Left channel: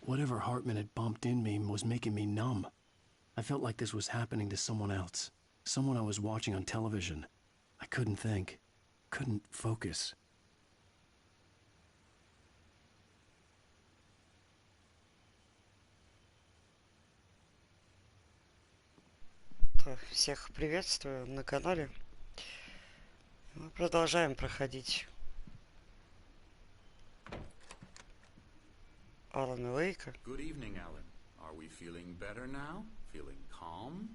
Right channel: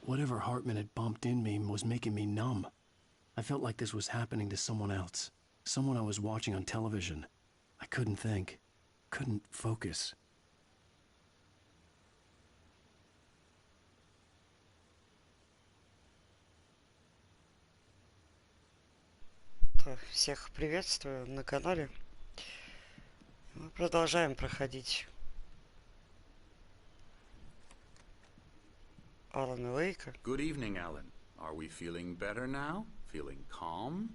Whatever Hartman had bumped in me was making me numb. I felt like this was happening to someone else. Someone I was watching on television. I couldn't think. Couldn't focus. Всех приветствую на канале. Мы продолжаем проходить Алана Вейка. Good evening, Alan. Are we feeling better now? Feeling calm?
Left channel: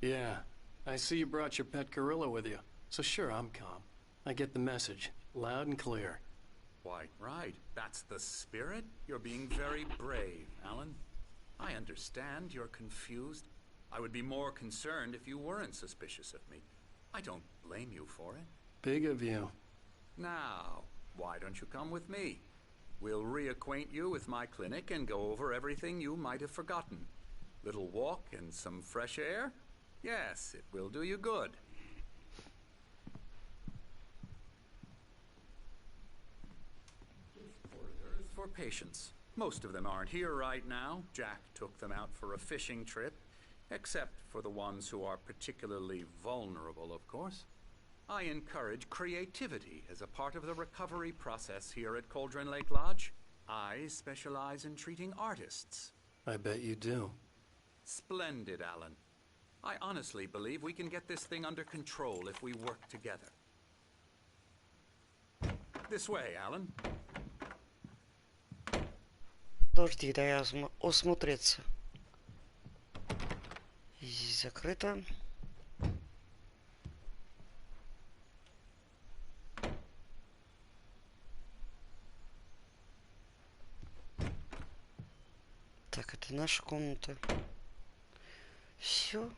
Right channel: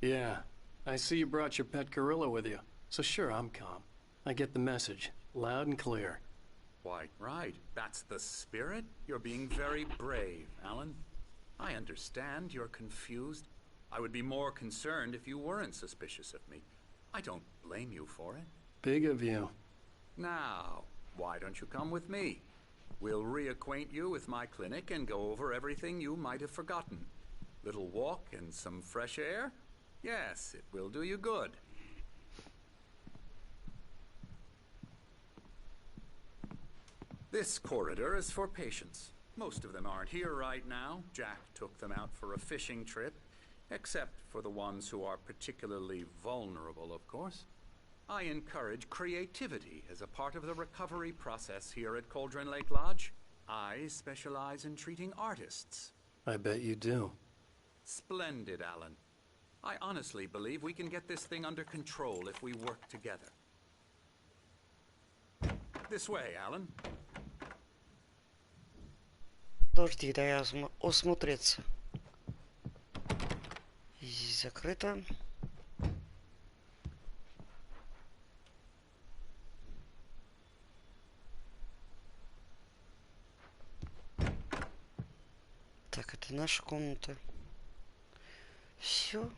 Yeah. I see you brought your pet gorilla with you. So sure, I'm calm. I get the message. Loud and clear. Why, right. That's the spirit. You're being very brave, Alan. I understand you're confused. I would be more concerned if you weren't suspicious of me. I don't blame you for it. Big of you. Now, why don't you come with me? We'll reacquaint you with my clinic and go over everything you might have forgotten. Little walk and some fresh air? Yes, it will do you good. This corridor is for patients. Most of them aren't here right now. Jack took them out for a fishing trip, except for the ones who are particularly vulnerable, of course. I encourage creativity as a part of the recovery process here at Cauldron Lake Lodge. I specialize in treating artists. I bet you do. Splendid, Alan. I honestly believe we can get this thing under control if we work together. This way, Alan. Подожди, да я осмотреться. Здесь закрыто. Так, это наша комната. Все.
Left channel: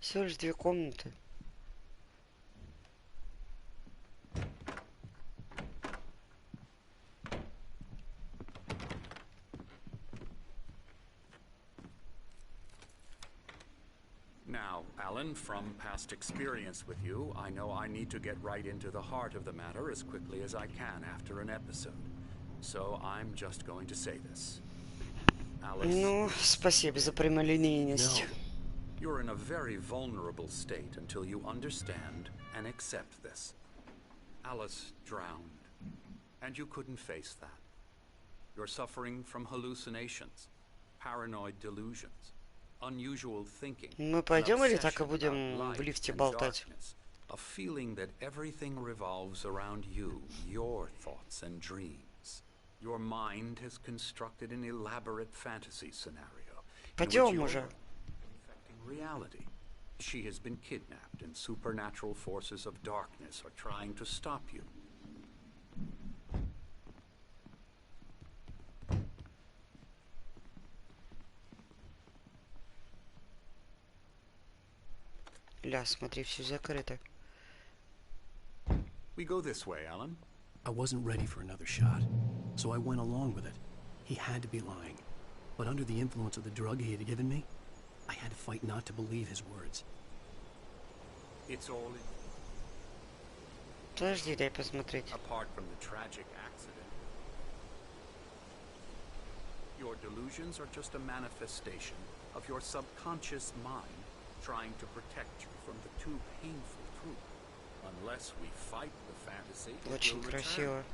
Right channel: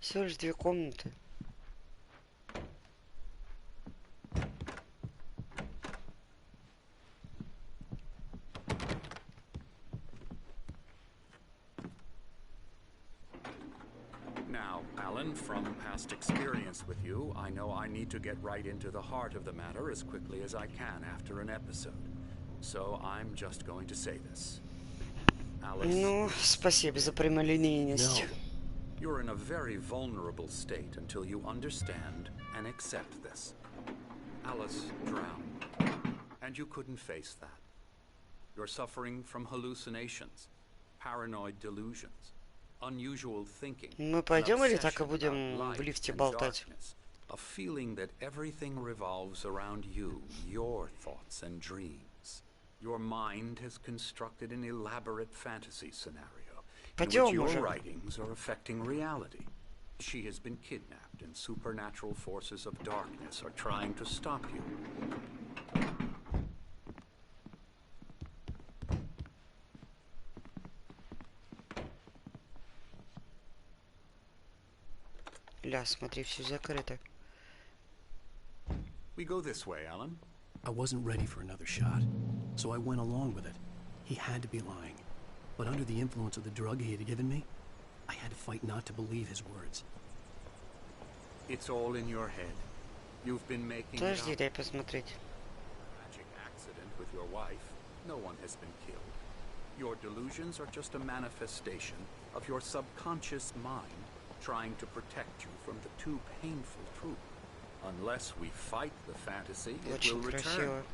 Всего лишь 2 комнаты. Now, Alan, from past experience with you, I know I need to get right into the heart of the matter as quickly as I can after an episode. So I'm just going to say this. Alice, Ну, спасибо за прямолинейность. no. You're in a very vulnerable state until you understand and accept this. Alice drowned, and you couldn't face that. You're suffering from hallucinations, paranoid delusions, unusual thinking, Мы пойдем или так и будем в лифте болтать? a feeling that everything revolves around you, your thoughts and dreams. Your mind has constructed an elaborate fantasy scenario in which your writings are affecting reality. She has been kidnapped, and supernatural forces of darkness are trying to stop you. Бля, смотри, все закрыто. We go this way, Alan. I wasn't ready for another shot, so I went along with it. He had to be lying. But under the influence of the drug he had given me, I had to fight not to believe his words. It's all in your head. You've been making it Подожди, up. дай посмотреть. Apart from the tragic accident with your wife, no one has been killed. Your delusions are just a manifestation of your subconscious mind trying to protect you from the too painful truth. Unless we fight the fantasy, it Очень will красиво. return.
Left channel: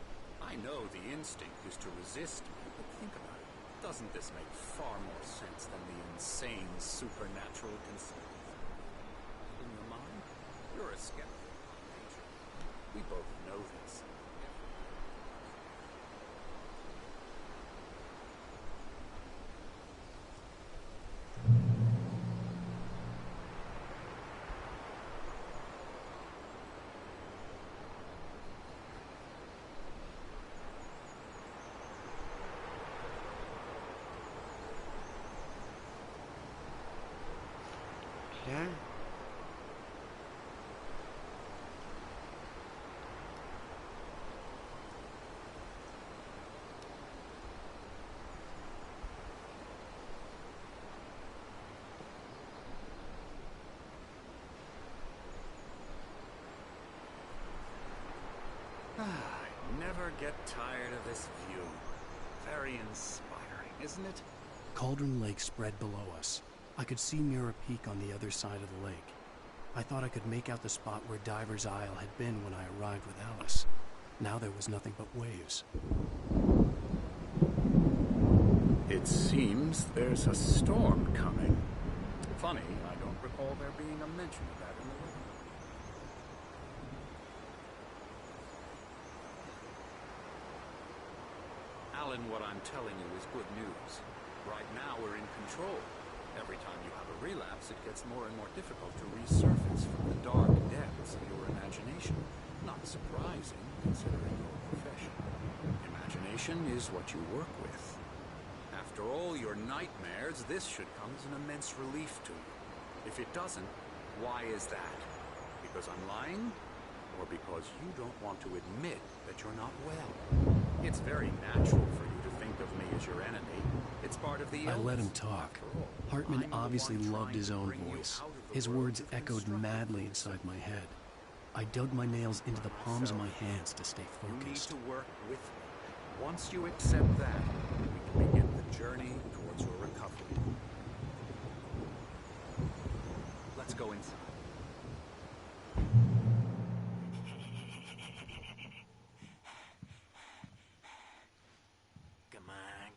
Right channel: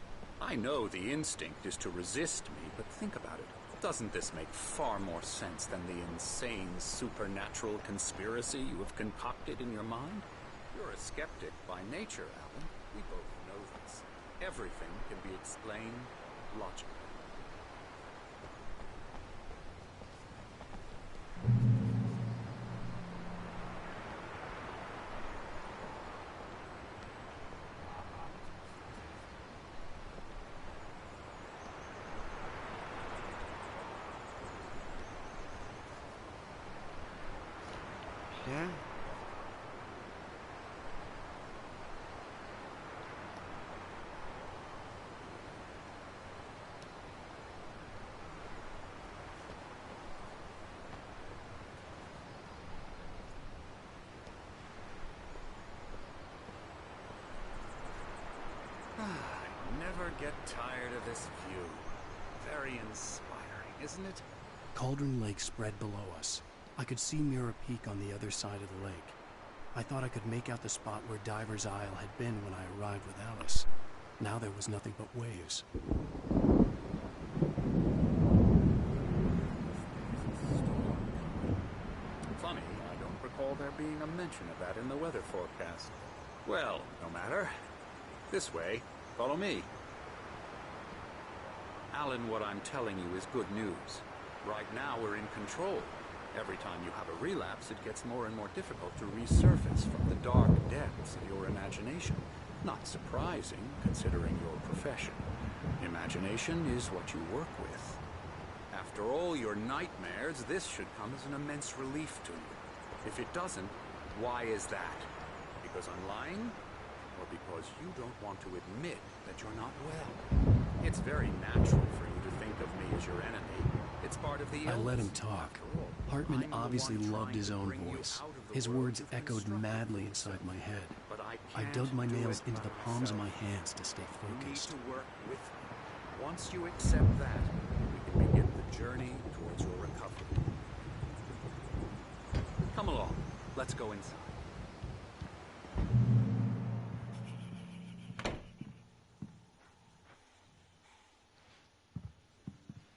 I know the instinct is to resist me, but think about it. Doesn't this make far more sense than the insane supernatural conspiracy you have concocted in your mind? You're a skeptic by nature, Alan. We both know this. Everything can be explained logically. Бля. I never get tired of this view. Very inspiring, isn't it? Cauldron Lake spread below us. I could see Mirror Peak on the other side of the lake. I thought I could make out the spot where Diver's Isle had been when I arrived with Alice. Now there was nothing but waves. It seems there's a storm coming. Funny, I don't recall there being a mention of that in the weather forecast. Well, no matter. This way. Follow me. Alan, what I'm telling you is good news. Right now we're in control. Every time you have a relapse, it gets more and more difficult to resurface from the dark depths of your imagination. Not surprising, considering your profession. Imagination is what you work with. After all your nightmares, this should come as an immense relief to you. If it doesn't, why is that? Because I'm lying? Or because you don't want to admit that you're not well? It's very natural for you to think of me as your enemy. It's part of the illness. I let him talk. After all, Hartman I'm the obviously one loved trying his to own bring you voice. out of the His world words you've echoed constructed madly for inside yourself. my head. But I can't dug my do nails it into by the palms of my myself. hands to stay You need focused. to work with me. Once you accept that, we can begin the journey towards your recovery. Come along. Let's go inside.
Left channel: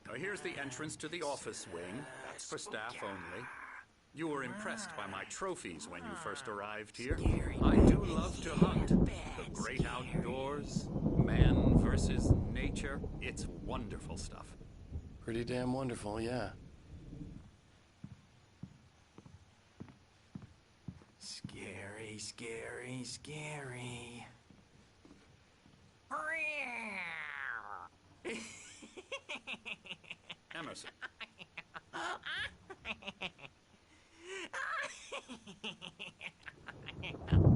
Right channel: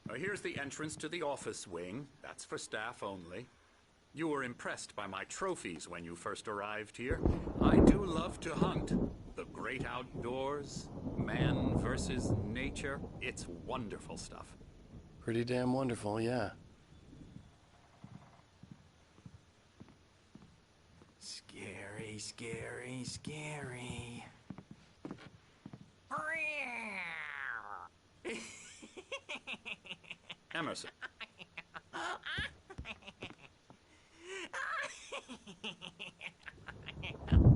Now here's the entrance to the office wing. That's for staff only. You were impressed by my trophies when you first arrived here. I do love to hunt. The great outdoors, man versus nature. It's wonderful stuff. Pretty damn wonderful, yeah. Scary, scary, scary. Emerson.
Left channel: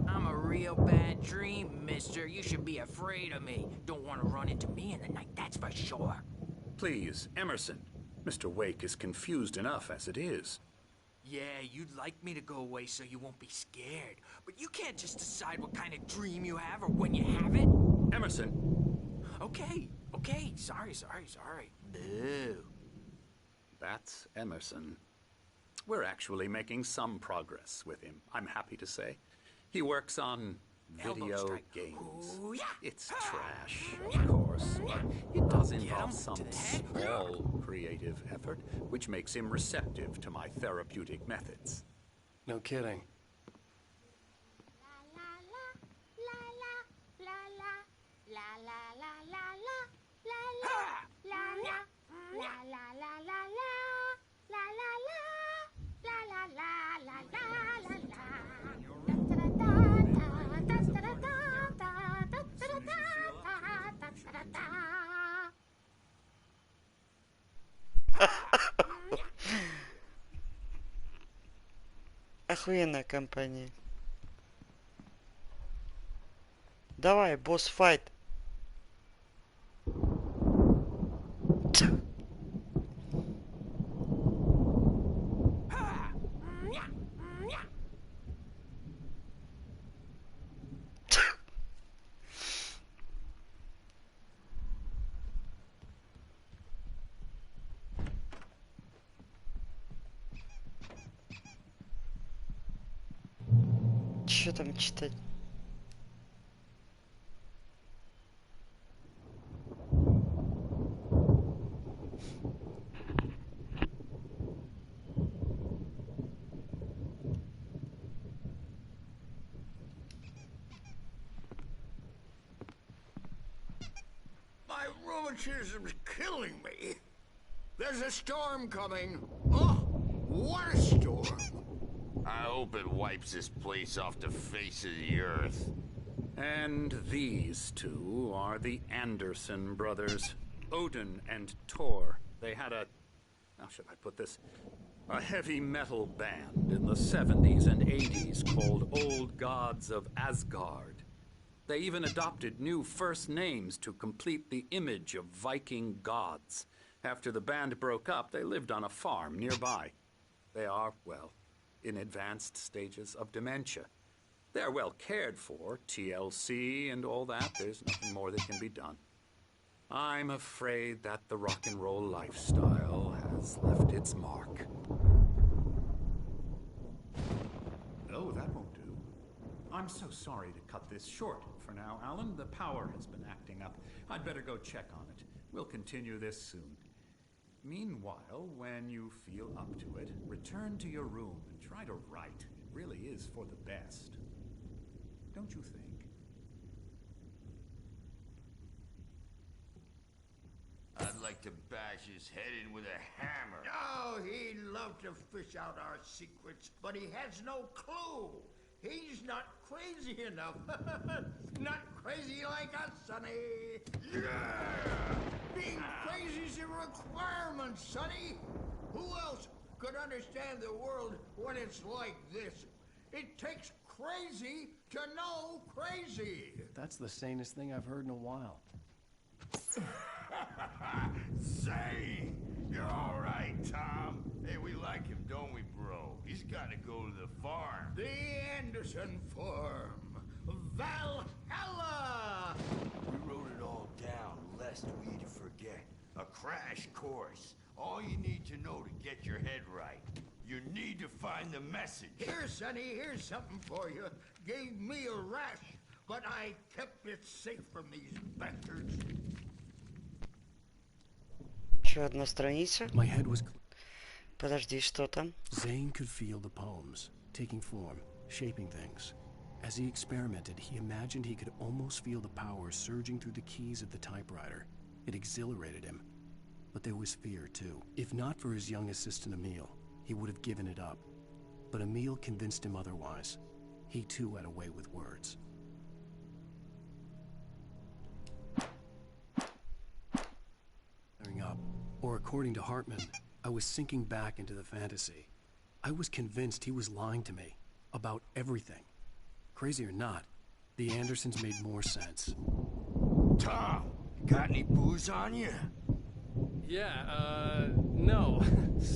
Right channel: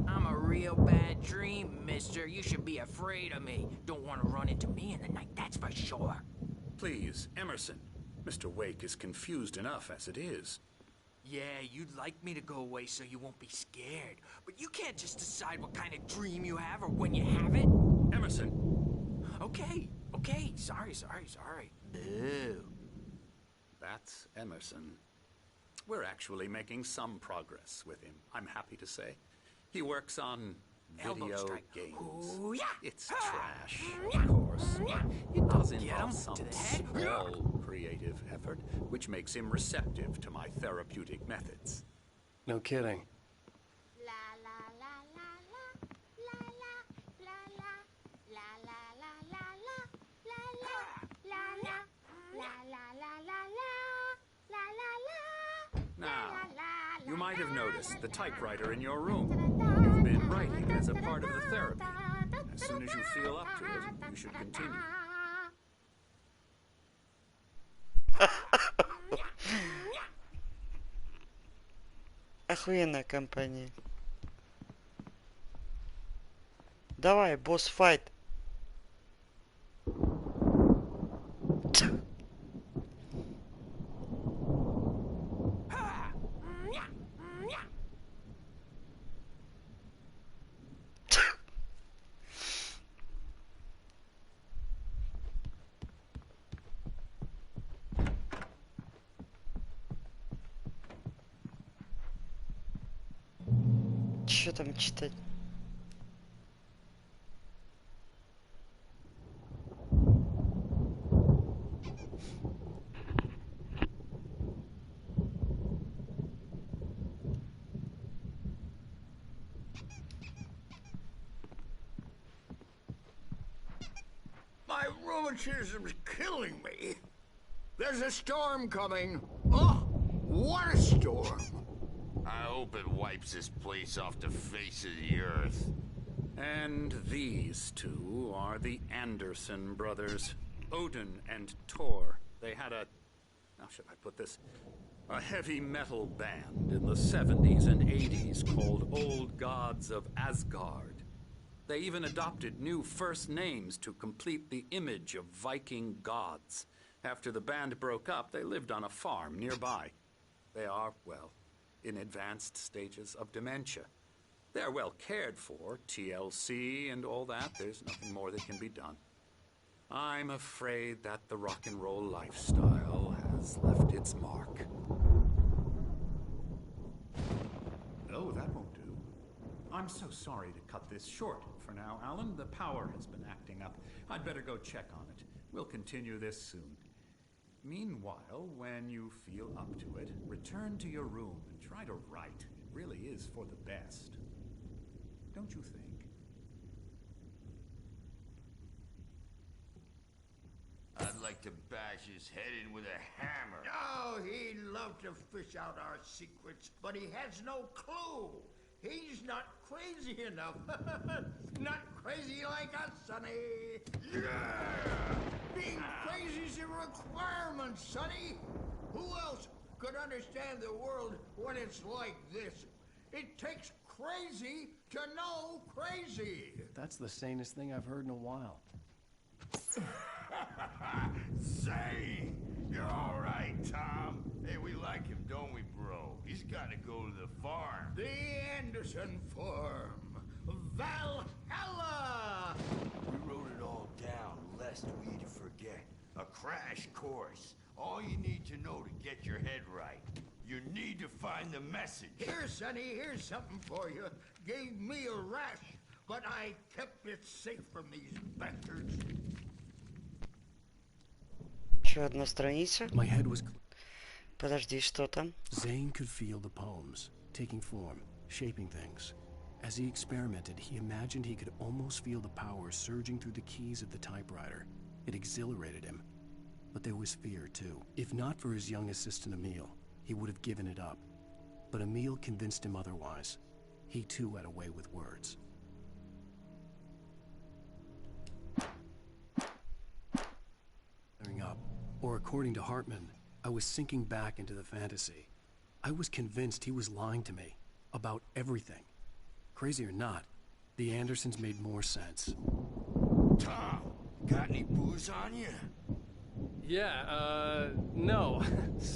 I'm a real bad dream, mister. You should be afraid of me. Don't want to run into me in the night, that's for sure. Please, Emerson. Mr. Wake is confused enough as it is. Yeah, you'd like me to go away so you won't be scared. But you can't just decide what kind of dream you have or when you have it. Emerson. Okay. Sorry. Boo. That's Emerson. We're actually making some progress with him, I'm happy to say. He works on Elbow video strike. games. Ooh, yeah. It's trash, of course, but it does Get involve him some to the head. small creative effort, which makes him receptive to my therapeutic methods. No kidding. You might have noticed the typewriter in your room. You've been writing as a part of the therapy. As soon as you feel up to it, you should continue. Охуенная компания. Давай, босс-файт. Что там читать? My rheumatism's killing me. There's a storm coming. Oh, what a storm. I hope it wipes this place off the face of the earth. And these two are the Anderson brothers, Odin and Thor. They had a, how should I put this, a heavy metal band in the 70s and 80s called Old Gods of Asgard. They even adopted new first names to complete the image of Viking gods. After the band broke up, they lived on a farm nearby. They are, well, in advanced stages of dementia. They're well cared for, TLC and all that. There's nothing more that can be done. I'm afraid that the rock and roll lifestyle has left its mark. No, that won't do. I'm so sorry to cut this short for now, Alan. The power has been acting up. I'd better go check on it. We'll continue this soon. Meanwhile, when you feel up to it, return to your room and try to write. It really is for the best. Don't you think? I'd like to bash his head in with a hammer. Oh, he'd love to fish out our secrets, but he has no clue. He's not crazy enough. Not crazy like us, Sonny. Yeah! Being crazy's a requirement, Sonny. Who else could understand the world when it's like this? It takes crazy to know crazy. That's the sanest thing I've heard in a while. Say, you're all right, Tom. Hey, we like him, don't we, bro? He's got to go to the farm. The Anderson Farm. Valhalla! We wrote it all down, lest we forget. A crash course. All you need to know to get your head right. You need to find the message. Here, Sonny, here's something for you. Gave me a rash, but I kept it safe from these bastards. Еще одна страница. My head was... Подожди, что там? Zane could feel the poems, taking form, shaping things. As he experimented, he imagined he could almost feel the power surging through the keys of the typewriter. It exhilarated him. But there was fear, too. If not for his young assistant Emil, he would have given it up. But Emil convinced him otherwise. He, too, had a way with words. Up, or according to Hartman, I was sinking back into the fantasy. I was convinced he was lying to me about everything. Crazy or not, the Andersons made more sense. Tom, got any booze on you? Yeah, no.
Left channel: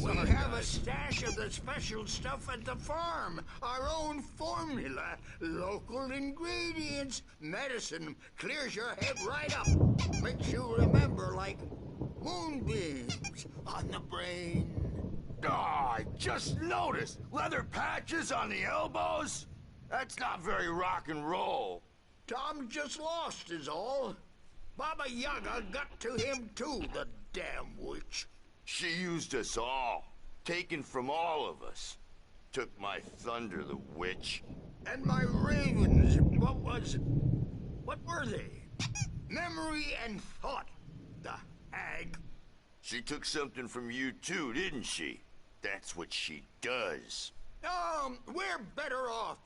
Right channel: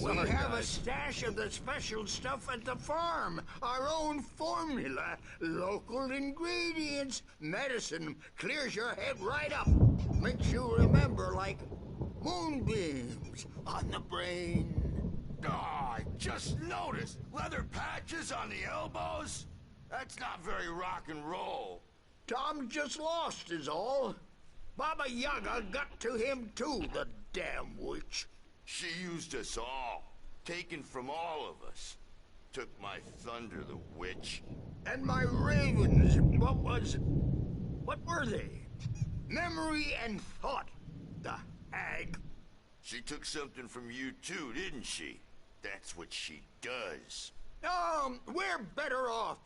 We have a stash of the special stuff at the farm. Our own formula. Local ingredients. Medicine clears your head right up. Makes you remember like moonbeams on the brain. Oh, I just noticed. Leather patches on the elbows? That's not very rock and roll. Tom just lost is all. Baba Yaga got to him too, the damn witch. She used us all. Taken from all of us. Took my thunder, the witch. And my ravens, what were they? Memory and thought, the hag. She took something from you too, didn't she? That's what she does. We're better off.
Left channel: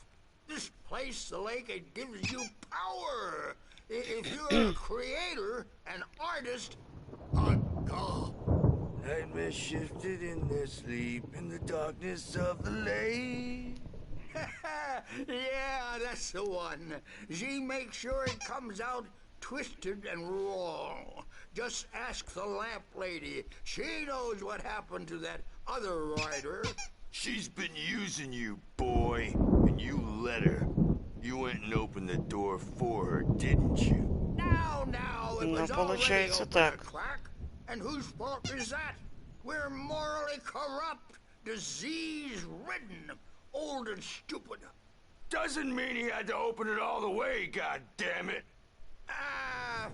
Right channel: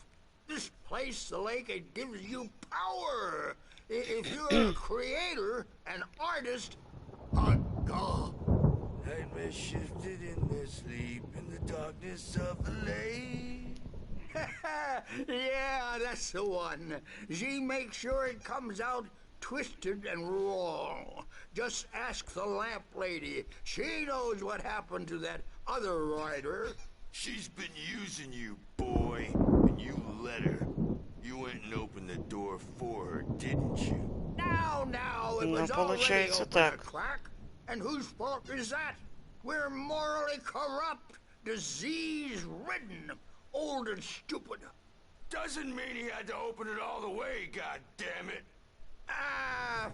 This place, the lake, it gives you power. If you're a creator, an artist, a god. Nightmare shifted in their sleep in the darkness of the lake. Yeah, that's the one. She makes sure it comes out twisted and wrong. Just ask the lamp lady. She knows what happened to that other rider. She's been using you, boy, and you let her. You went and opened the door for her, didn't you? Now, it Ну, was already получается open a так. crack. And whose fault is that? We're morally corrupt, disease-ridden, old and stupid. Doesn't mean he had to open it all the way, goddammit. Ah,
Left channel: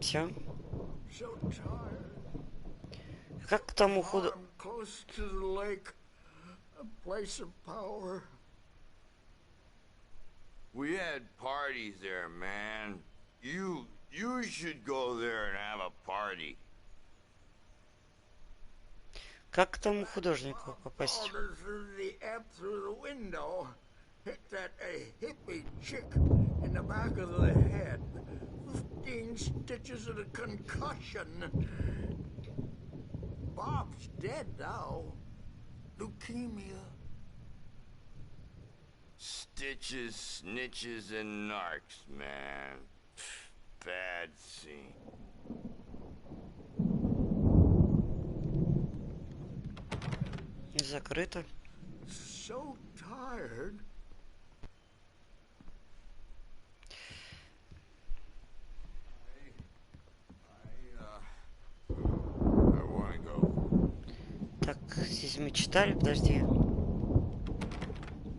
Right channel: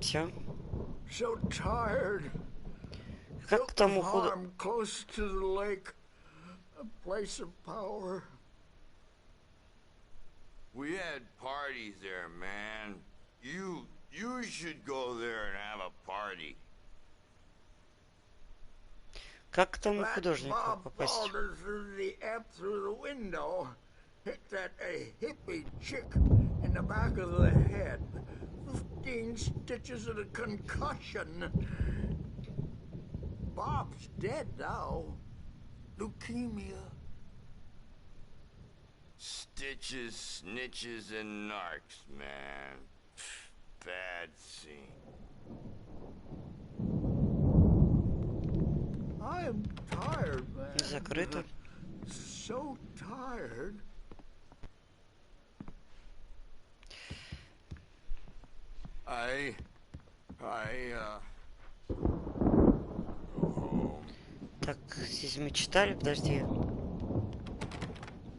Все. so tired. Как к тому Farm close to the lake, a place of power. We had parties there, man. You should go there and have a party. Как к тому That hудожнику Bob попасть? Balder threw the amp through the window, hit that hippie chick in the back of the head. 15 stitches and a concussion. Bob's dead now. Leukemia. Stitches, snitches, and narcs, man. Bad scene. I am tired, man. Закрыто. So tired. I want to go home. Так, здесь мы читали, подожди.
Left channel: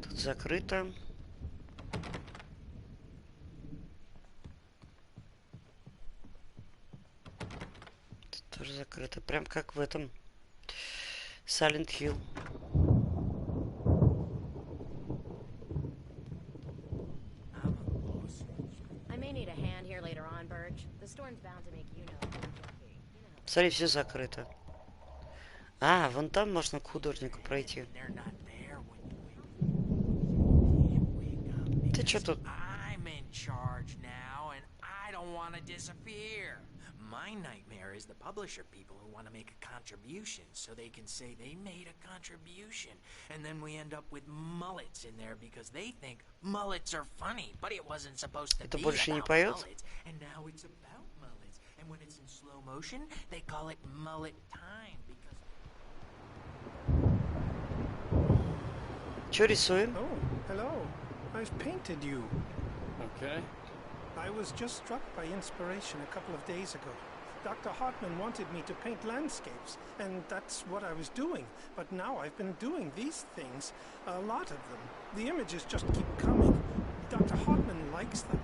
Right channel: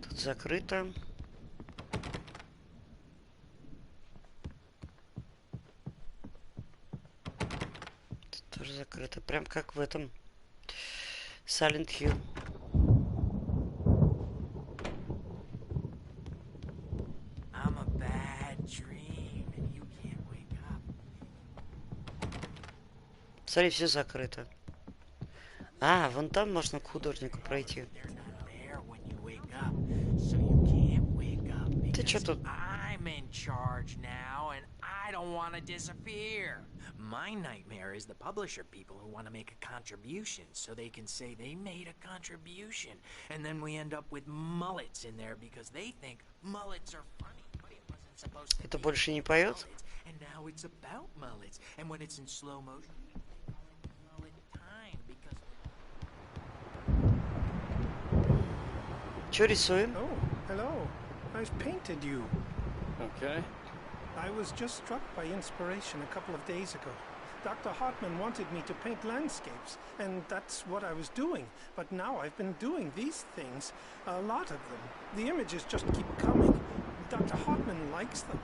Тут закрыто. Тут тоже закрыто. Прям как в этом Silent Hill. I'm a bad dream. I may need a hand here later on, Burge. The storm's bound to make you. Смотри, все закрыто. А, вон там можно к художнику пройти. They're not there when you wake up, so you can't wake up Ты чё because тут? I'm in charge now, and I don't want to disappear. My nightmare is the publisher people who want to make a contribution so they can say they made a contribution, and then we end up with mullets in there because they think mullets are funny, but it wasn't supposed to Это be больше не about поёт? mullets, and now it's about mullets, and when it's in slow motion, they call it mullet time because. Чё рисуем? Oh, hello. I've painted you. Okay. I was just struck by inspiration a couple of days ago. Dr. Hartman wanted me to paint landscapes, and that's what I was doing. But now I've been doing these things, a lot of them. The images just keep coming. Dr. Hartman likes them.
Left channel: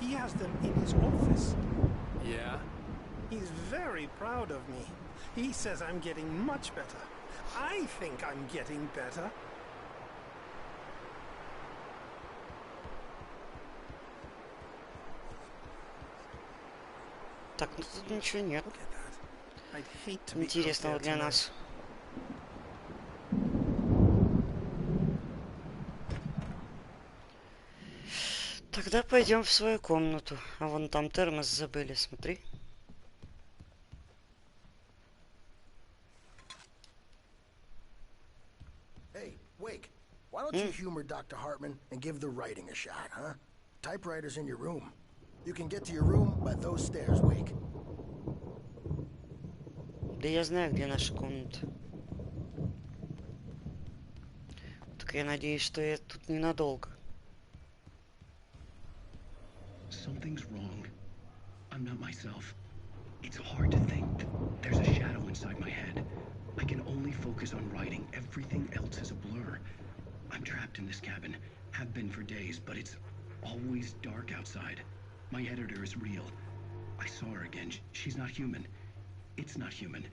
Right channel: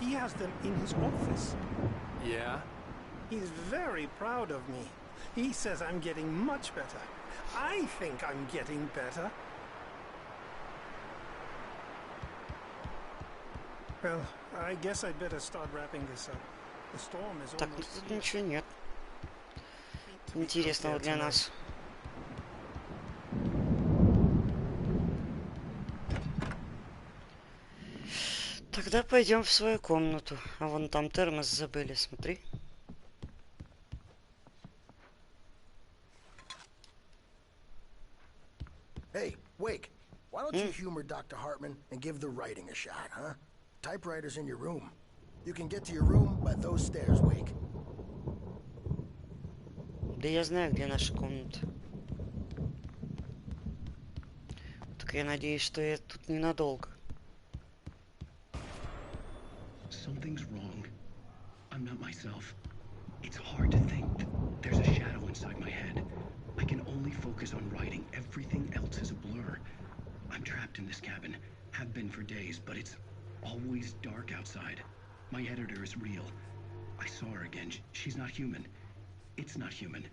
He has them in his office. Yeah? He's very proud of me. He says I'm getting much better. I think I'm getting better. Well, I guess I'd better start wrapping this up. The storm is Так, ну almost тут here. ничего нет Look at that. I'd hate to be out интересного there для tonight. нас. Тогда пойдем в свою комнату. А вон там термос забыли, смотри. Hey, Wake, why don't you humor Dr. Hartman and give the writing a shot, huh? Typewriter's in your room. You can get to your room by those stairs, Wake. Да я знаю, где наша комната. Так я надеюсь, что я тут ненадолго. Something's wrong. I'm not myself. It's hard to think that there's a shadow inside my head. I can only focus on writing. Everything else is a blur. I'm trapped in this cabin. Have been for days, but it's always dark outside. My editor is real. I saw her again. She's not human. It's not human.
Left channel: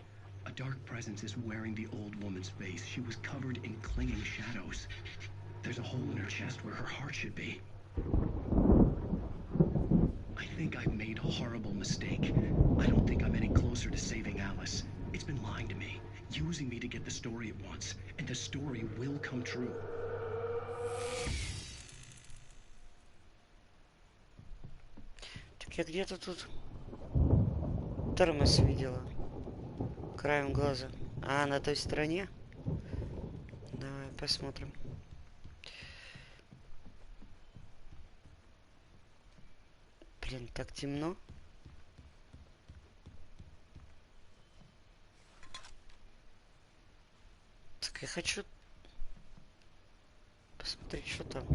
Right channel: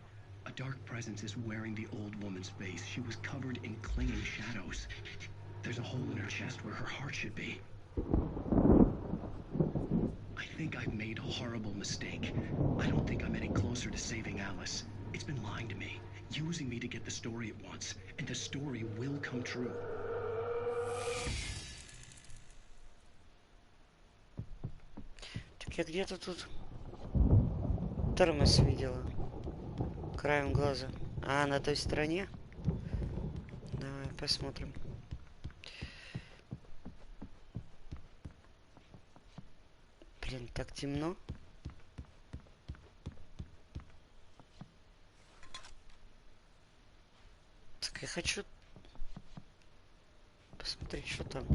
A dark presence is wearing the old woman's face. She was covered in clinging shadows. There's a hole in her chest where her heart should be. I think I've made a horrible mistake. I don't think I'm any closer to saving Alice. It's been lying to me, using me to get the story it wants, and the story will come true. Так я где-то тут термос видела. Краем глаза. А, на той стороне? Давай посмотрим. Блин, так темно. Так я хочу посмотреть, что там.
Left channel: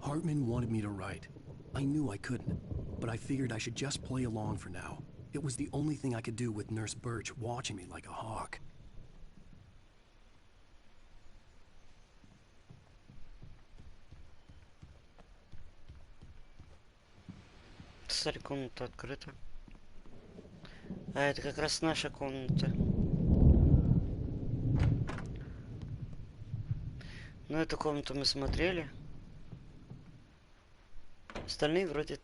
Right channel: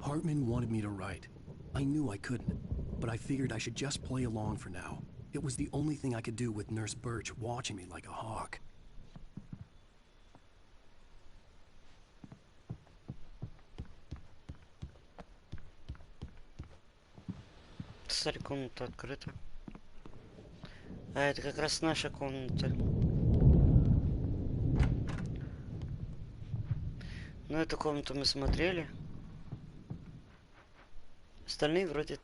Hartman wanted me to write. I knew I couldn't, but I figured I should just play along for now. It was the only thing I could do with Nurse Birch watching me like a hawk. Смотри, комната открыта. А это как раз наша комната. Ну, эту комнату мы смотрели. Остальные вроде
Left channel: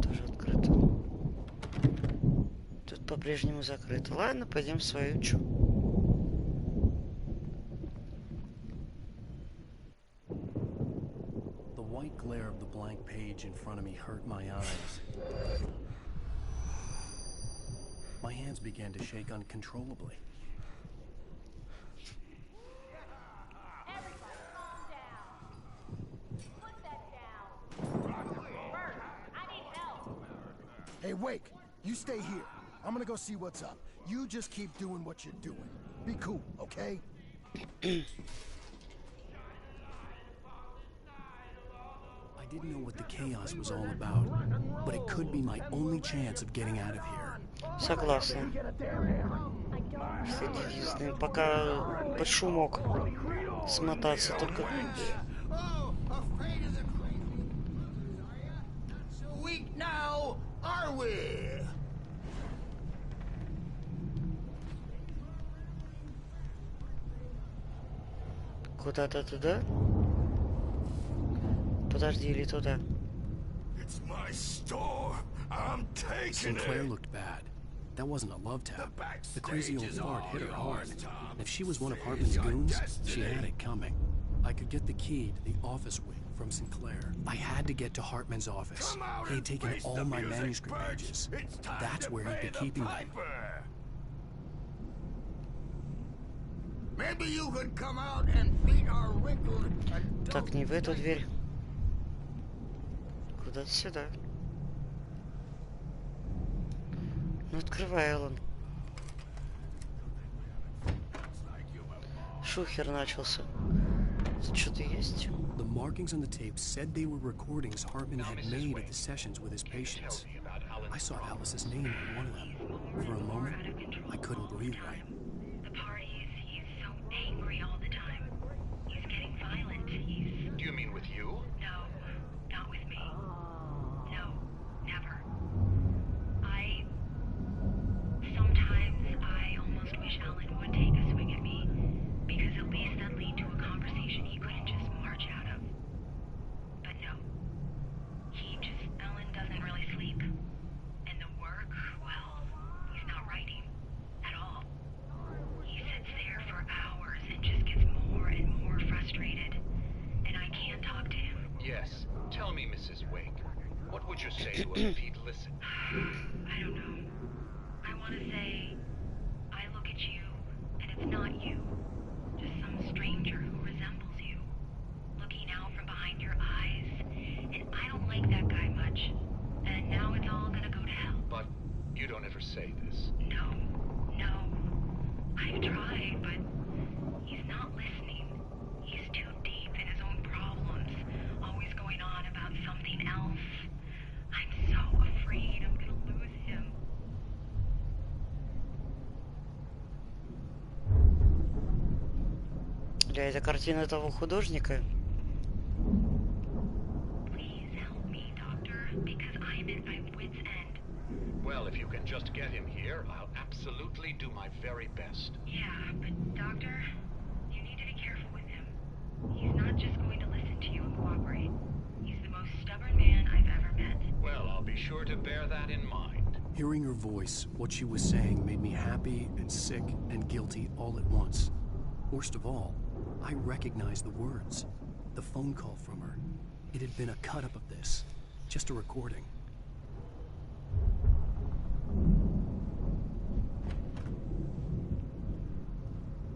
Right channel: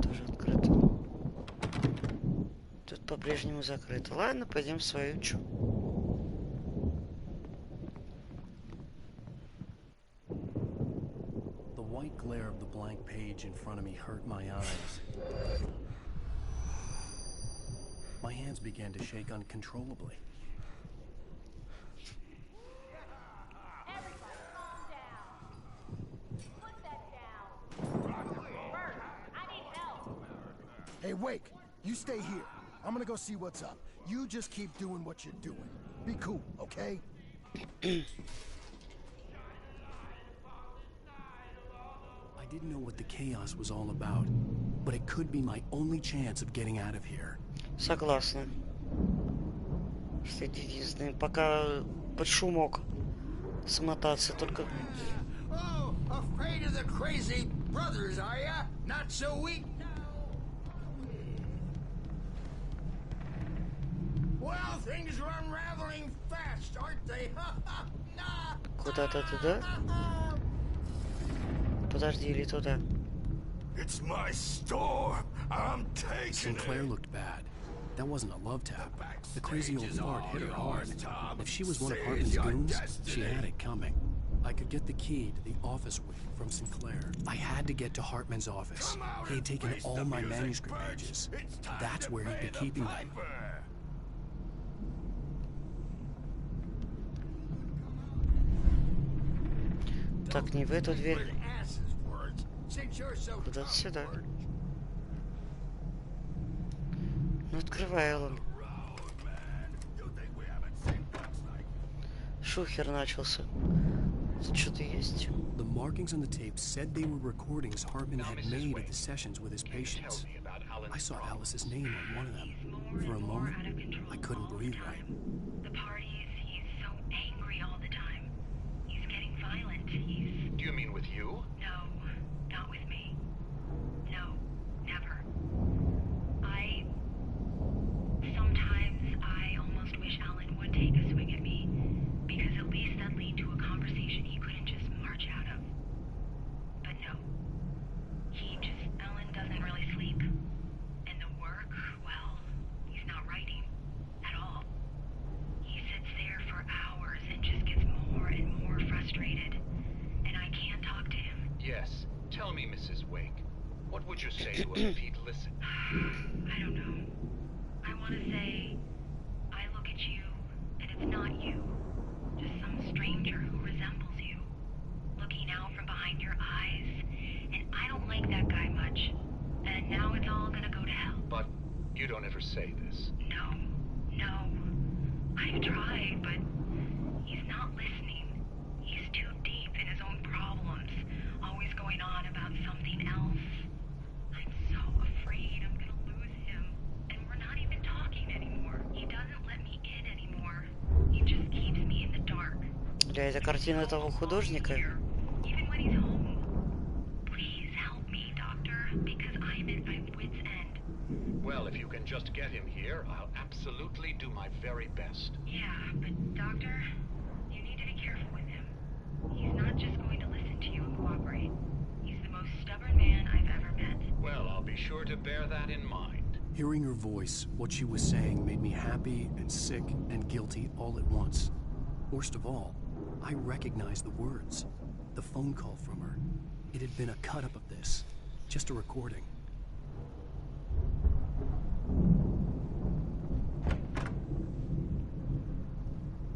тоже открыты. Тут по-прежнему закрыто. Ладно, пойдем в свою чу. The white glare of the blank page in front of me hurt my eyes. My hands began to shake uncontrollably. Hey, Wake, you stay here. I'm gonna go see what's up. You just keep doing what you're doing. Be cool, okay? I didn't know what the chaos was all about, but it could be my only chance of getting out of here. Согласна. Все девизные. Пока под шумок смотаться только... Oh, afraid of the crazy brothers, are ya? Not so weak now, are we? Well, things are unraveling fast, aren't they? Куда-то туда? Подожди, или туда? It's my store. I'm taking Sinclair it. looked bad. That wasn't a love tap. The crazy old fart hit her hard. And if she was one of Hartman's goons, she had it coming. I could get the key to the office wing from Sinclair. I had to get to Hartman's office. He had taken all my manuscript pages. That's where he'd be keeping them. Maybe you could come out and beat our wrinkled... Так, не в эту дверь. Куда-то сюда. Ну, открывай, Алан. Шухер начался. Тут что-то есть? The markings on the tape said they were recordings Hartman had made at the sessions with his patients. I saw Alice's name on one of them. For a moment, I couldn't breathe right. The parties, he's so angry all the time. He's getting violent. He's... Do you mean with you? No, not with me. No, never. Sometimes I almost wish Alan would take a swing at me, because at least that'd lead to a conversation he couldn't just march out of. But no. Alan doesn't really sleep. And the work, well, he's not writing at all. He sits there for hours and just gets more and more frustrated. And I can't talk to him. Yes. Tell me, Mrs. Wake. What would you say to him if he'd listen? I don't know. I want to say, I look at you, and it's not you. Just some stranger who resembles you. Looking out from behind your eyes. And I don't like that guy much. And now it's all gonna go to hell. But you don't ever say this. No. I've tried, but he's not listening. He's too deep in his own problems. Always going on about something else. I'm so afraid I'm gonna lose him. And we're not even talking anymore. He doesn't let me in anymore. He just keeps me in the dark. Бля, это картина того художника. Even when he's home. Please help me, Doctor, because I'm at my wit's end. Well, if you can just get him here, I'll absolutely do my very best. Yeah, but Doctor, you need to be careful with him. He's not just going to listen to you and cooperate. He's the most stubborn man I've ever met. Well, I'll be sure to bear that in mind. Hearing her voice, what she was saying made me happy and sick and guilty all at once. Worst of all, I recognized the words. The phone call from her. It had been a cut-up of this. Just a recording.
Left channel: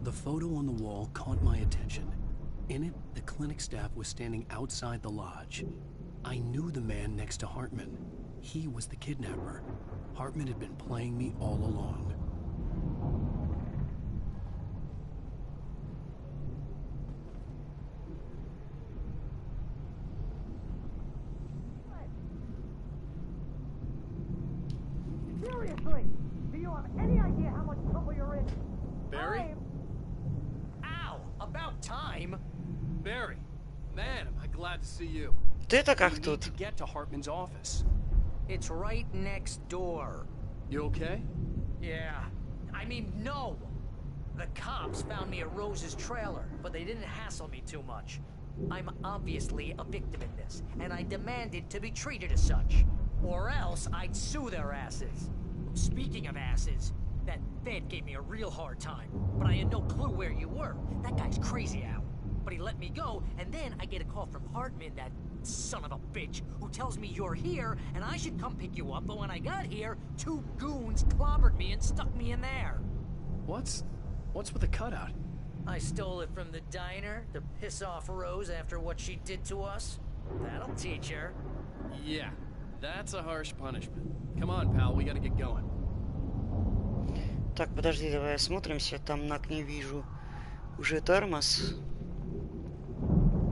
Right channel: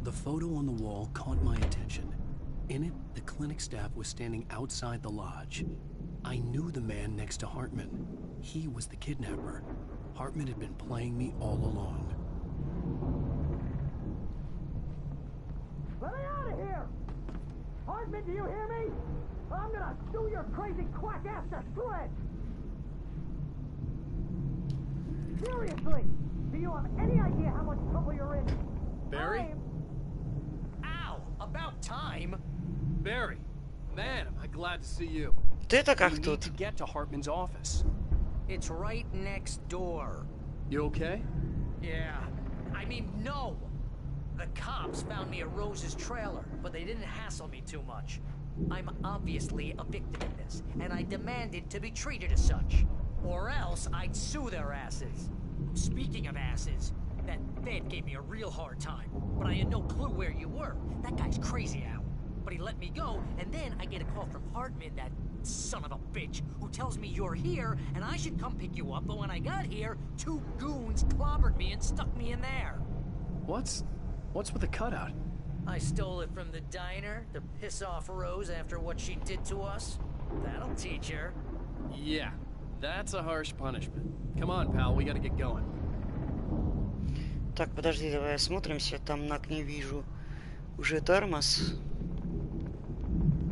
The photo on the wall caught my attention. In it, the clinic staff was standing outside the lodge. I knew the man next to Hartman. He was the kidnapper. Hartman had been playing me all along. Let me out of here! Hartman, do you hear me? I'm gonna sue your crazy quack ass to shreds! Seriously! Do you have any idea how much trouble you're in? Barry? Ow! About time! Barry, man, am I glad to see you. Ты-то как We need тут? to get to Hartman's office. It's right next door. You okay? Yeah. I mean, no! The cops found me at Rose's trailer, but they didn't hassle me too much. I'm obviously a victim in this, and I demanded to be treated as such. Or else I'd sue their asses. Speaking of asses, that Fed gave me a real hard time, but I had no clue where you were. That guy's crazy, Al. But he let me go, and then I get a call from Hartman, that son of a bitch, who tells me you're here, and I should come pick you up, but when I got here, 2 goons clobbered me and stuck me in there. What's with the cutout? I stole it from the diner to piss off Rose after what she did to us. That'll teach her. Yeah, that's a harsh punishment. Come on, pal, we gotta get going. Так, подожди, давай осмотримся. Там на окне вижу уже тормоз.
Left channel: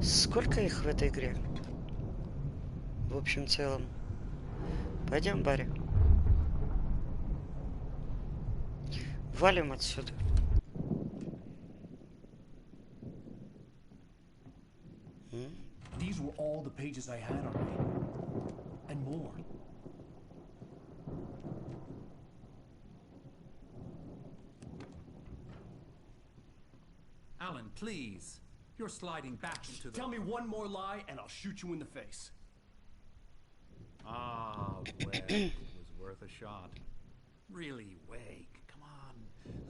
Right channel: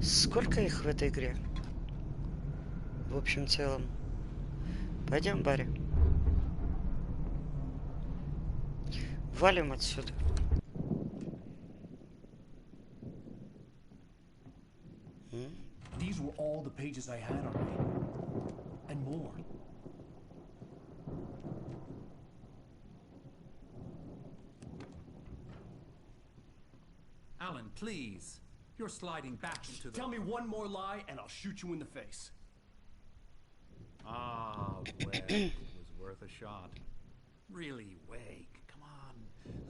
Сколько их в этой игре? В общем целом. Пойдем, Барри. Валим отсюда. These were all the pages I had on me. And more. Alan, please. You're sliding back into the... Tell me one more lie and I'll shoot you in the face. Ah, Wake. It was worth a shot. Really, Wake. Come on.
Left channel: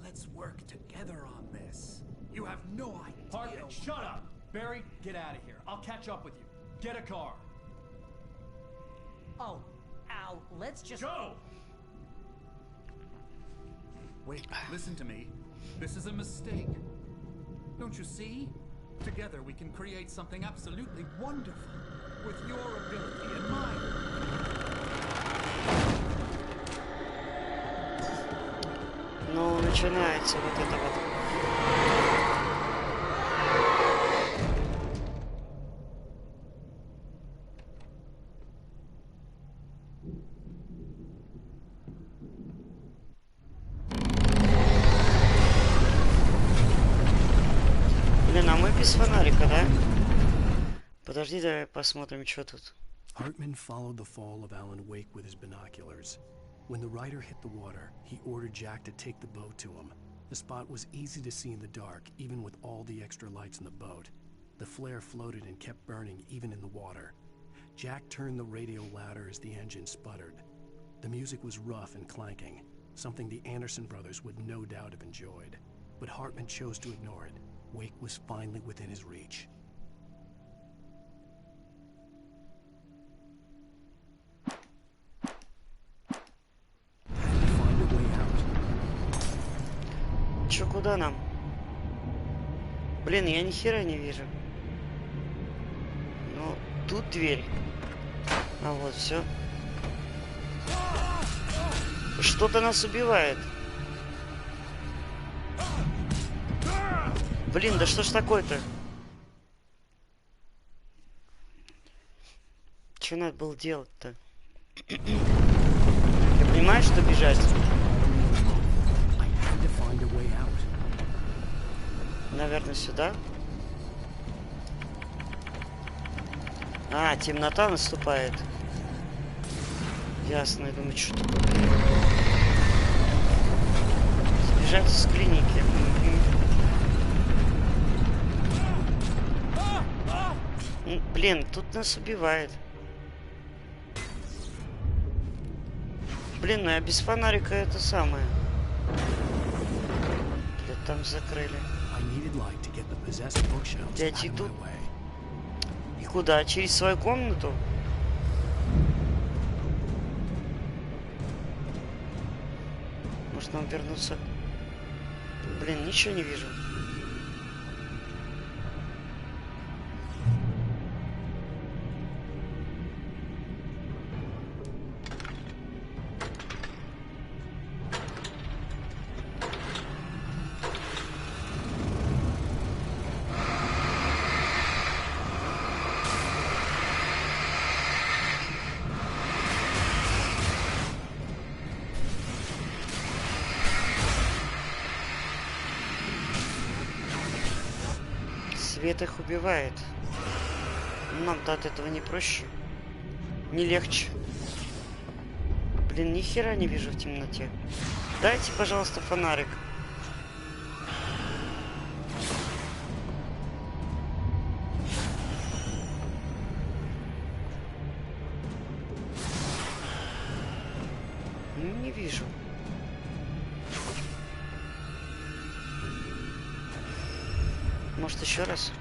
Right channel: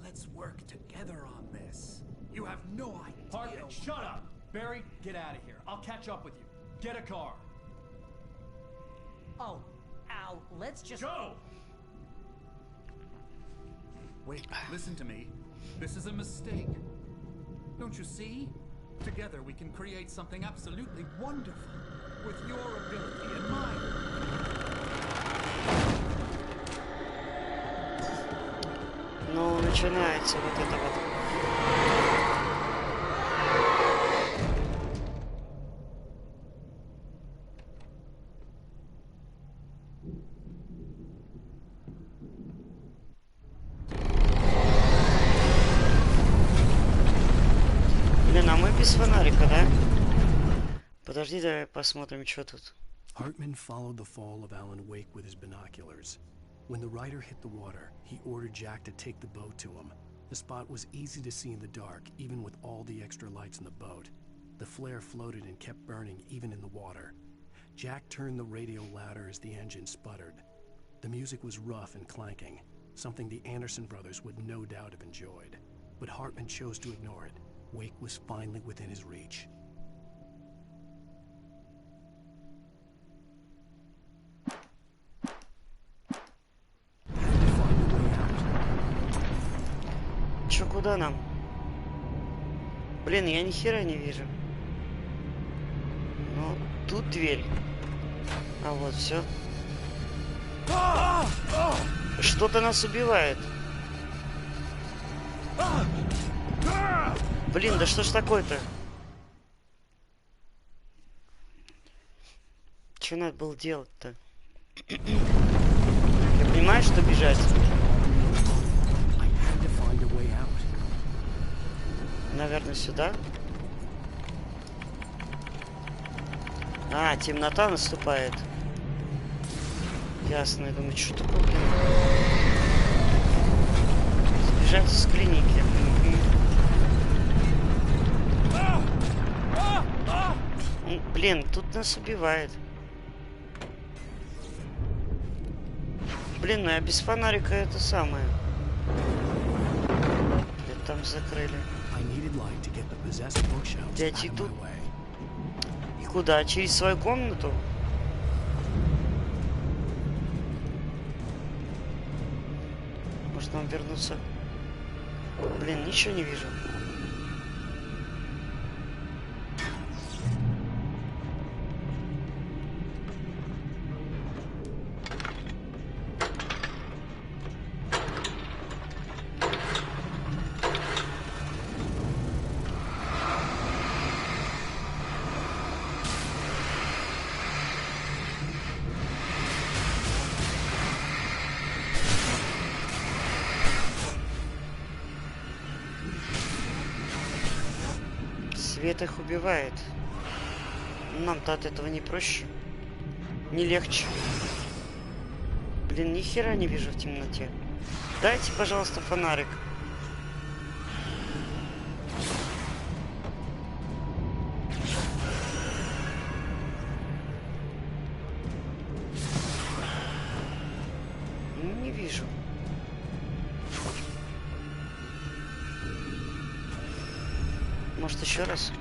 Let's work together on this. You have no idea... Hartman, shut up! Barry, get out of here. I'll catch up with you. Get a car. Oh, Al, let's just... Go! Wait, listen to me. This is a mistake. Don't you see? Together we can create something absolutely wonderful. With your ability and mine. Ну, начинается вот это вот. Блин, а мы без фонарика, да? Подожди, давай посмотрим, что тут. Hartman followed the fall of Alan Wake with his binoculars. When the rider hit the water, he ordered Jack to take the boat to him. The spot was easy to see in the dark, even with all the extra lights in the boat. The flare floated and kept burning even in the water. Jack turned the radio louder as the engine sputtered. The music was rough and clanking, something the Anderson brothers would no doubt have enjoyed. But Hartman chose to ignore it. Wake was finally within his reach. Had to find a way out. Чё, куда нам? Блин, я ни хера не вижу. Ну, тут дверь. А вот все. Что-то нас убивает. Блин, да что ж такое-то? Что надо было делать-то? Я понимаю, что бежать. Наверное, сюда. А, темнота наступает. Ясно, я думаю, что такое, блин. Сбежать с клиники. Блин, тут нас убивает. Блин, ну я без фонарика это самое. Блин, там закрыли. Дядь, и тут... И куда? Через свою комнату? Может нам вернуться Блин, ничего не вижу. Свет их убивает. Нам-то от этого не проще. Не легче. Блин, ни хера не вижу в темноте. Дайте, пожалуйста, фонарик. Не вижу. Может, еще раз?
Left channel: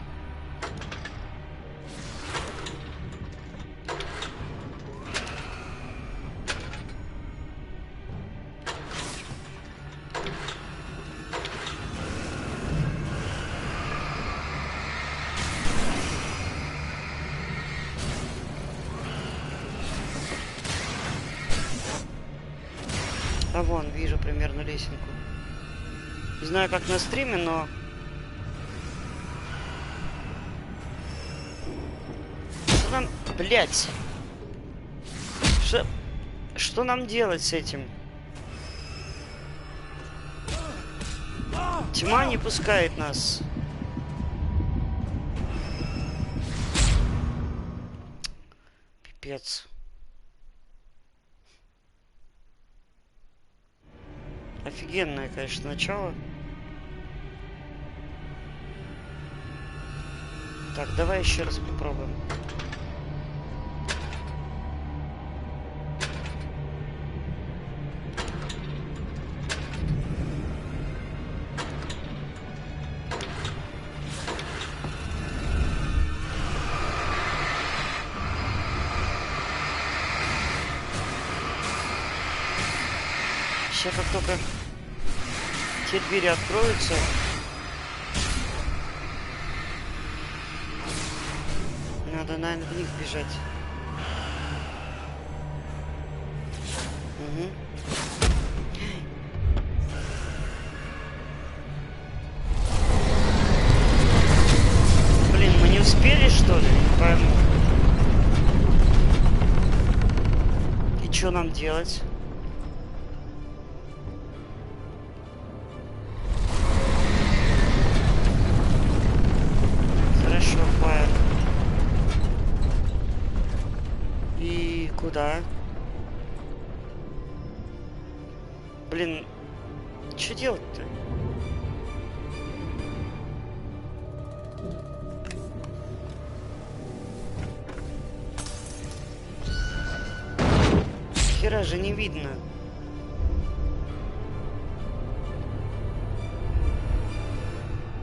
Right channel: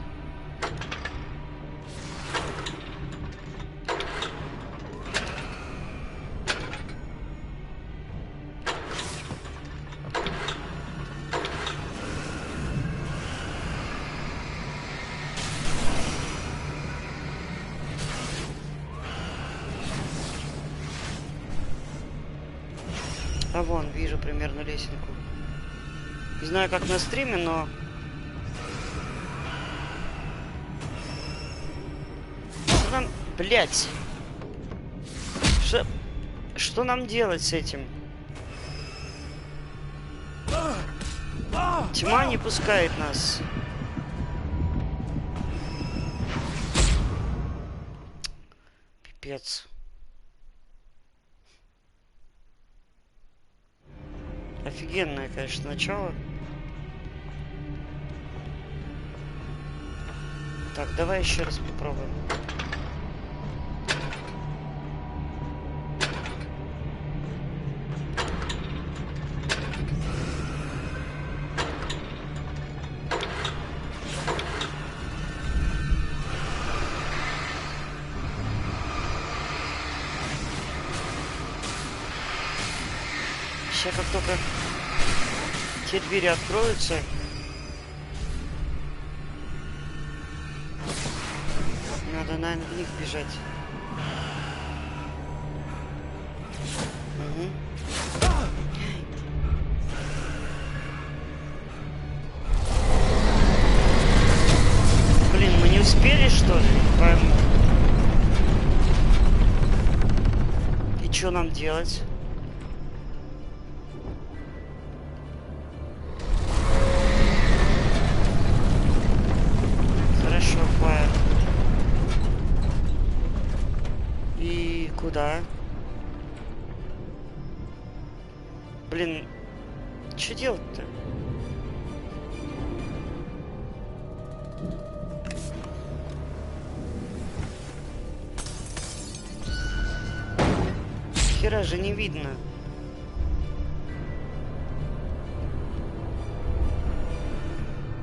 А вон, вижу примерно лесенку. Не знаю, как на стриме, но... Что нам... Блять! Что нам делать с этим? Тьма не пускает нас. Пипец. Офигенное, конечно, начало. Так, давай еще раз попробуем. Сейчас как только те двери откроются, надо, наверное, в них бежать. Угу. Блин, мы не успели, что ли? Не пойму. И что нам делать? Хорошо, фаер. И куда? Блин, что делать-то? Хера же не видно.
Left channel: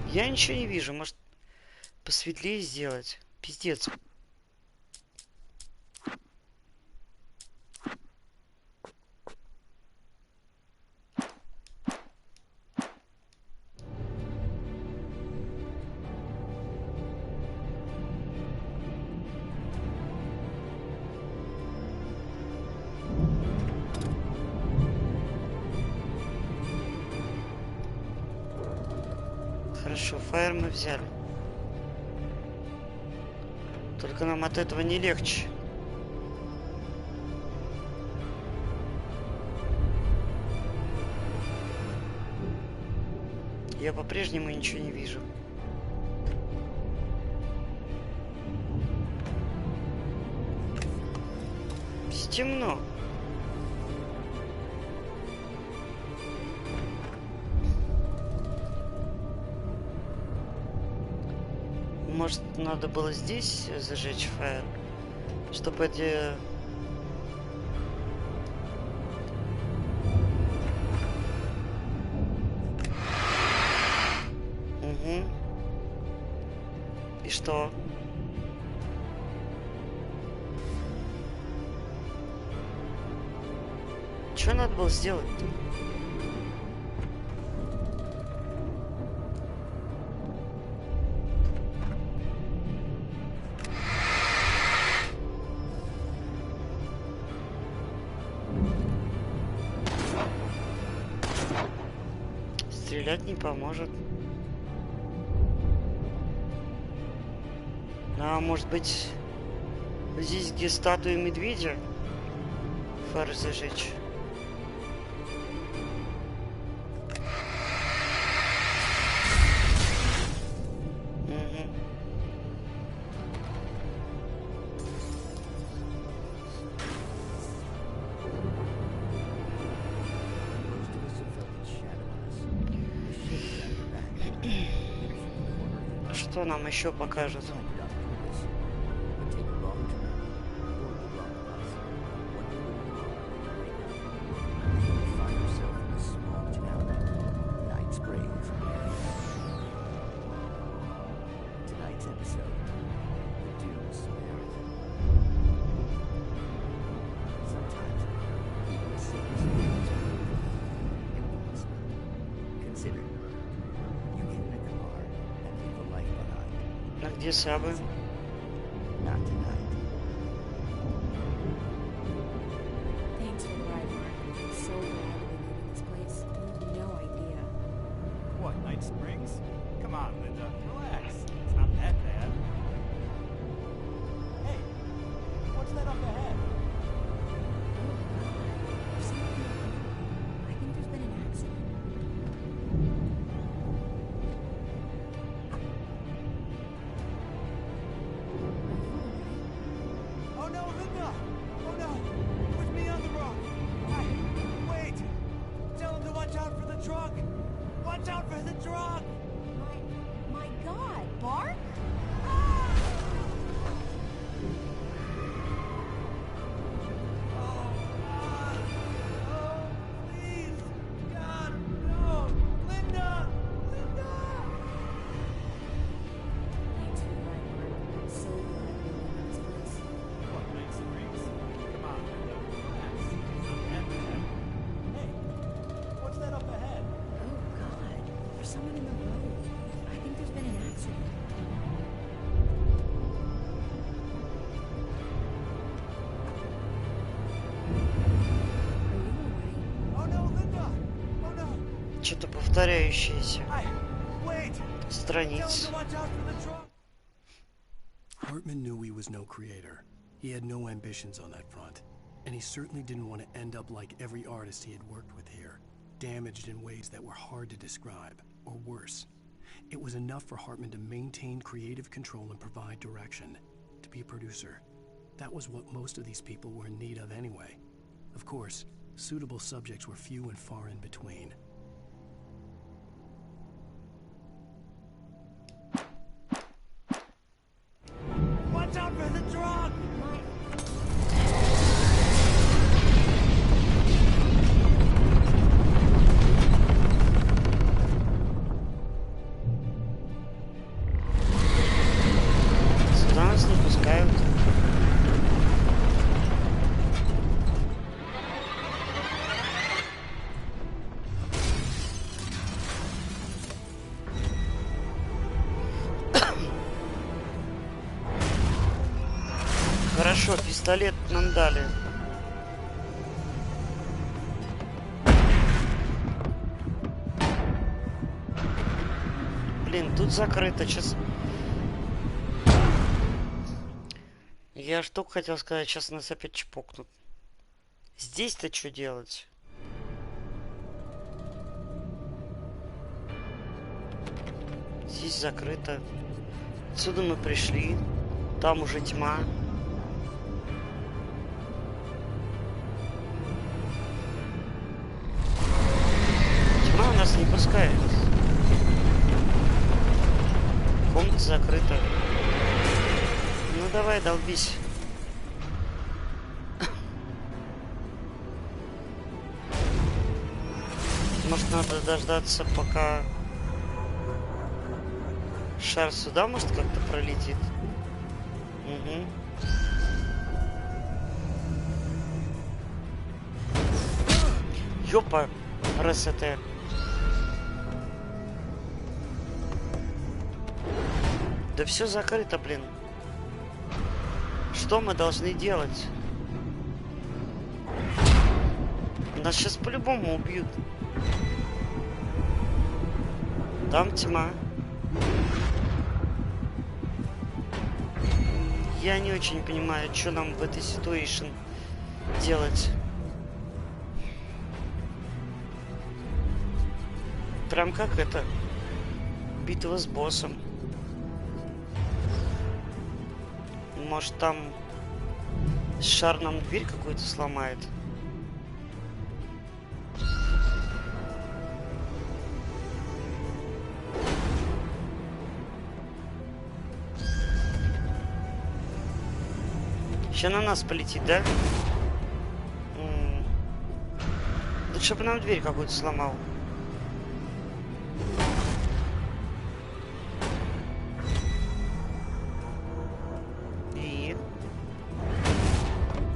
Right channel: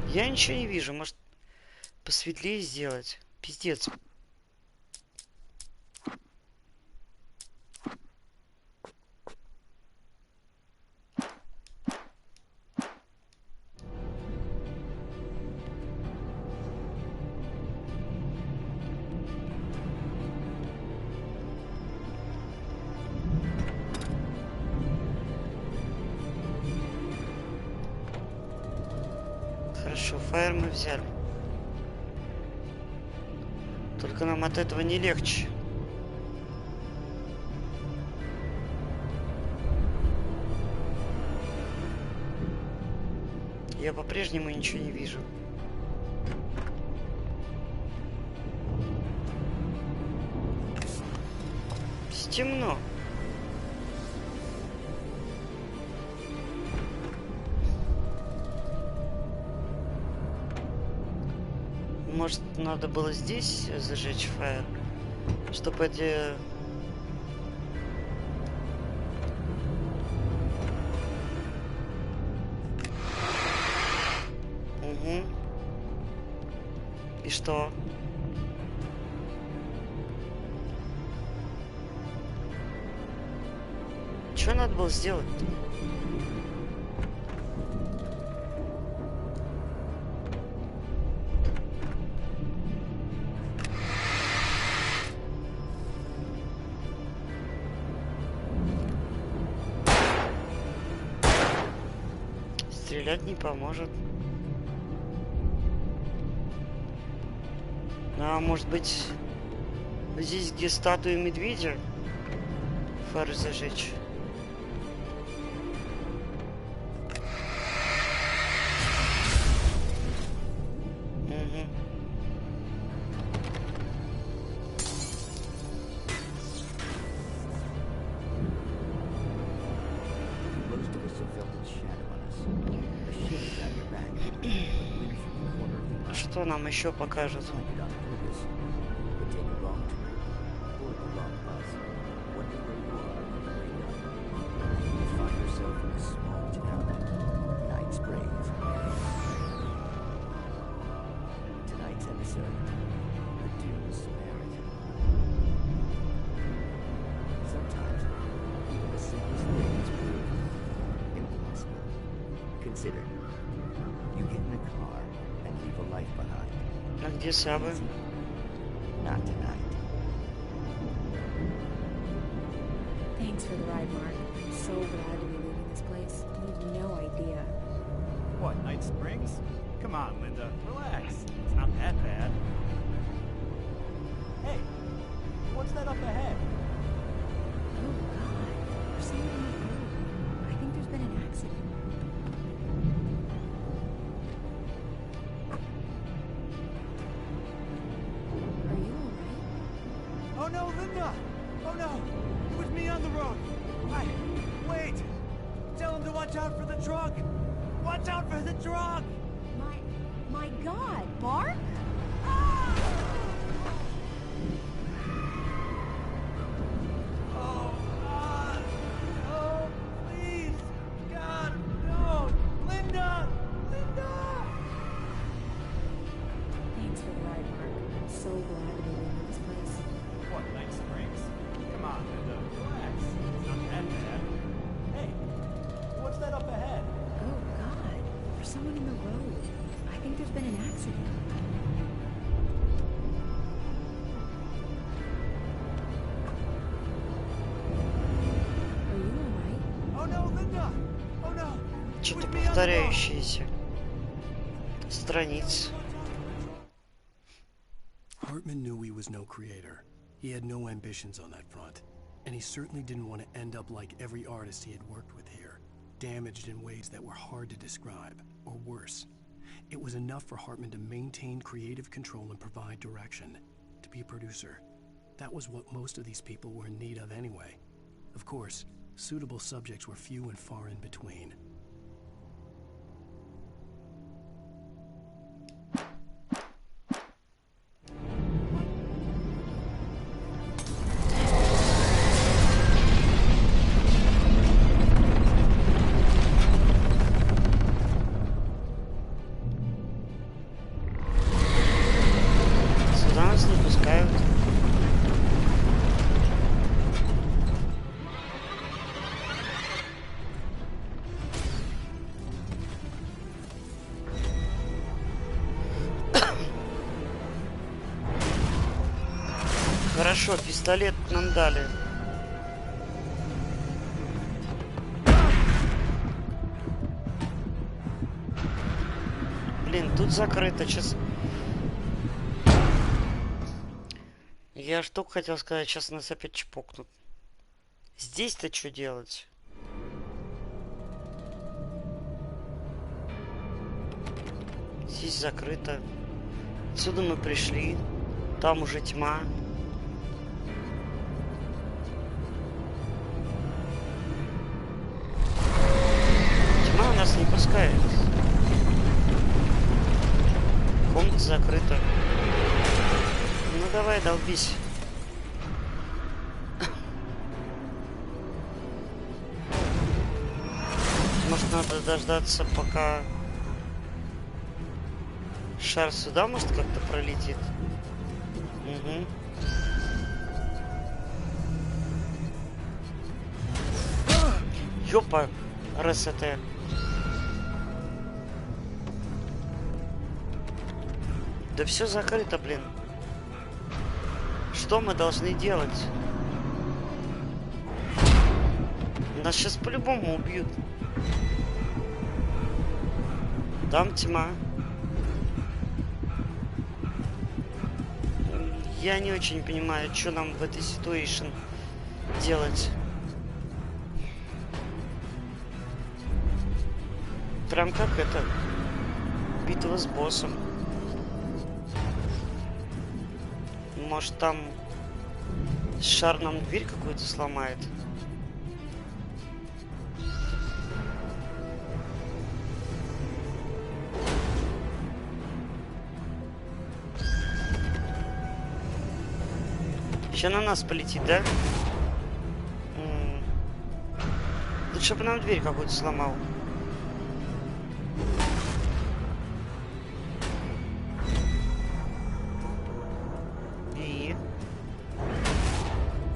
Я ничего не вижу. Может, посветлее сделать? Пиздец. Хорошо, фаер мы взяли. Только нам от этого не легче. Я по-прежнему ничего не вижу. Темно. Может, надо было здесь зажечь фаер, чтобы эти... Угу. И что? Что надо было сделать-то? Стрелять не поможет. А может быть, здесь, где статуя медведя, фары зажечь? Угу. Что нам еще покажут? Tonight's episode, the doomed Samaritan. Sometimes, even the simplest things prove impossible. Consider, you get in a car and leave a life behind. А где Сабы? Not tonight. Thanks for the ride, Mark. I'm so glad to be leaving this place. You have no idea. What, Night Springs? Come on, Linda, relax. It's not that bad. Hey, what's that up ahead? Oh, God. There's someone on the road. I think there's been an accident. Are you alright? Oh no, Linda! Oh no! It was me on the road! Wait! Tell him to watch out for the truck! Watch out for the truck! My God, Bark? Oh, please! God, no! Linda! Linda! Thanks for the ride, Mark. I'm so glad to be leaving this place. What, Night Springs? Come on, Linda, relax. It's not that bad. Hey, what's that up ahead? Oh, God. There's someone in the road. I think there's been an accident. Are you alright? Oh no, Linda! Oh no! Что-то повторяющееся страниц. Hartman knew he was no creator. He had no ambitions on that front. And he certainly didn't want to end up like every artist he had worked with here, damaged in ways that were hard to describe, or worse. It was enough for Hartman to maintain creative control and provide direction, to be a producer. That was what most of these people were in need of anyway. Of course, suitable subjects were few and far in between. Watch out for the truck! Сюда нас не пускают. Хорошо, пистолет нам дали. Блин, тут закрыто. Сейчас... Я что хотел сказать, сейчас нас опять чпокнут. Здесь-то что делать? Здесь закрыто. Отсюда мы пришли. Там уже тьма. Тьма нас не пускает. Комната закрыта. Ну давай, долбись. Может, надо дождаться, пока шар сюда, может, как-то пролетит. Угу. Ёпа, РСТ. Да все закрыто, блин. Что мы должны делать? Нас сейчас по-любому убьют. Там тьма. Я не очень понимаю, что нам в этой ситуации делать. Прям как это? Битва с боссом. Может, там шар нам дверь какую-то сломает? Сейчас на нас полетит, да? Лучше бы нам дверь какую-то сломал. И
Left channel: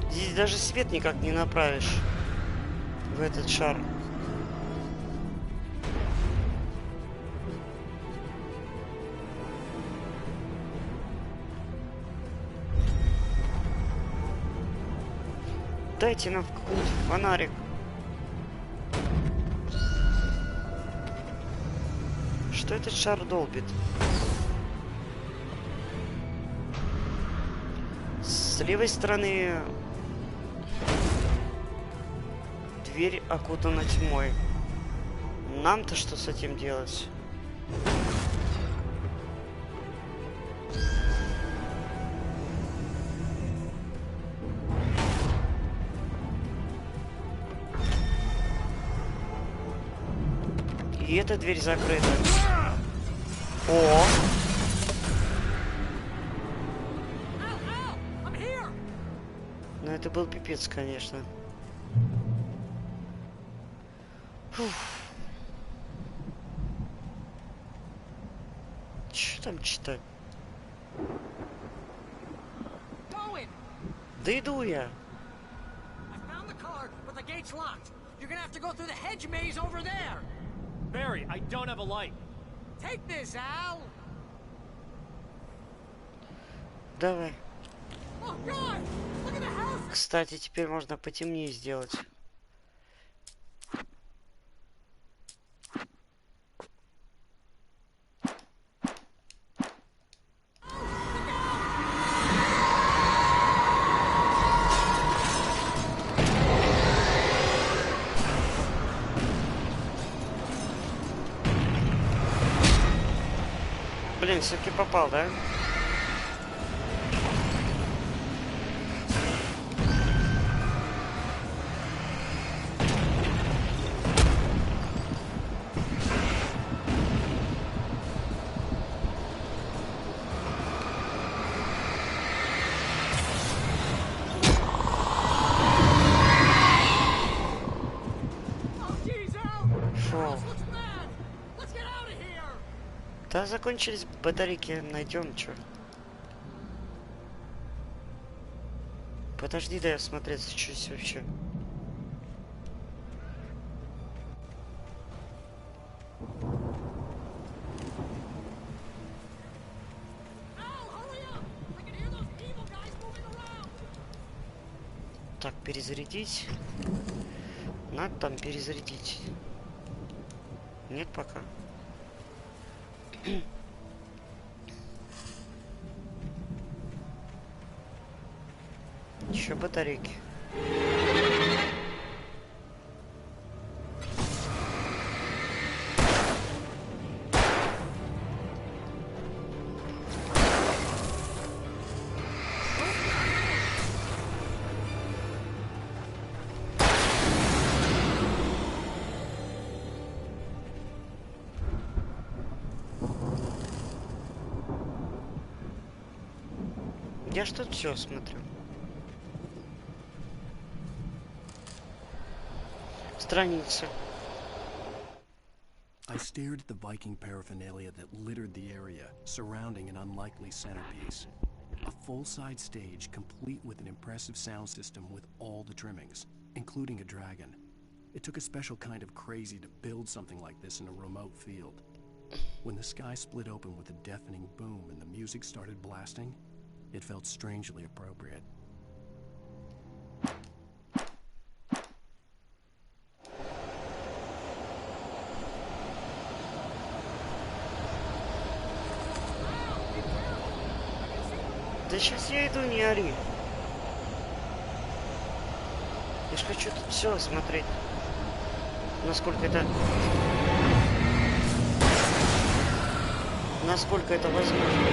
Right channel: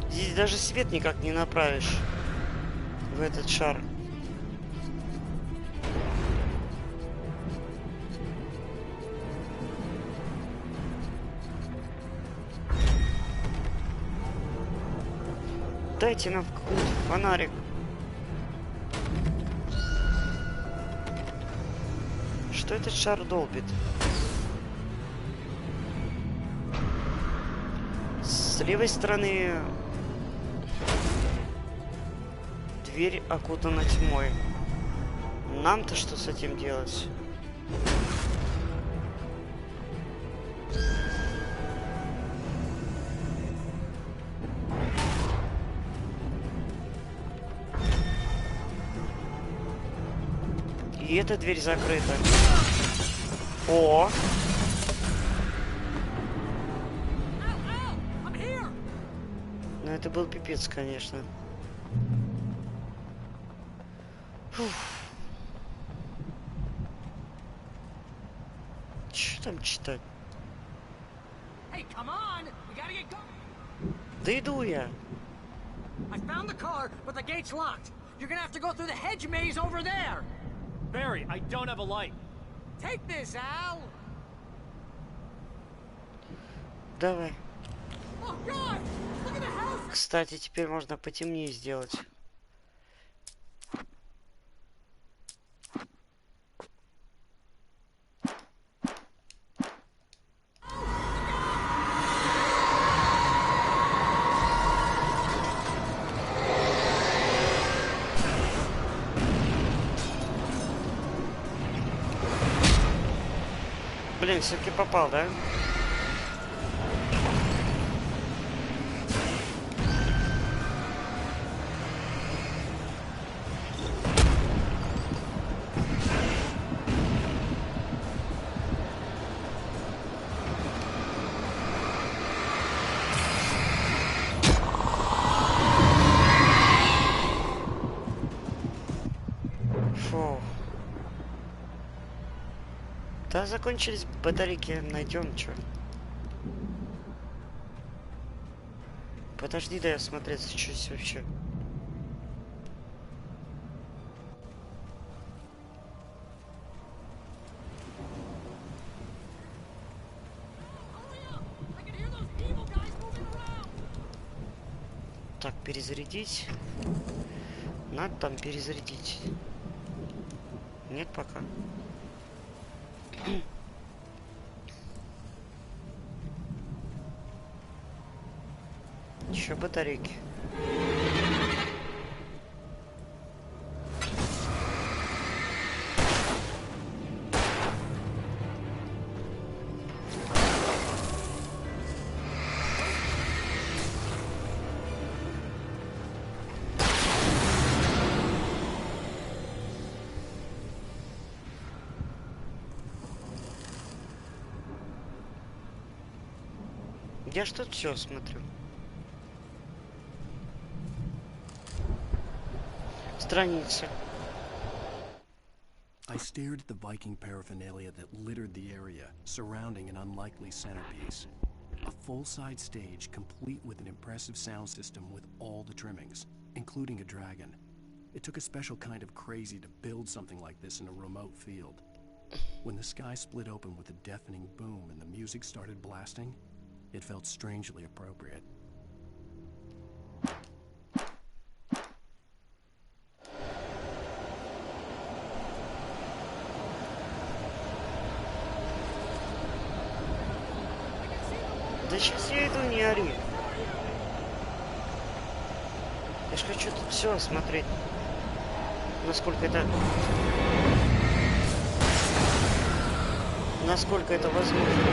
здесь даже свет никак не направишь в этот шар. Дайте нам какой-нибудь фонарик. Что этот шар долбит? С левой стороны дверь окутана тьмой. Нам-то что с этим делать? И эта дверь закрыта. О! Ну это был пипец, конечно. Фух. Что там читать? Да иду я. Barry, I don't have a light. Take this, Al. Давай. Oh God! Look at the house. Кстати, теперь можно потемнее сделать. Блин, все-таки попал, да? Фу. Да, закончились батарейки, найдем что. Подожди, дай осмотреться, что здесь вообще. Так, перезарядить. Надо там перезарядить. Нет пока. Еще батарейки. Я ж тут все смотрю. Страница. I stared at the Viking paraphernalia that littered the area, surrounding an unlikely centerpiece. A full-side stage complete with an impressive sound system with all the trimmings, including a dragon. It took a special kind of crazy to build something like this in a remote field. When the sky split open with a deafening boom and the music started blasting, it felt strangely appropriate. Да сейчас я иду, не ори. Я ж хочу тут все осмотреть. Насколько это возможно.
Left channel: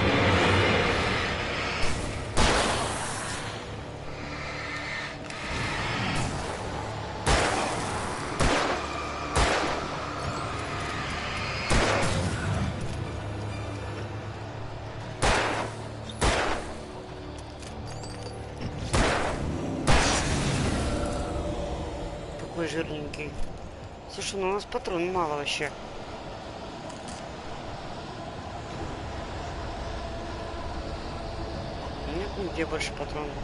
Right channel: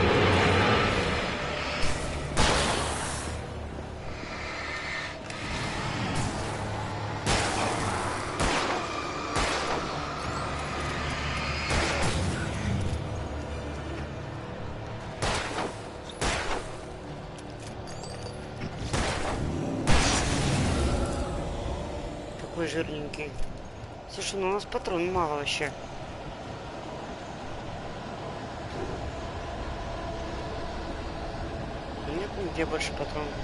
Какой жирненький. Слушай, ну у нас патронов мало вообще. Нет нигде больше патронов.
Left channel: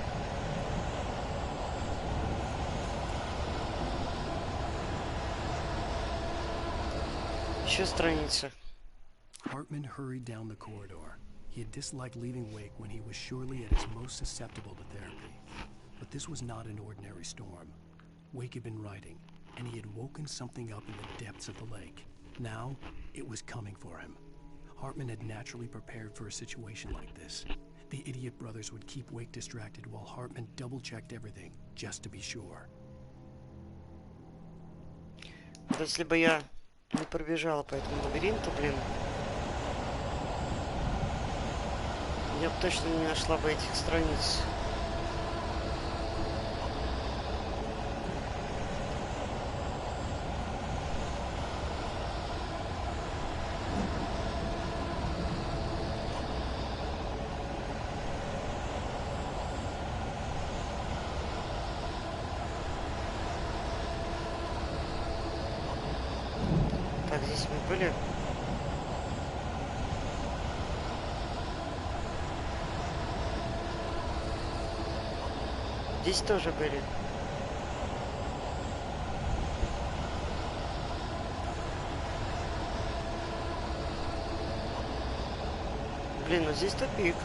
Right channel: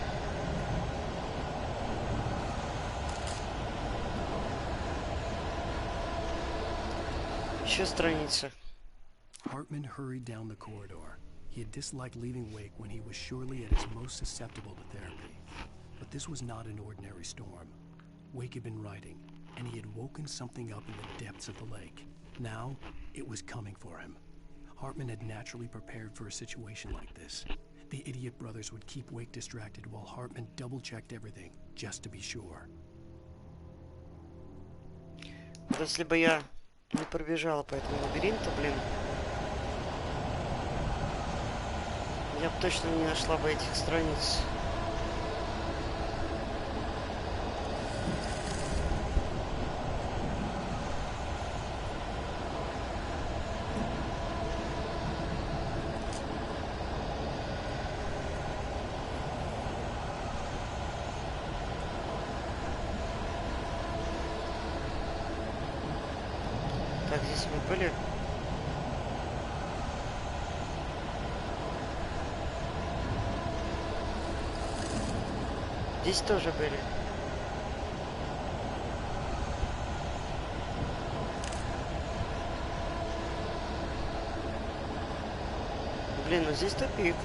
Еще страница. Hartman hurried down the corridor. He had disliked leaving Wake when he was surely at his most susceptible to therapy. But this was not an ordinary storm. Wake had been writing, and he had woken something up in the depths of the lake. Now, it was coming for him. Hartman had naturally prepared for a situation like this. The idiot brothers would keep Wake distracted while Hartman double-checked everything, just to be sure. Вот если бы я не пробежала по этому лабиринту, блин, я бы точно не нашла бы этих страниц. Так, здесь мы были. Здесь тоже были. Блин, ну здесь тупик.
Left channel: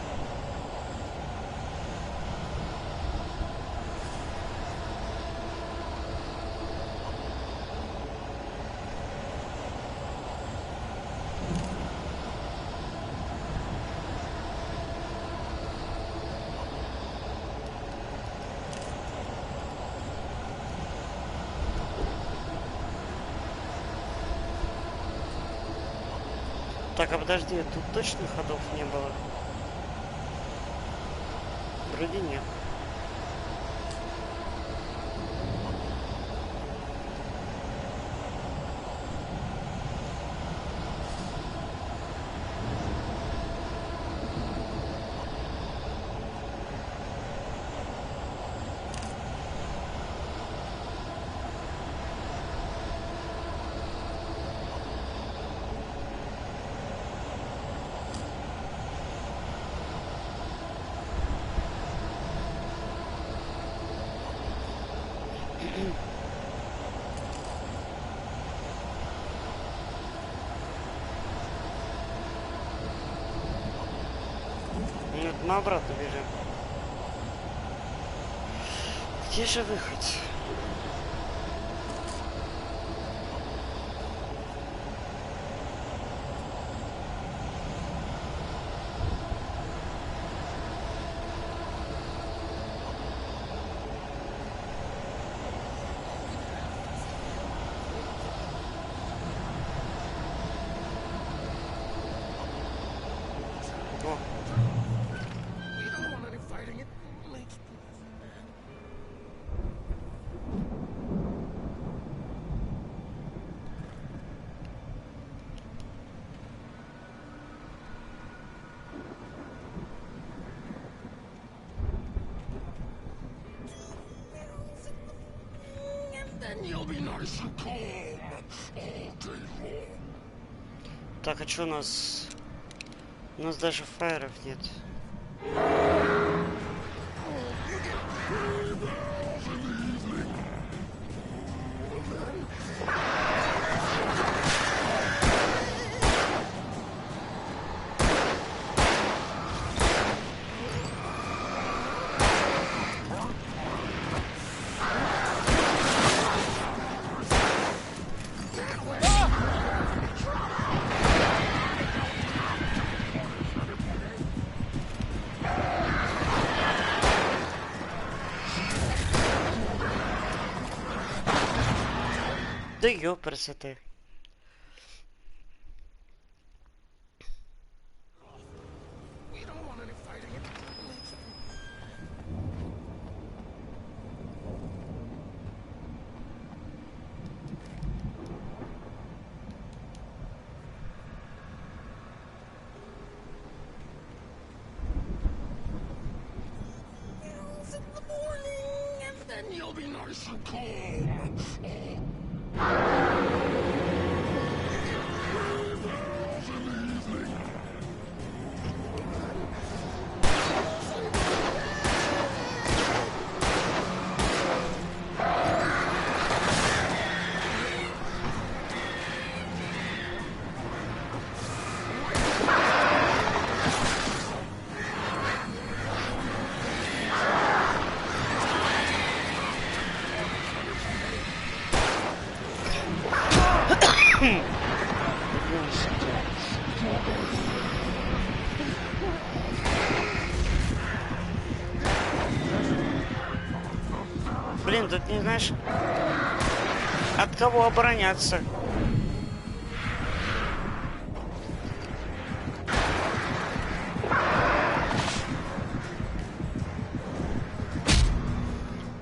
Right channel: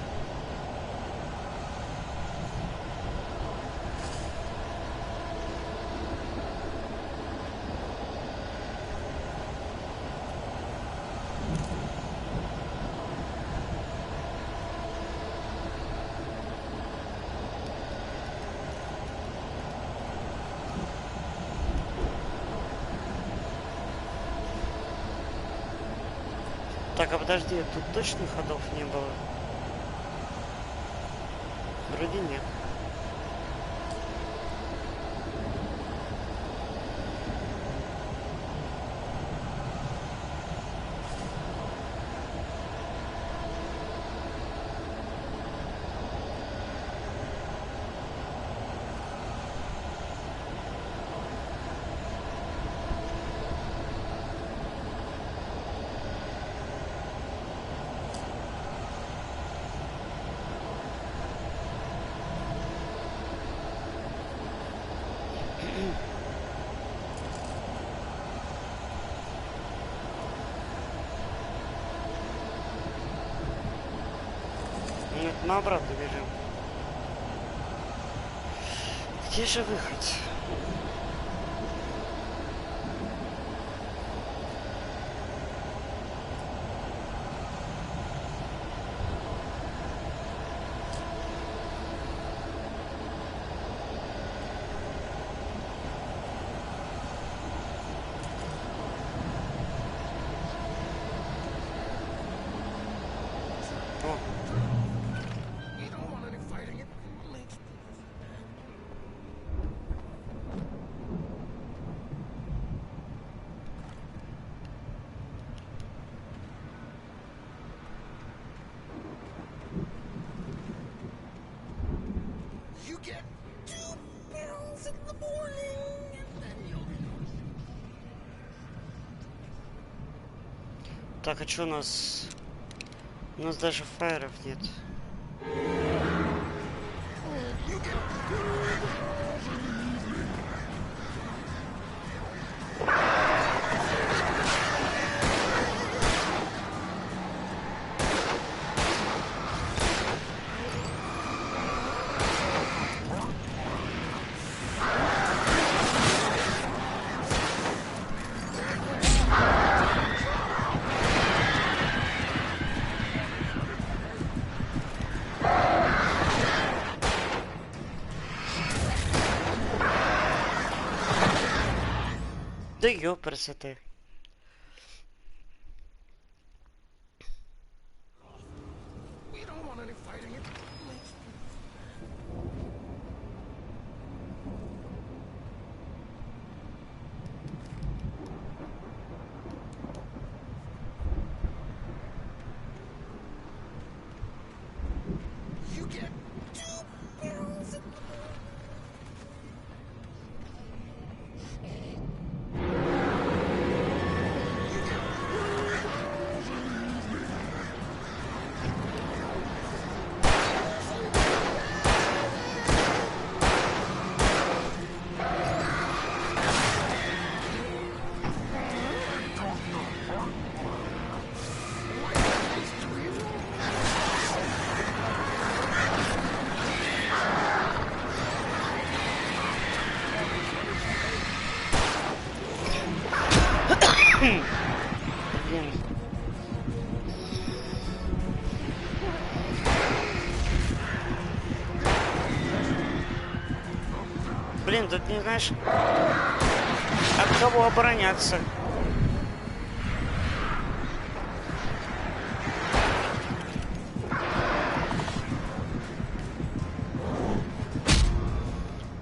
Так, а подожди, тут точно ходов не было? Вроде нет. Нет, мы обратно бежим. Где же выход? Так, а что у нас? У нас даже фаеров нет. Да ёпрст. We don't want any fighting. You get 2 pills in the morning, and then you'll be nice and calm. You get 3 pills in the evening. Блин, тут не знаешь, от кого обороняться.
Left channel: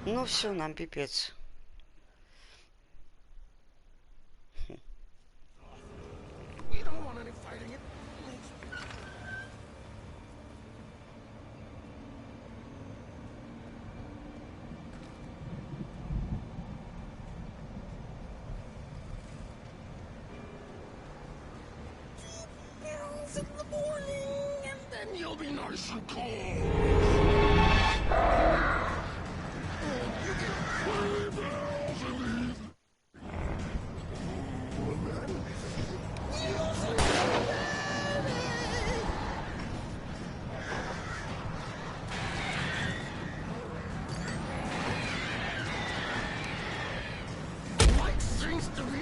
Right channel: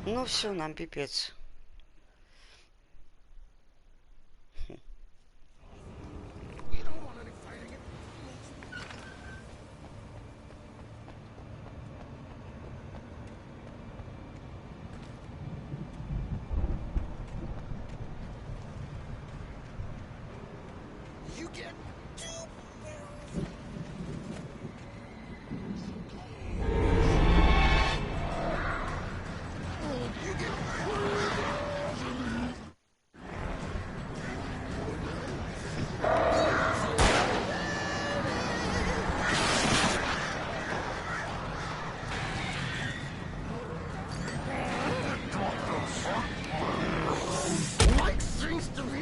Ну все, нам пипец. We don't want any fighting. It makes You get 2 pills in the morning, and then you'll be nice and calm. You get 3 pills in the evening. Light seems to be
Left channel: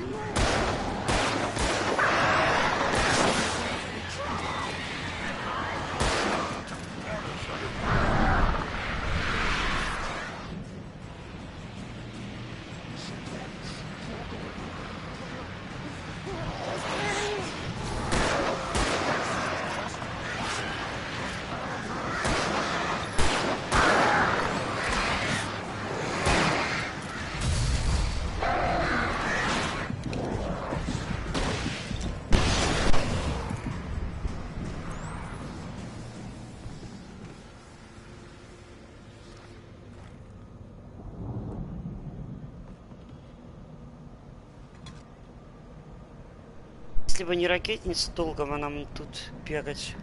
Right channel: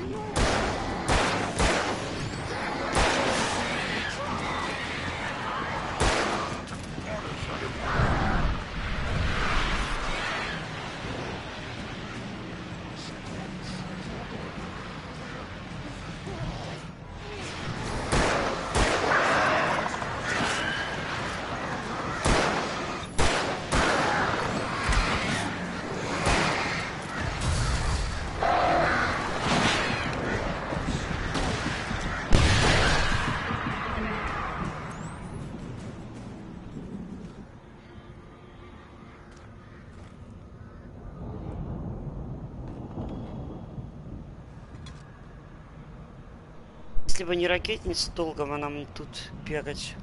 Если бы не ракетница, долго бы нам тут бегать.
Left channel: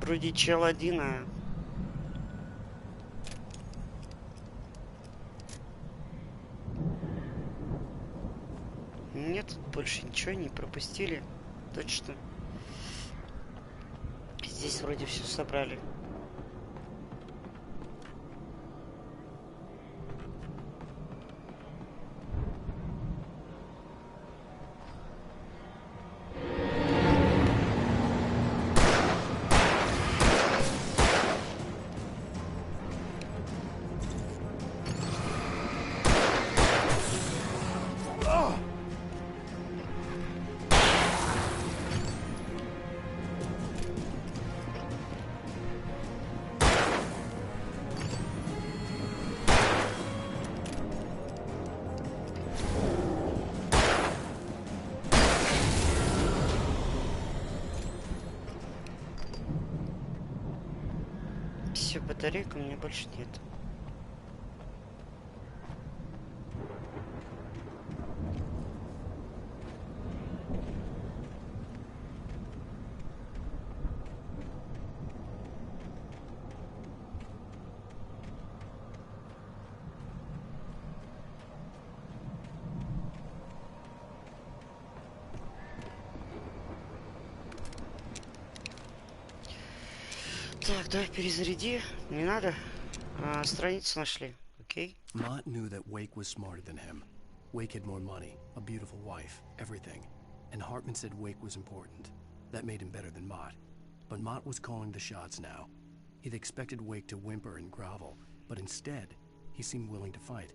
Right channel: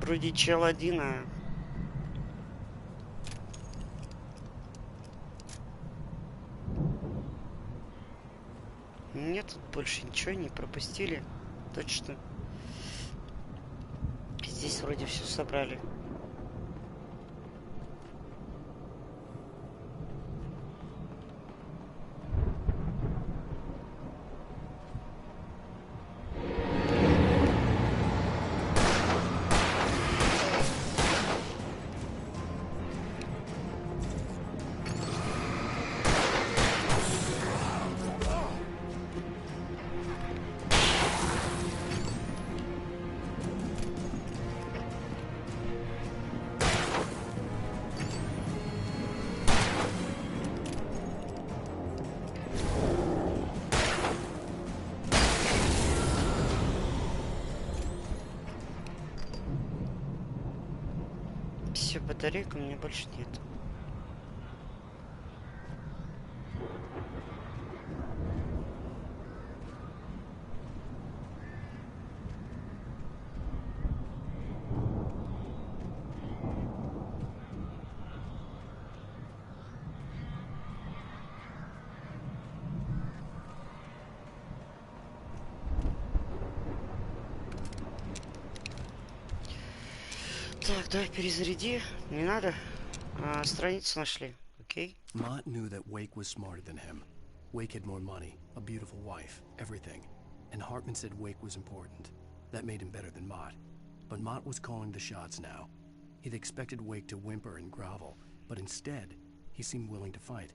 Вроде чел один, а... Нет, тут больше ничего не пропустили. Точно. Здесь вроде все собрали. Все, батарейка у меня больше нет. Так, давай перезаряди. Не надо. Страницу нашли. Окей. Mott knew that Wake was smarter than him. Wake had more money, a beautiful wife, everything. And Hartman said Wake was important. That made him better than Mott. But Mott was calling the shots now. He'd expected Wake to whimper and grovel, but instead, he seemed willing to fight.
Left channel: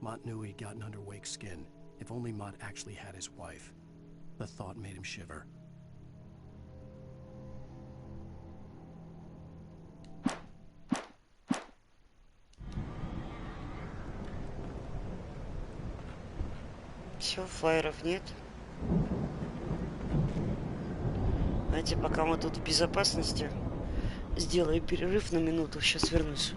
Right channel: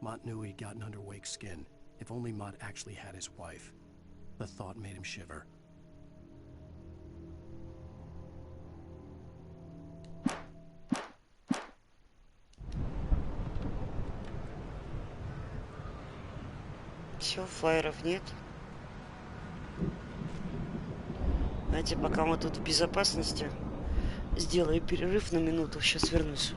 Mott knew he'd gotten under Wake's skin. If only Mott actually had his wife. The thought made him shiver. Все, флайеров нет. Знаете, пока мы тут в безопасности, сделаю перерыв на минуту, сейчас вернусь.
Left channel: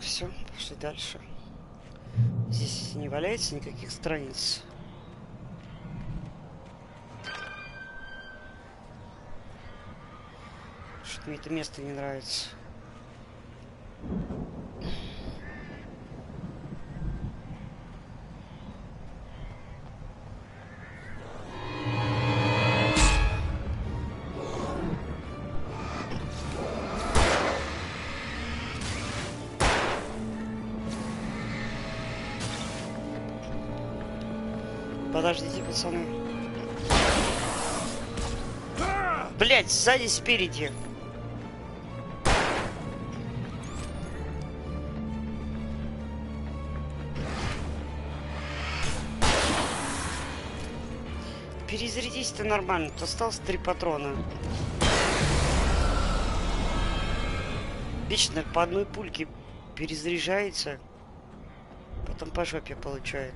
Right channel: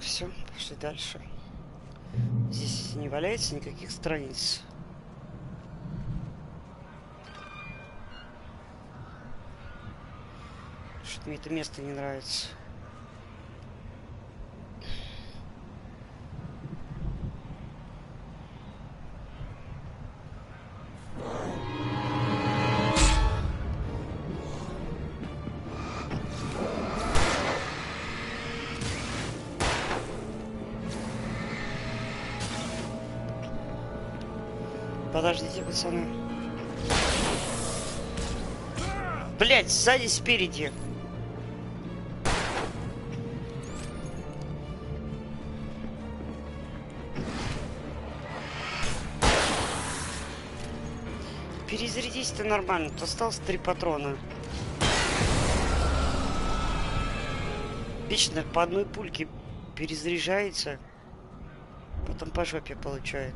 Все, пошли дальше. Здесь не валяется никаких страниц. Что-то мне это место не нравится. Подождите, пацаны. Блять, сзади, спереди. Перезарядись-то нормально. Тут осталось 3 патрона. Вечно по одной пульке перезаряжается. Потом по жопе получает.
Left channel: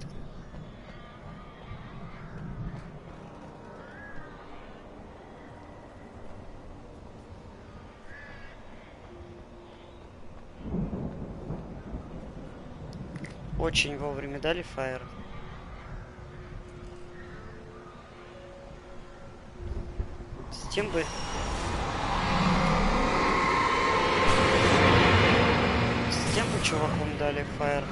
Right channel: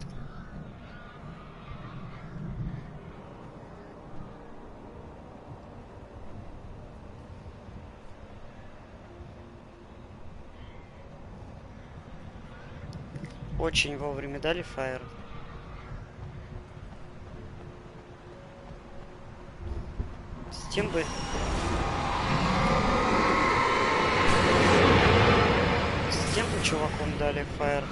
Очень вовремя дали фаер. С тем бы... С тем бы чуваком дали фаер.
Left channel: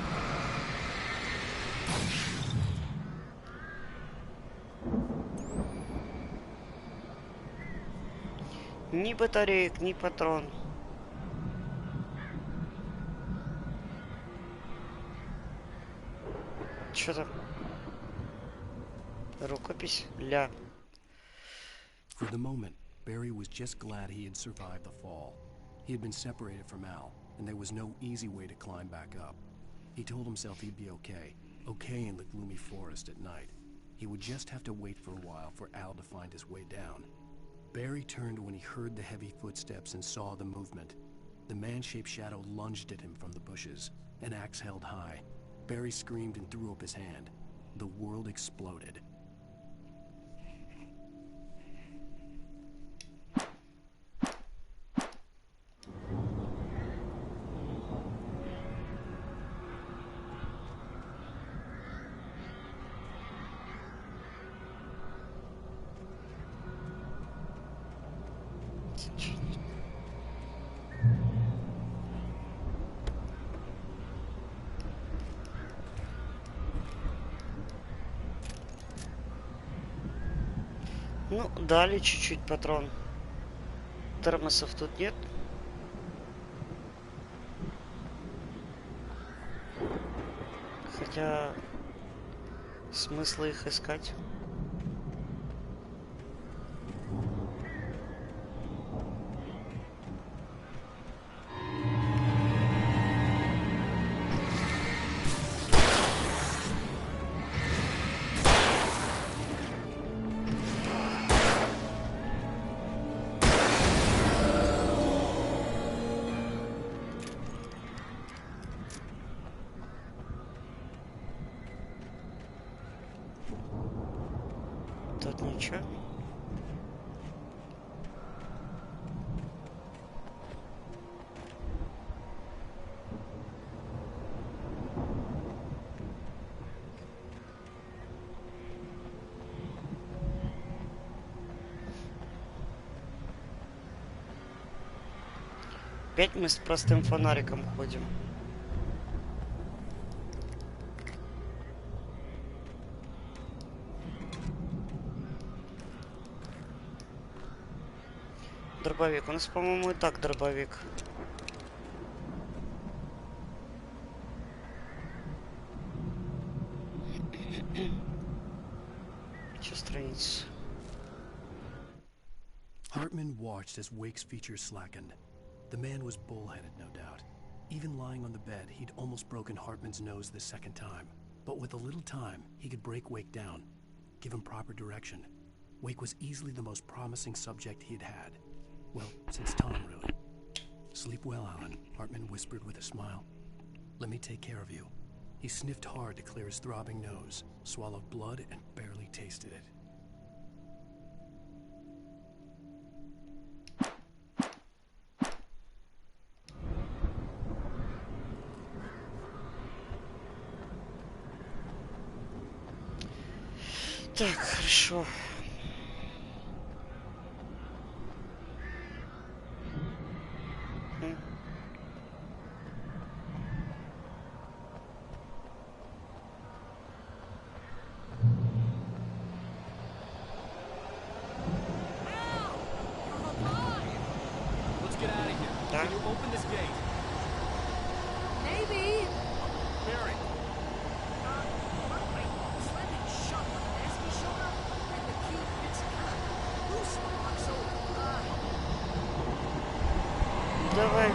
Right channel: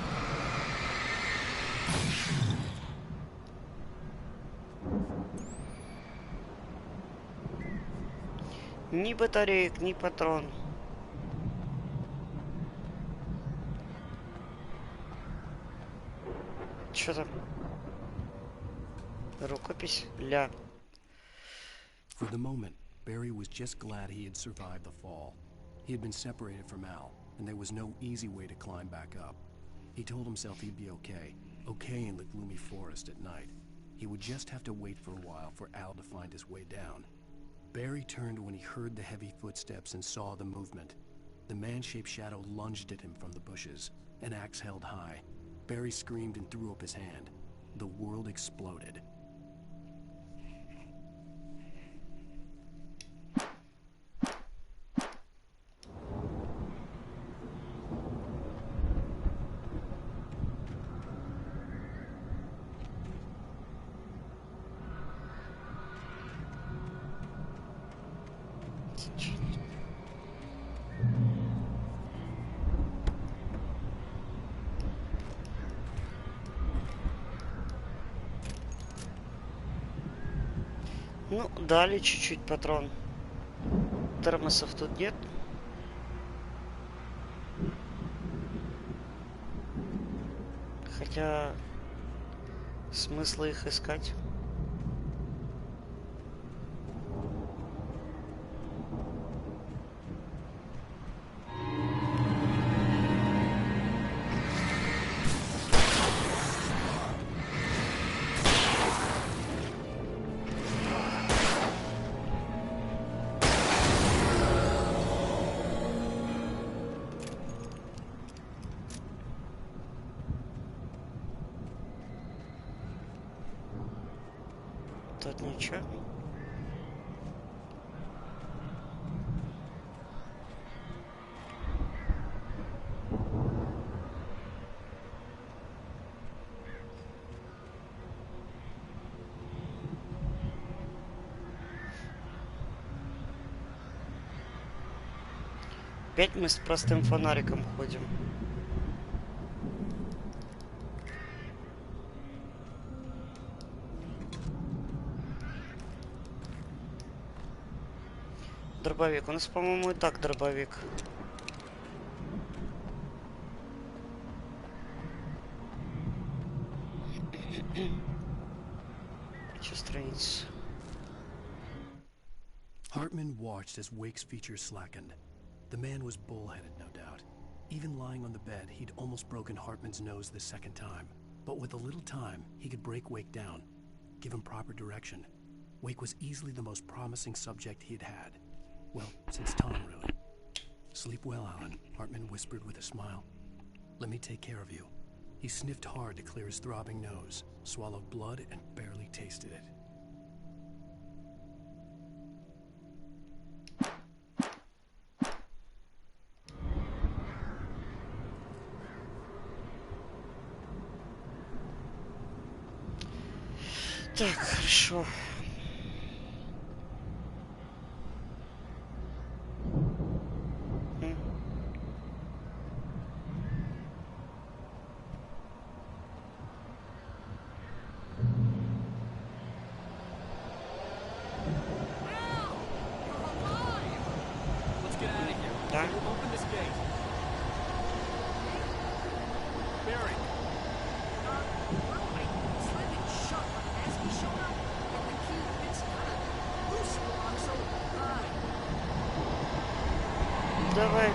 Ни батареек, ни патрон. Что там? Рукопись? Ля. For the moment, Barry was just glad he had survived the fall. He had been separated from Al, and there was no easy way to climb back up. He told himself he'd be okay in the gloomy forest at night. He would just have to wait for a while for Al to find his way down. Barry turned when he heard the heavy footsteps and saw the movement. The man-shaped shadow lunged at him from the bushes, an axe held high. Barry screamed and threw up his hand. The world exploded. Ну, дали чуть-чуть патрон. Термосов тут нет. Хотя... смысла их искать? Тут ничего. Опять мы с простым фонариком ходим. Дробовик. У нас, по-моему, и так дробовик. Че страница? Hartman watched as Wake's features slackened. The man was bullheaded, no doubt. Even lying on the bed, he'd almost broken Hartman's nose the second time. But with a little time, he could break Wake down, give him proper direction. Wake was easily the most promising subject he had had. Well, since Tom, really. Sleep well, Alan, Hartman whispered with a smile. Let me take care of you. He sniffed hard to clear his throbbing nose, swallowed blood, and barely tasted it. Так, хорошо. Get out of here. Can you open this gate? Maybe. Barry. Well, I slid it shut when the Nasty showed up, and the key fits kind of loose in the lock, so, Давай.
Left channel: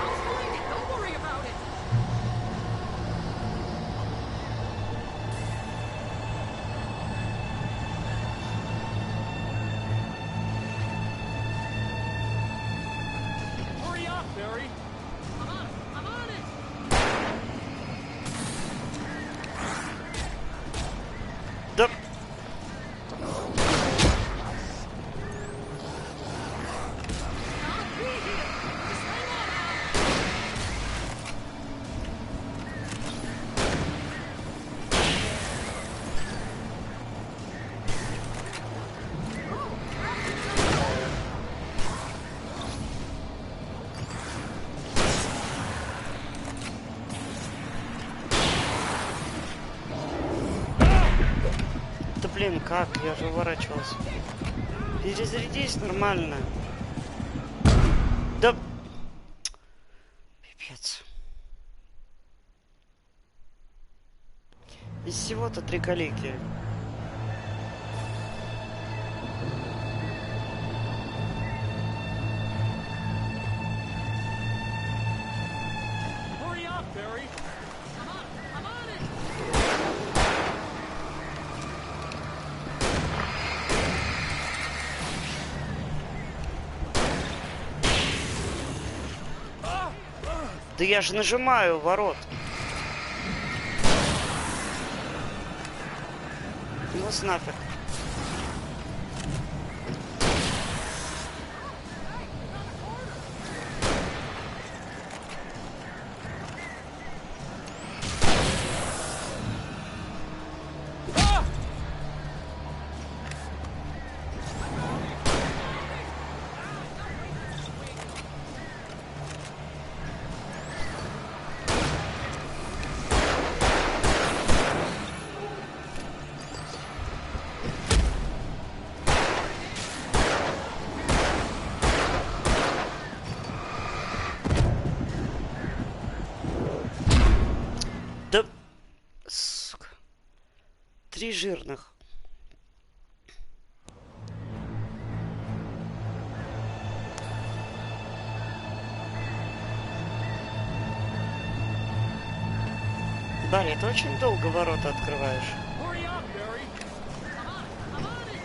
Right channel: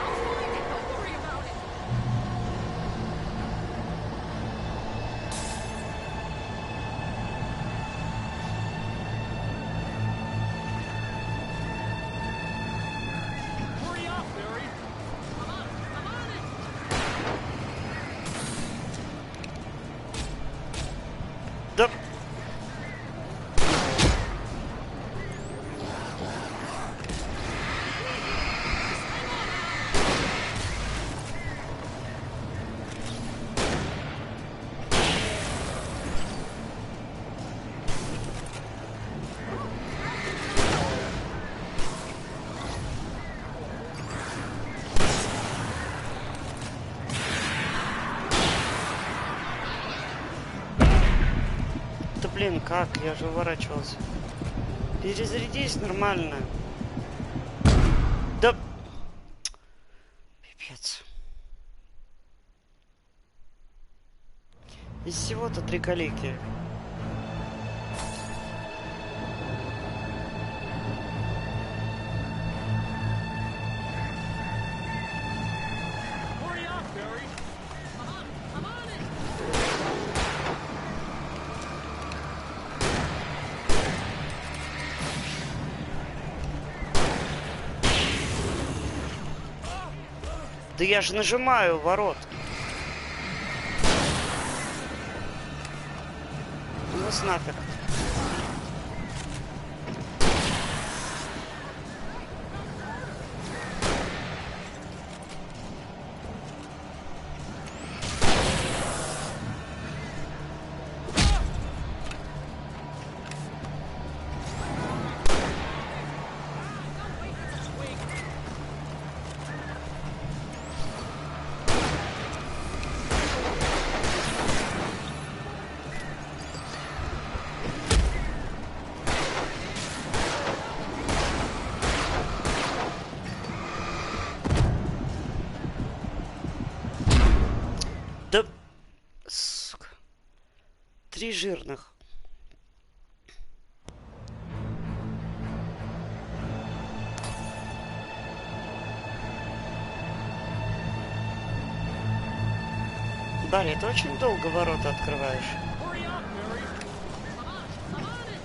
I'll find it. Don't worry about it. Hurry up, Barry. I'm on it. Да. блин, как? Я же уворачивался. Перезарядись нормально. Да... Пипец. Из всего-то 3 калеки. Hurry up, Barry! I'm on it! Да я же нажимаю ворот. Ну вас нафиг. Да... Сука. 3 жирных. Барри, ты очень долго ворота открываешь. Hurry up, Barry! I'm on it!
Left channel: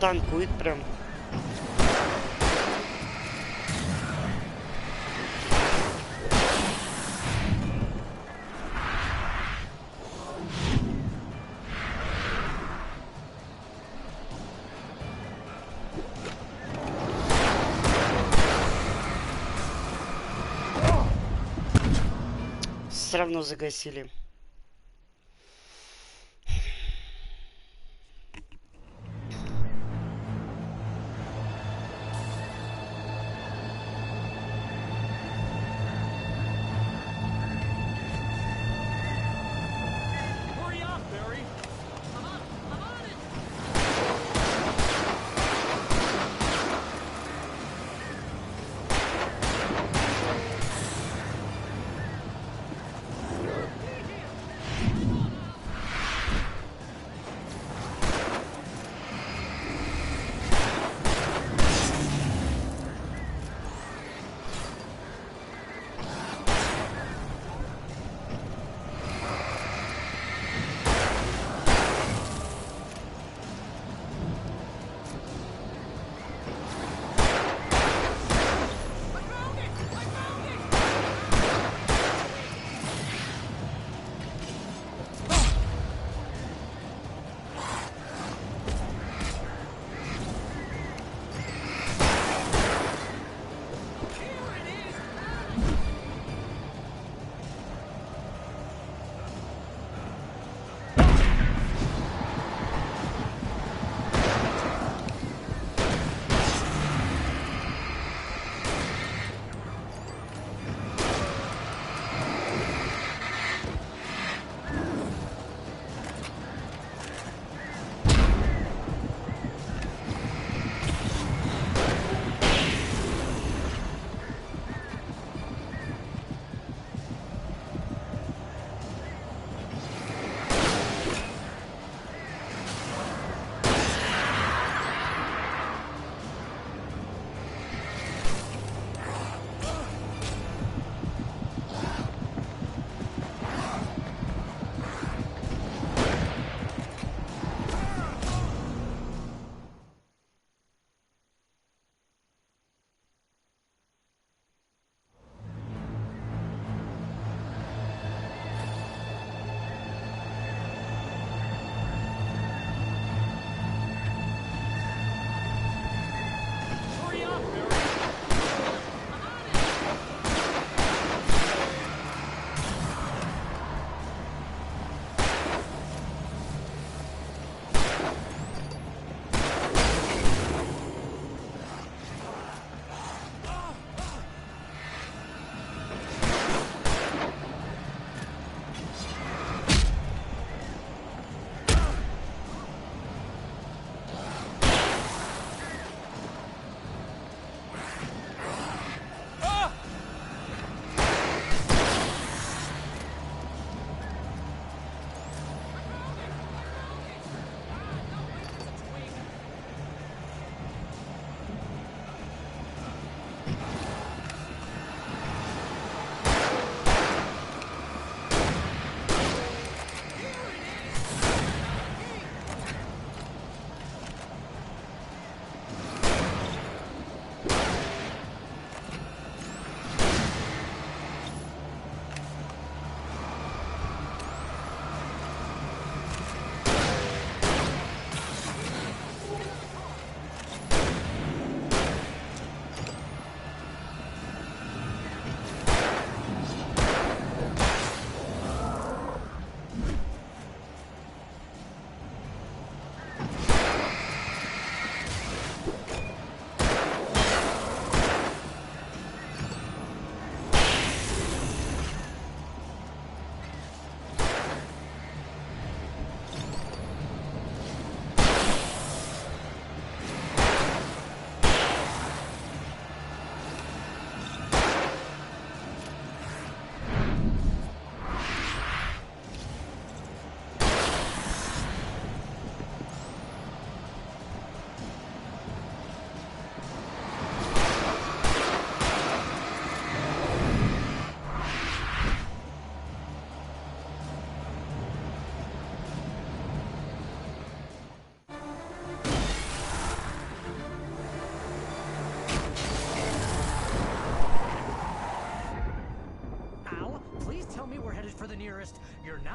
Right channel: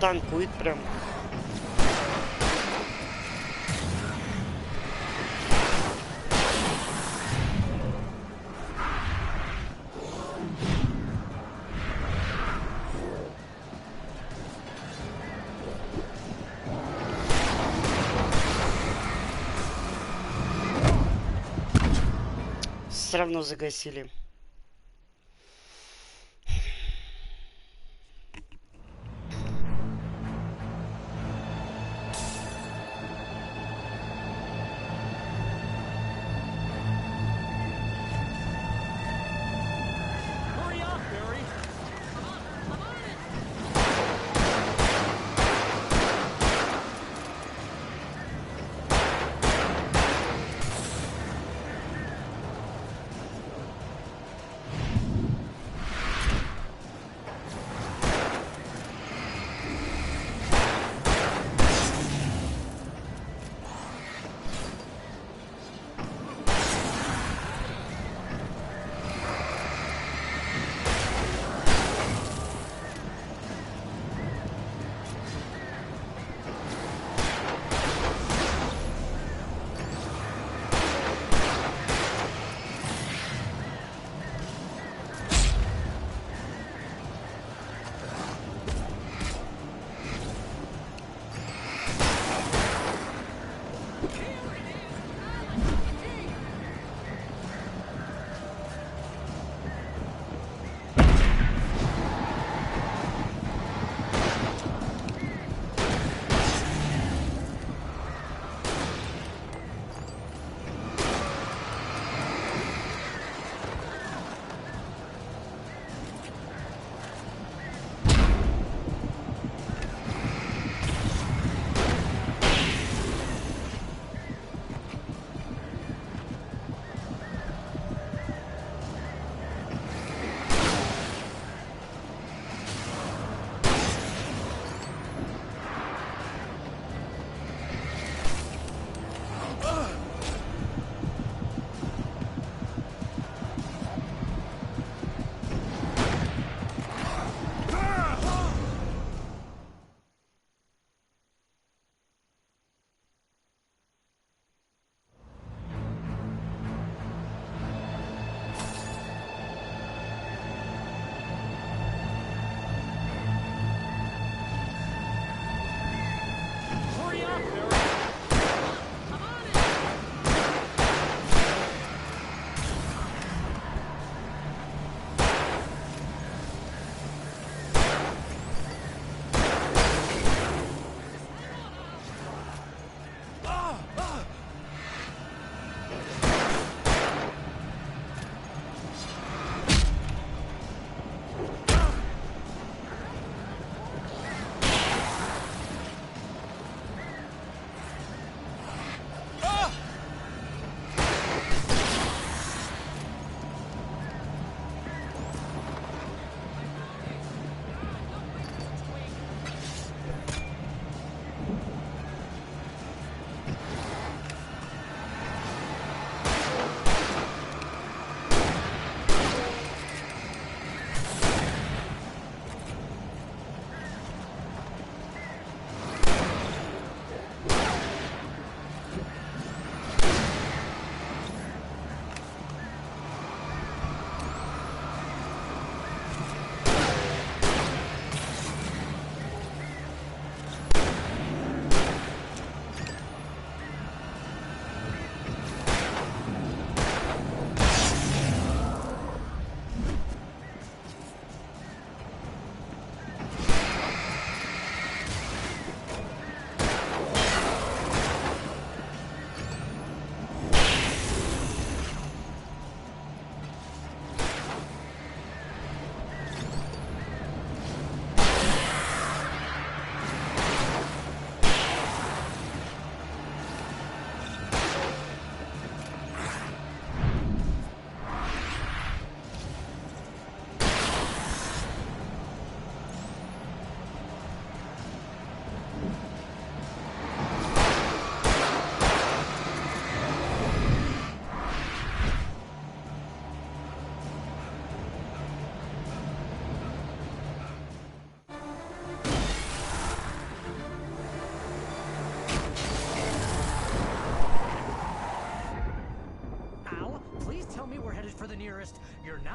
Танкует прям. Все равно загасили. Hurry up, Barry! I'm on it!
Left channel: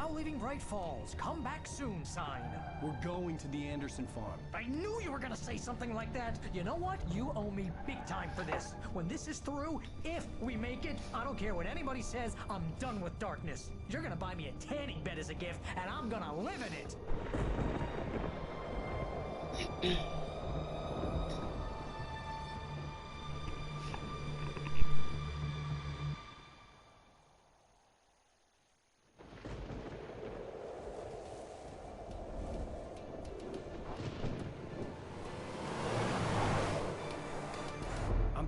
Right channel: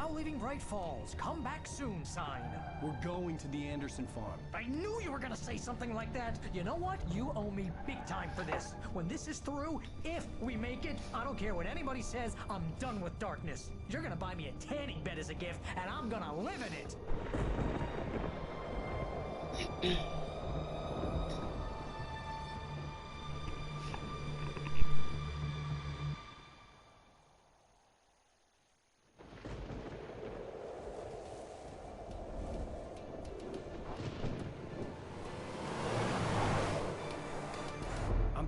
now leaving Bright Falls. Come back soon sign. We're going to the Anderson farm. I knew you were gonna say something like that. You know what? You owe me big time for this. When this is through, if we make it, I don't care what anybody says, I'm done with darkness. You're gonna buy me a tanning bed as a gift, and I'm gonna live in it.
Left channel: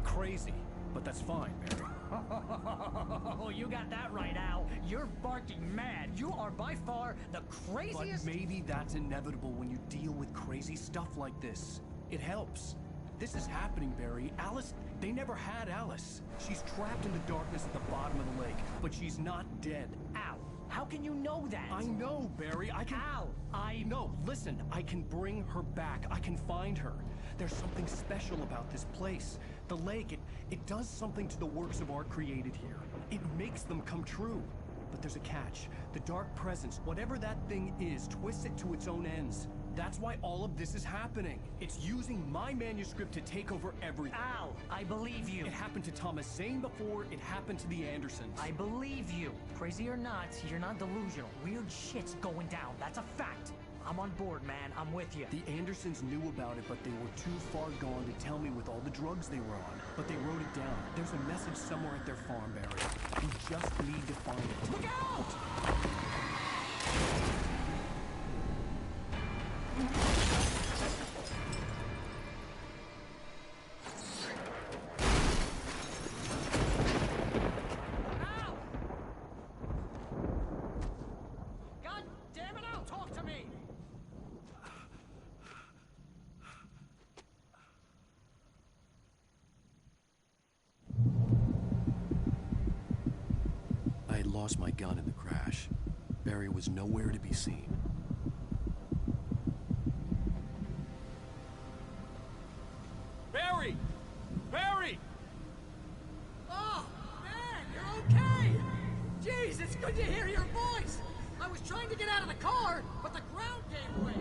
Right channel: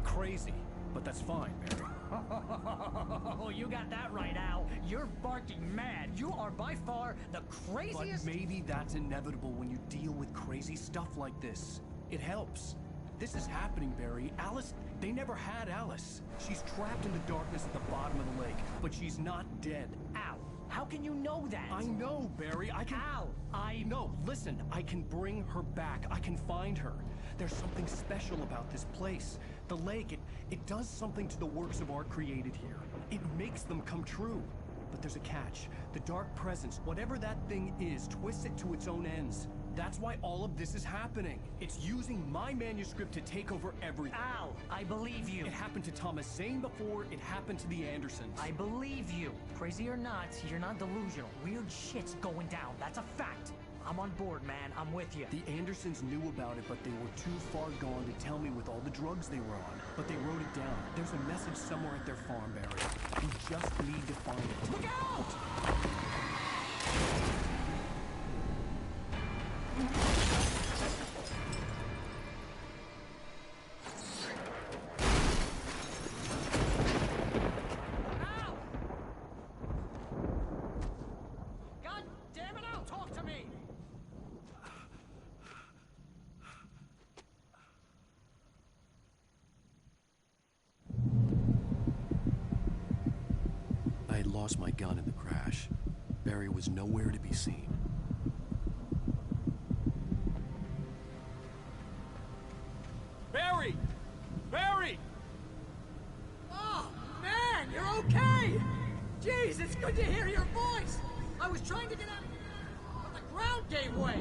Crazy, but that's fine, Barry. Oh, you got that right, Al. You're barking mad. You are by far the craziest... But maybe that's inevitable when you deal with crazy stuff like this. It helps. This is happening, Barry. Alice, they never had Alice. She's trapped in the darkness at the bottom of the lake, but she's not dead. Al, how can you know that? I know, Barry. I can... Al, No, listen. I can bring her back. I can find her. There's something special about this place. The lake, it does something to the works of art created here. It makes them come true. But there's a catch. The dark presence, whatever that thing is, twists it to its own ends. That's why all of this is happening. It's using my manuscript to take over everything. Al, I believe you. It happened to Thomas Zane before, it happened to the Andersons. I believe you. Crazy or not, you're not delusional. Weird shit's going down. That's a fact. I'm on board, man. I'm with you. The Andersons knew about it, but they were too far gone to tell me with all the drugs they were on. But they wrote it down. There's a message somewhere at their farm, Barry. We just need to find it. Look out! I had lost my gun in the crash. Barry was nowhere to be seen. Barry! Barry! Oh, man, you're okay! Jeez, it's good to hear your voice! I was trying to get out of the car, but the ground gave way.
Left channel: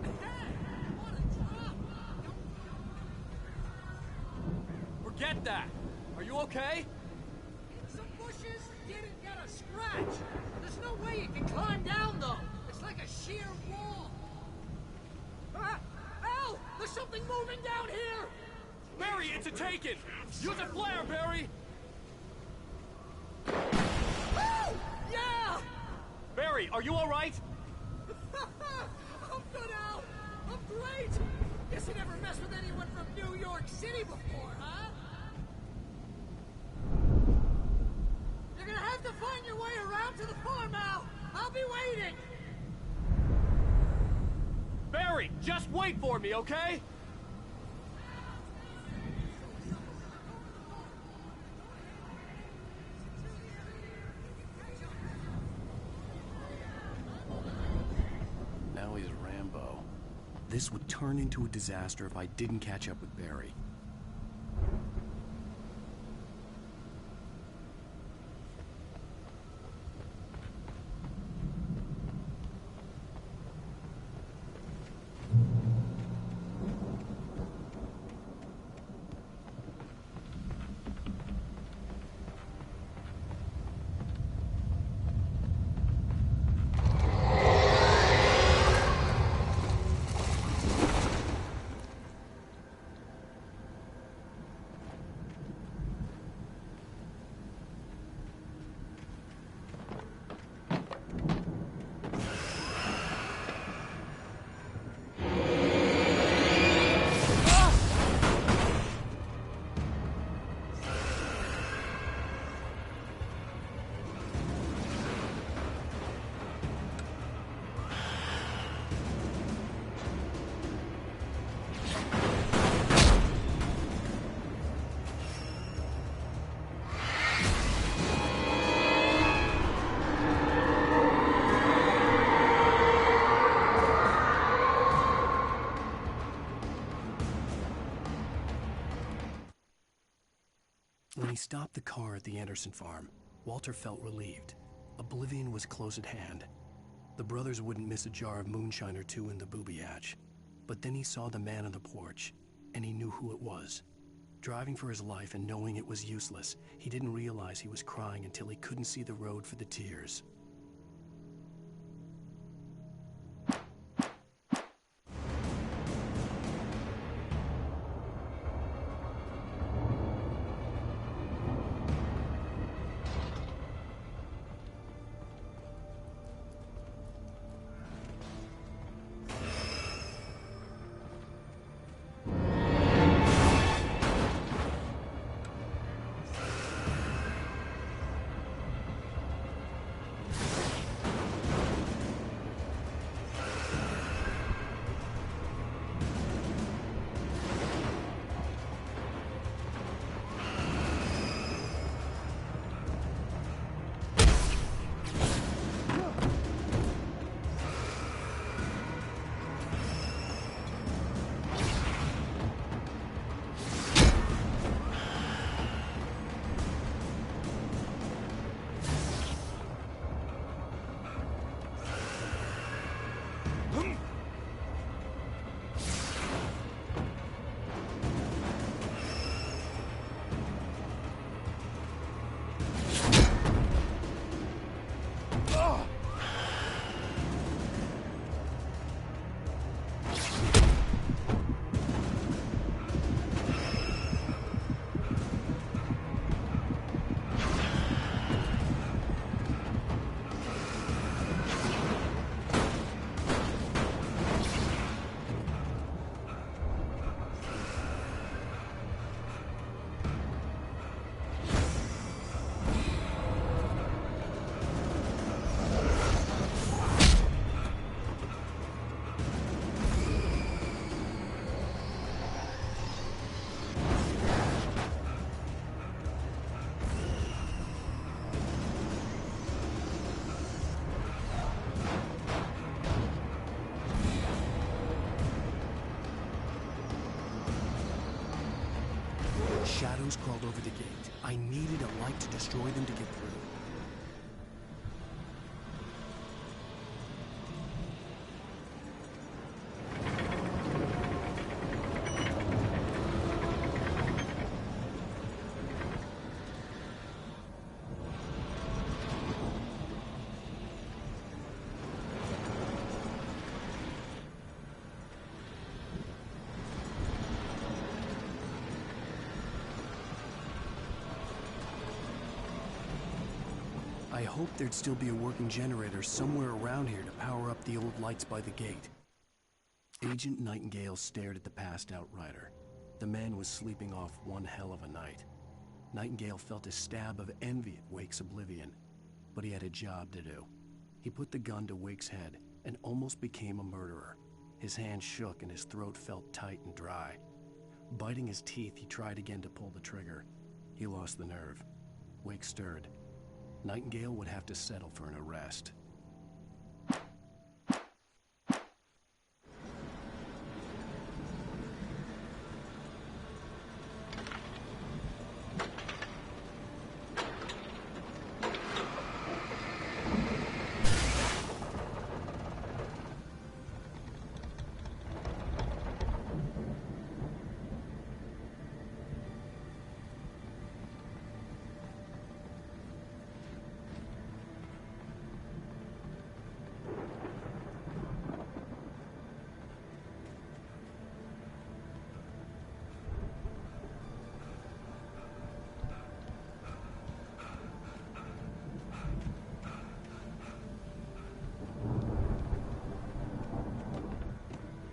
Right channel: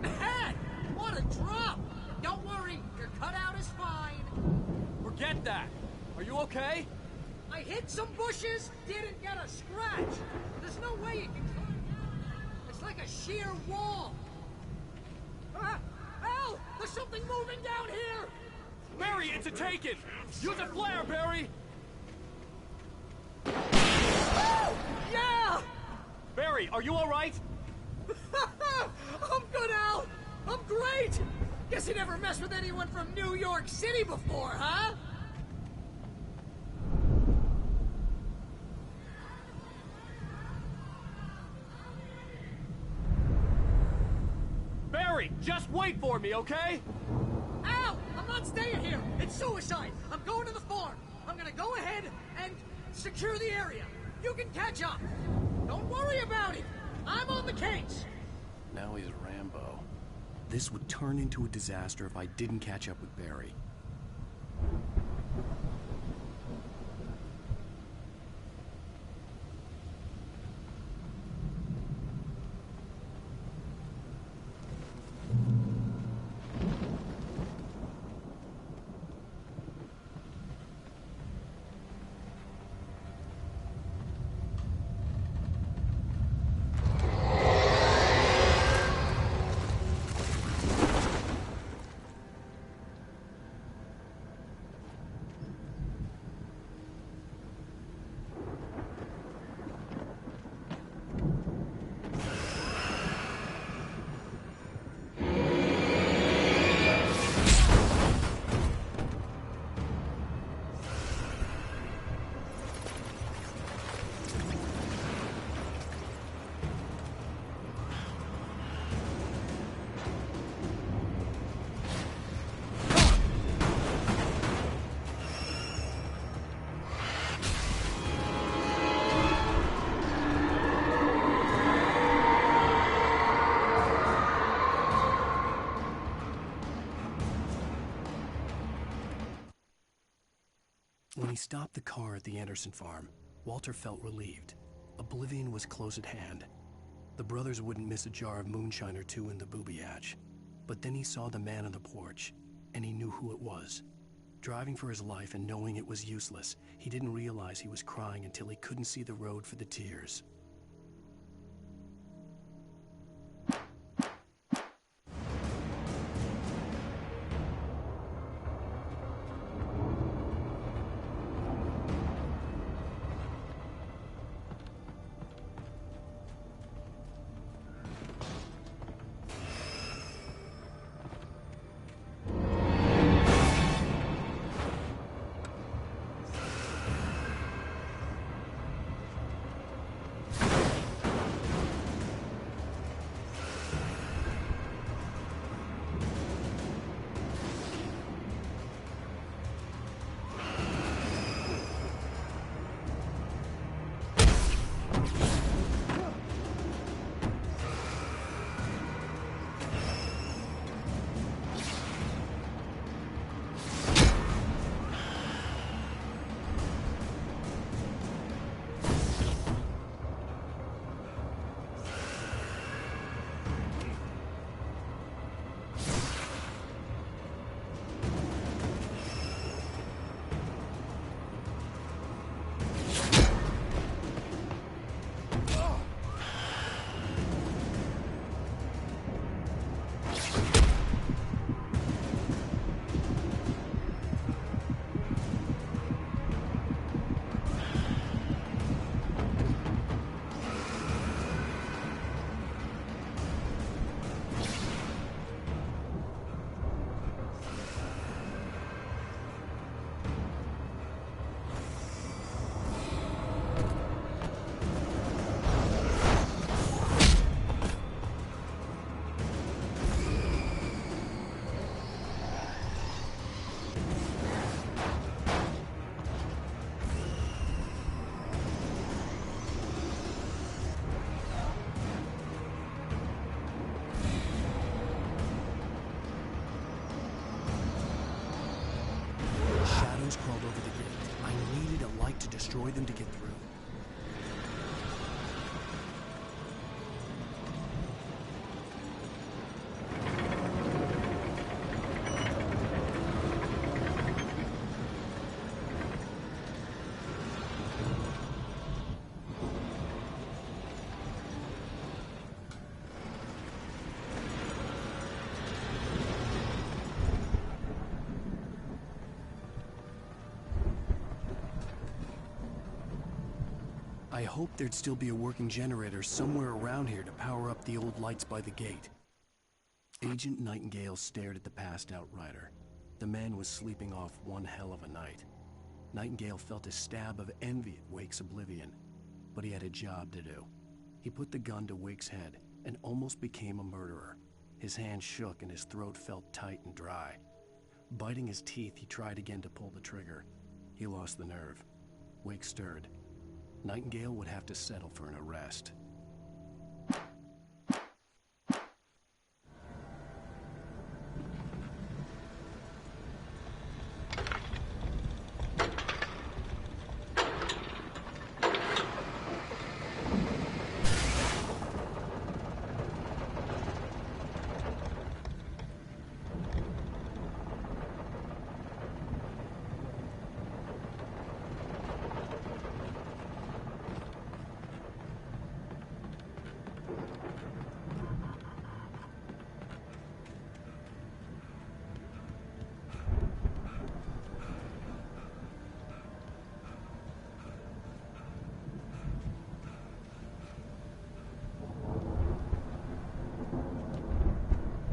Man, what a drop! Don't worry, your cutout is fine. Forget that! Are you okay? I hit some bushes, didn't get a scratch. There's no way you can climb down, though. It's like a sheer wall. Al! There's something moving down here! Barry, it's a taken! Use a flare, Barry! Oh! Yeah! Barry, are you alright? I'm good, Al! I'm great! Guess you never messed with anyone from New York City before, huh? You're gonna have to find your way around to the farm, Al. I'll be waiting. Barry, just wait for me, okay? Al, I'm not staying here. It's suicide. I'm going to the farm. I'm gonna go ahead and secure the area. You can catch up. Don't worry about it. I'm on the case. Now he's Rambo. This would turn into a disaster if I didn't catch up with Barry. When he stopped the car at the Anderson farm, Walter felt relieved. Oblivion was close at hand. The brothers wouldn't miss a jar of moonshine or two in the booby hatch. But then he saw the man on the porch, and he knew who it was. Driving for his life and knowing it was useless, he didn't realize he was crying until he couldn't see the road for the tears. Shadows crawled over the gate. I needed a light to destroy them to get through. I hoped there'd still be a working generator somewhere around here to power up the old lights by the gate. Agent Nightingale stared at the passed-out rider. The man was sleeping off one hell of a night. Nightingale felt a stab of envy at Wake's oblivion, but he had a job to do. He put the gun to Wake's head and almost became a murderer. His hand shook and his throat felt tight and dry. Biting his teeth, he tried again to pull the trigger. He lost the nerve. Wake stirred. Nightingale would have to settle for an arrest.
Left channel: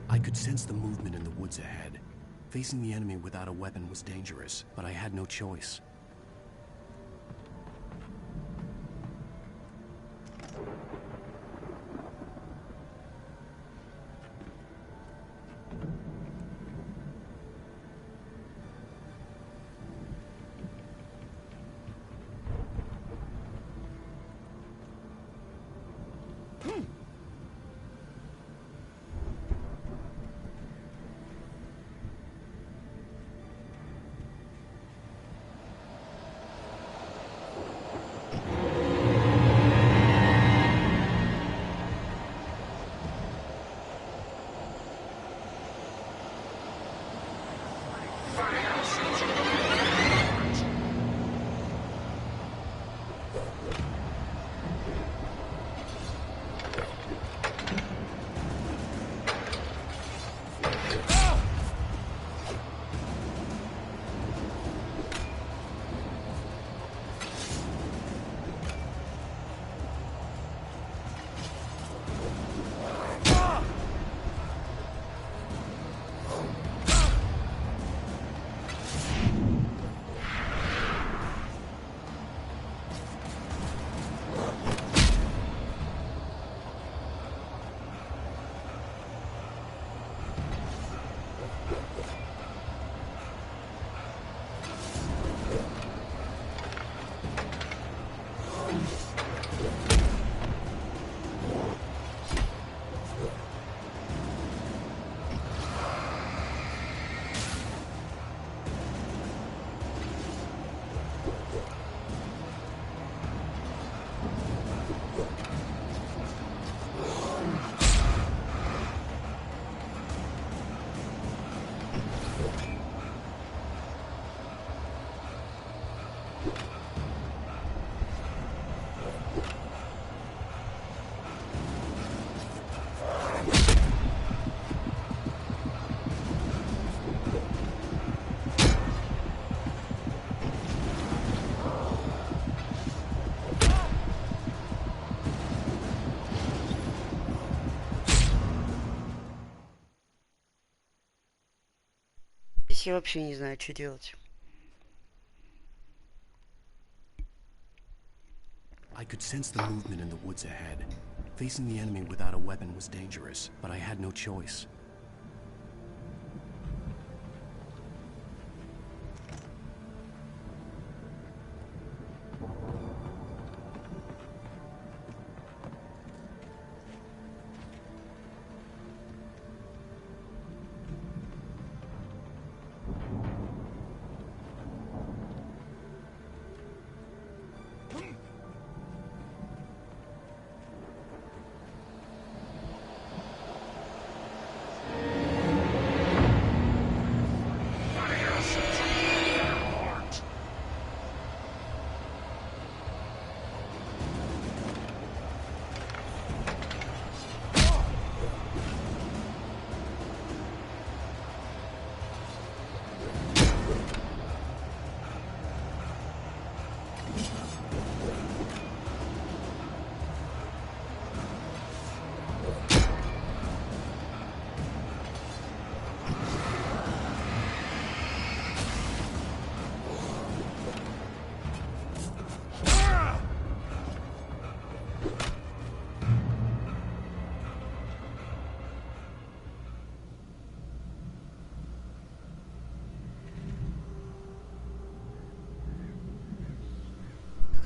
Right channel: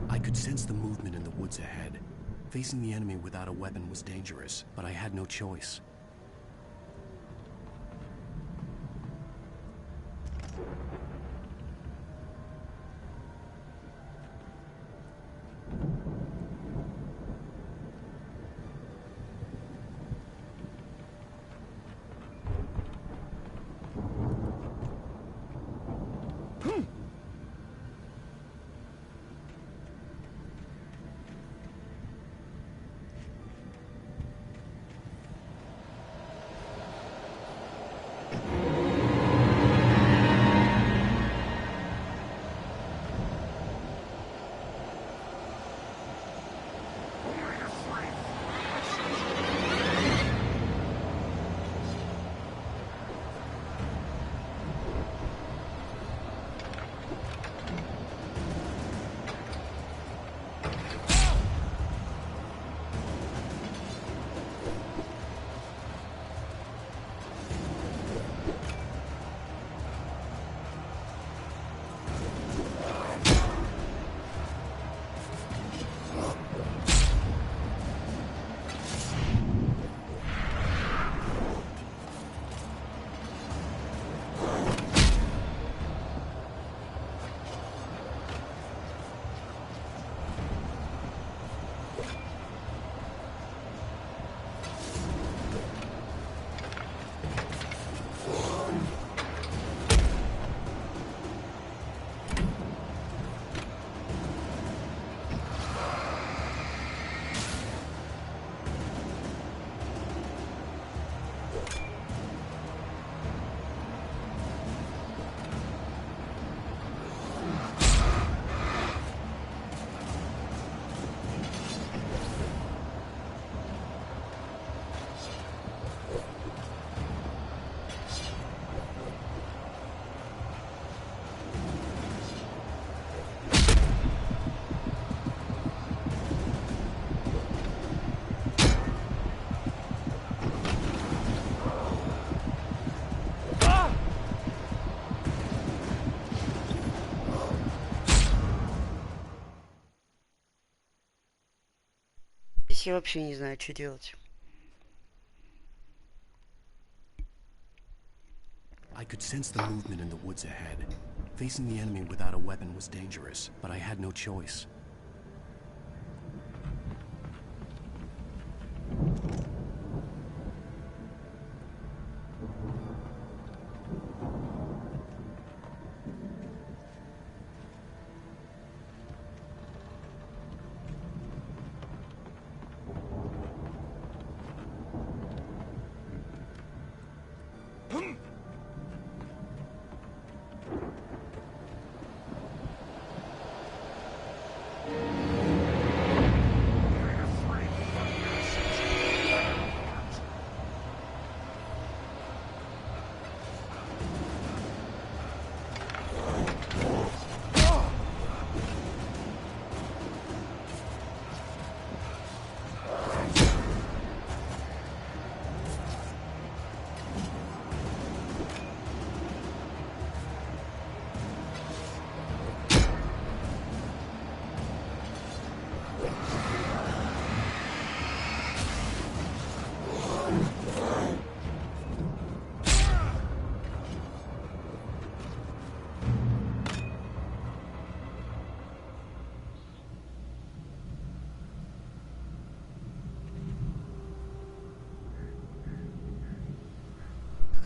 I could sense the movement in the woods ahead. Facing the enemy without a weapon was dangerous, but I had no choice. Я вообще не знаю, что делать. I could sense the movement in the woods ahead. Facing the enemy without a weapon was dangerous, but I had no choice.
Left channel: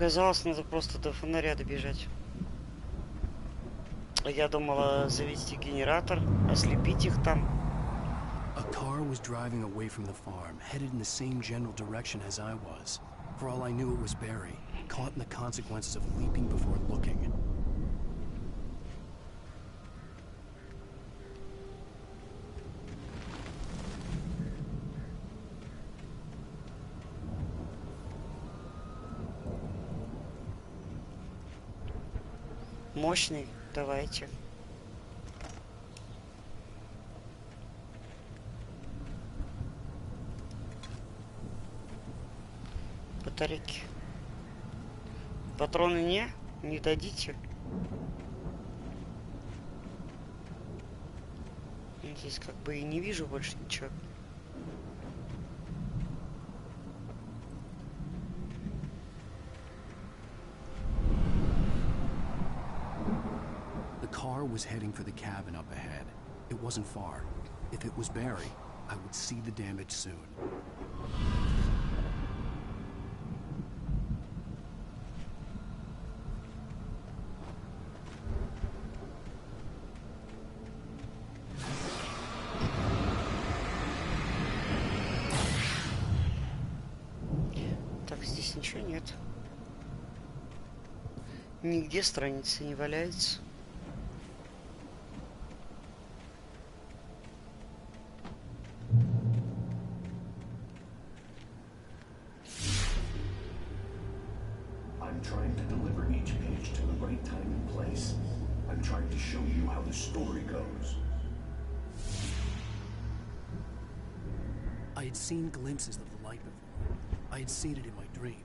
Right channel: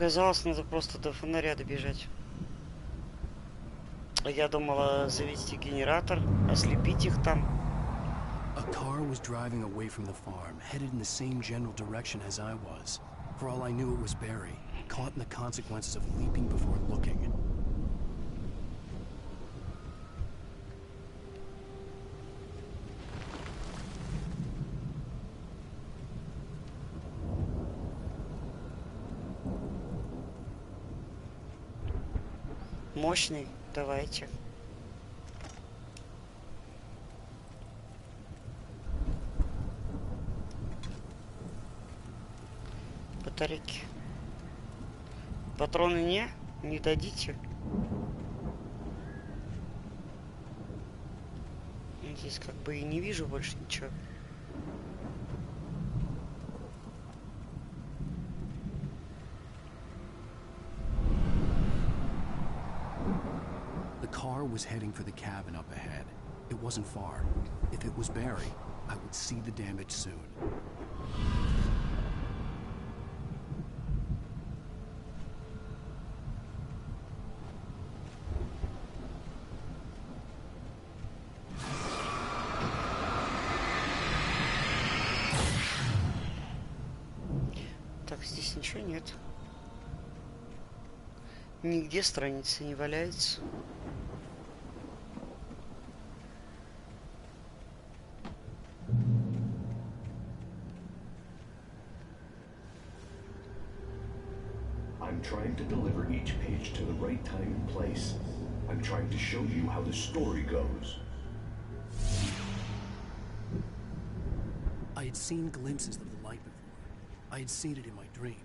Оказалось, надо просто до фонаря добежать. Я думала завести генератор, ослепить их там. A car was driving away from the farm, headed in the same general direction as I was. For all I knew, it was Barry, caught in the consequences of leaping before looking. Мощный, давайте. Батарейки. Патроны не дадите. Здесь как бы и не вижу больше ничего. The car was heading for the cabin up ahead. It wasn't far. If it was Barry, I would see the damage soon. Так, здесь ничего нет. Нигде страницы не валяется. I'm trying to deliver each page to the right time and place. I'm trying to show you how the story goes. I had seen glimpses of the light before. I had seen it in my dream.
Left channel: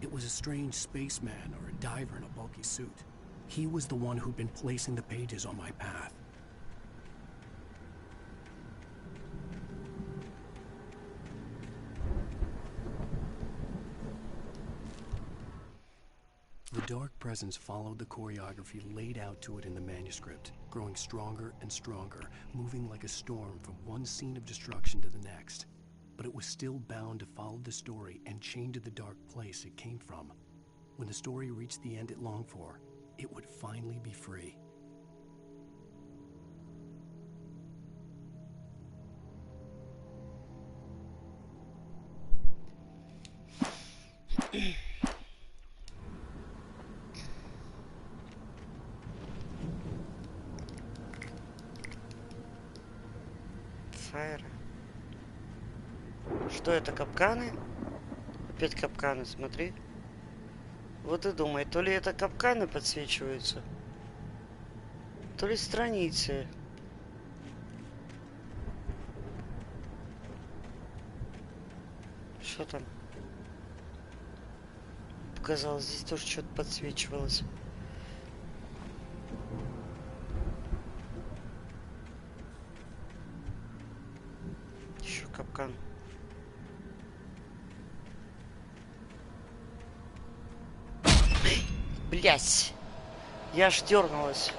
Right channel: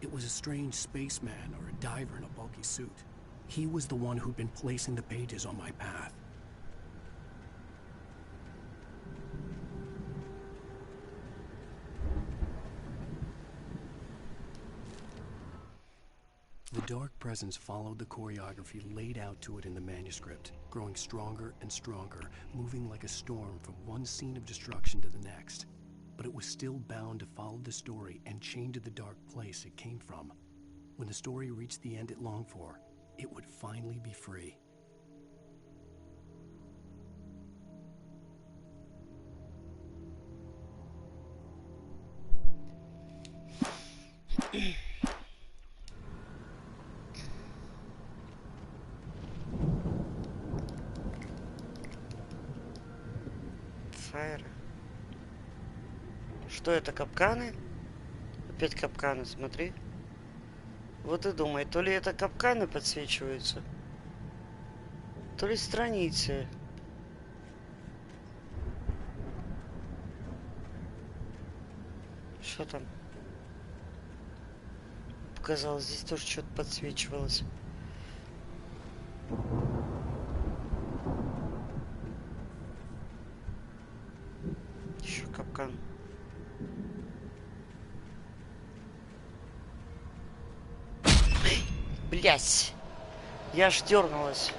It was a strange spaceman or a diver in a bulky suit. He was the one who'd been placing the pages on my path. The dark presence followed the choreography laid out to it in the manuscript, growing stronger and stronger, moving like a storm from one scene of destruction to the next. But it was still bound to follow the story and chained to the dark place it came from. When the story reached the end it longed for, it would finally be free. Что это, капканы? Опять капканы, смотри. Вот и думай, то ли это капканы подсвечиваются, то ли страницы. Что там? Показалось, здесь тоже что-то подсвечивалось. Еще капкан. Блять! Я аж дернулась.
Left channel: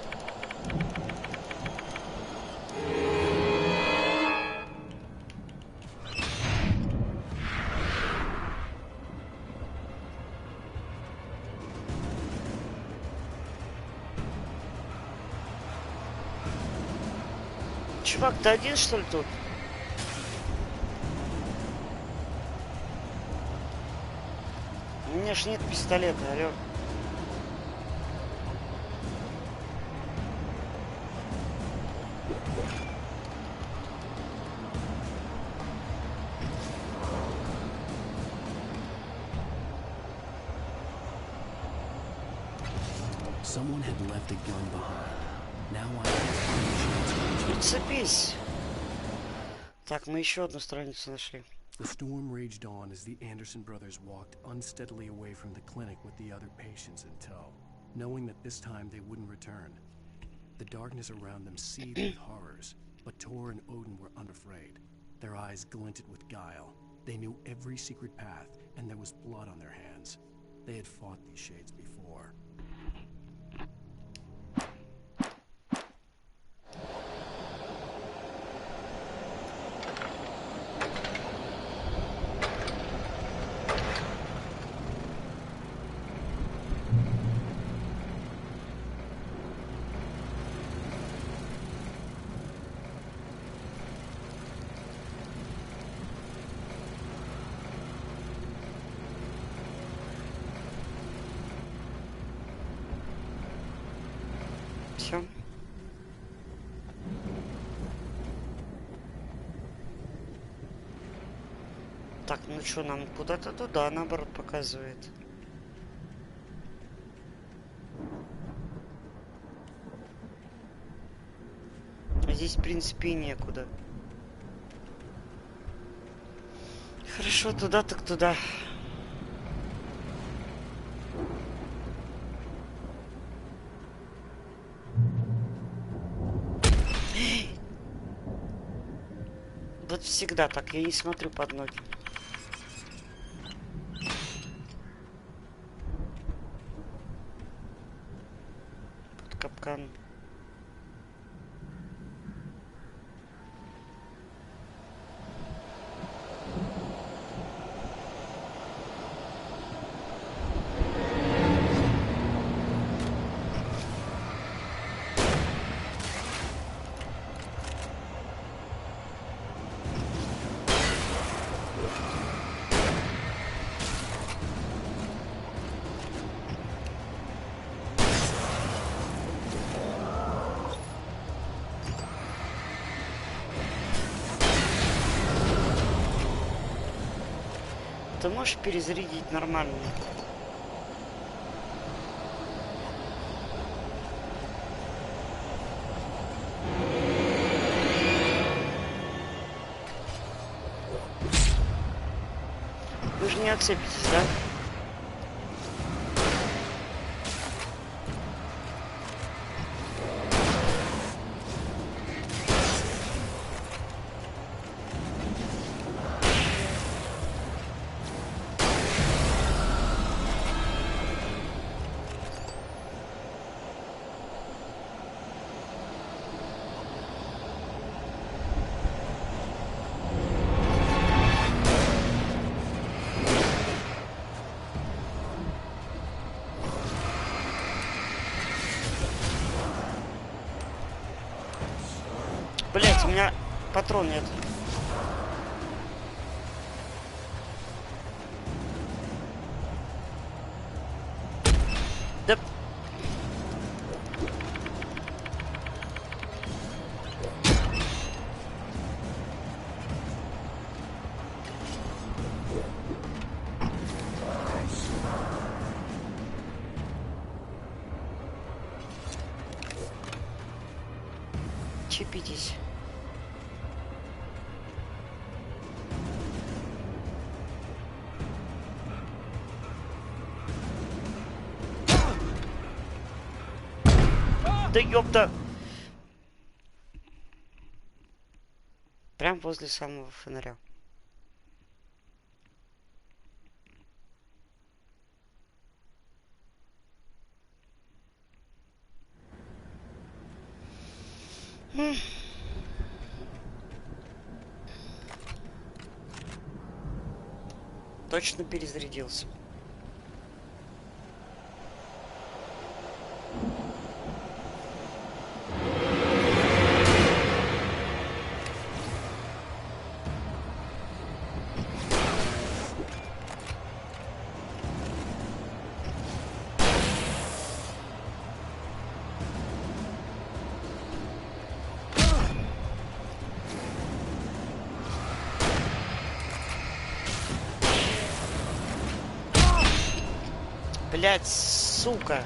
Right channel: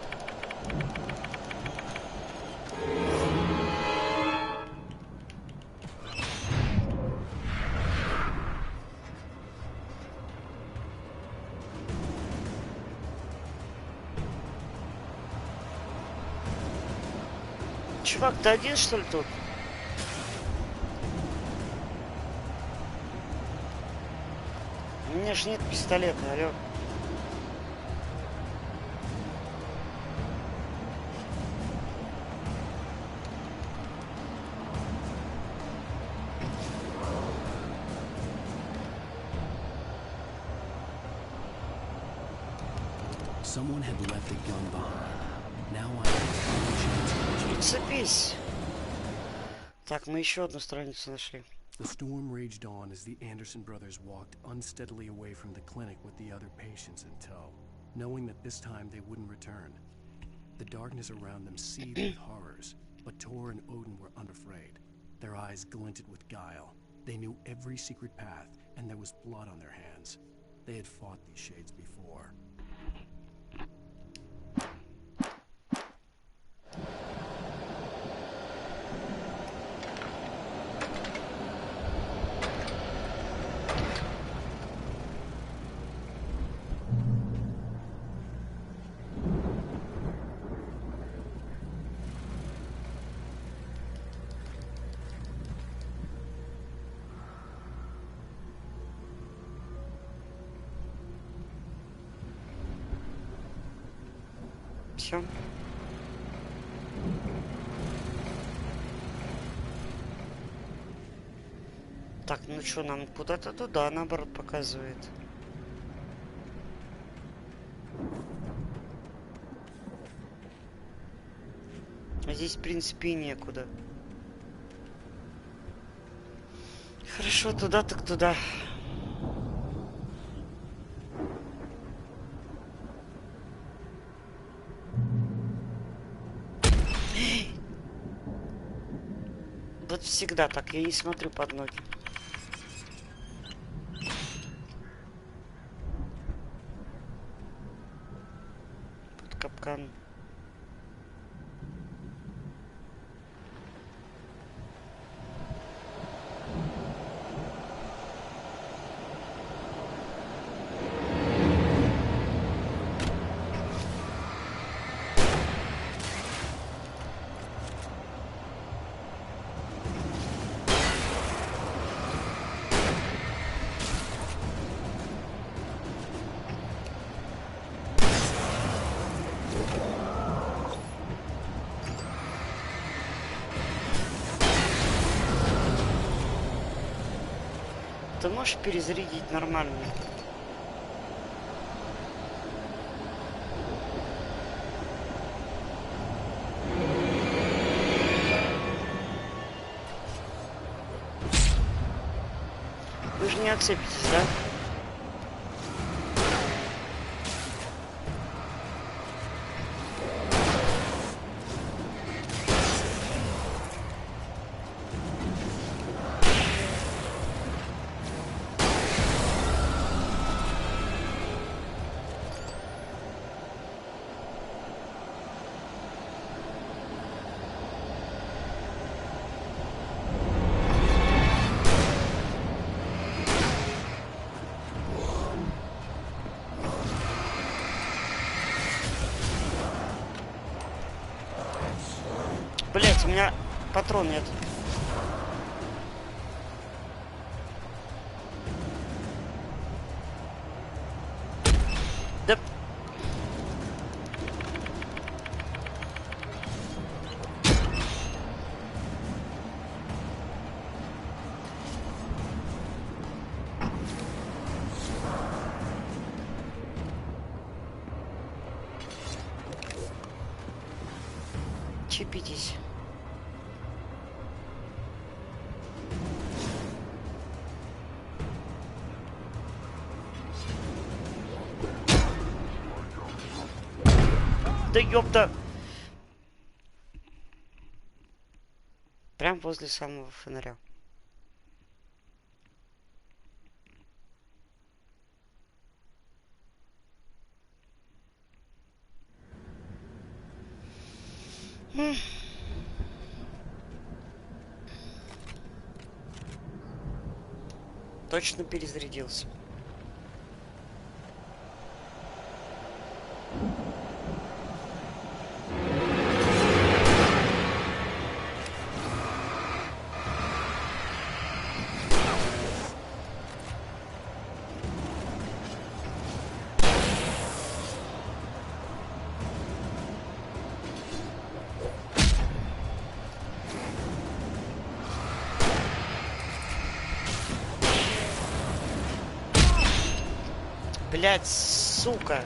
Чувак, ты один, что ли, тут? У меня ж нет пистолета, алё. Someone had left a gun behind. Now I had a chance of reaching. Прицепись. Так, мы еще одну страницу нашли. The storm raged on as the Anderson brothers walked unsteadily away from the clinic with the other patients in tow, knowing that this time they wouldn't return. The darkness around them seethed with horrors, but Tor and Odin were unafraid. Their eyes glinted with guile. They knew every secret path, and there was blood on their hands. They had fought these shades before. Все. Так, ну что, нам куда-то туда, наоборот, показывает. Здесь, в принципе, и некуда. Хорошо, туда так туда. Вот всегда так, я не смотрю под ноги. Под капкан. Ты можешь перезарядить нормально? Вы же не отцепитесь, да? Блять, у меня патрон нет. Да. Чипитесь. Да ёпта! Прям возле самого фонаря. Точно перезарядился. Блять, сука.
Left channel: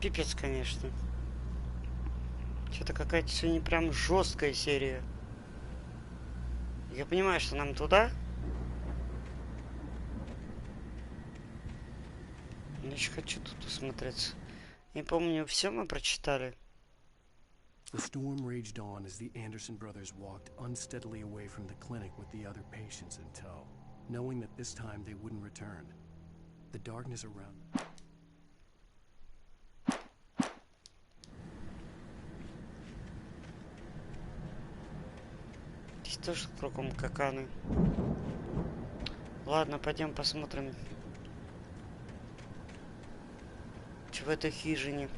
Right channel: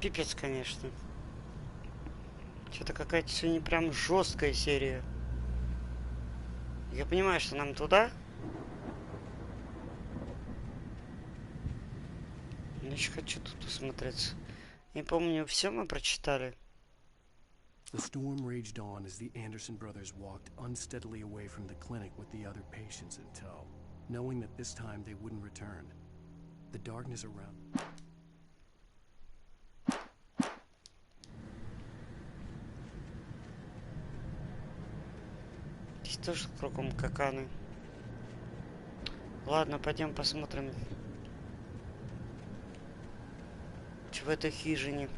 Пипец, конечно. Что-то какая-то сегодня прям жесткая серия. Я понимаю, что нам туда. Но еще хочу тут осмотреться. Не помню, все мы прочитали. The storm raged on as the Anderson brothers walked unsteadily away from the clinic with the other patients in tow, knowing that this time they wouldn't return. The darkness around them. Здесь тоже кругом каканы. Ладно, пойдем посмотрим, что в этой хижине.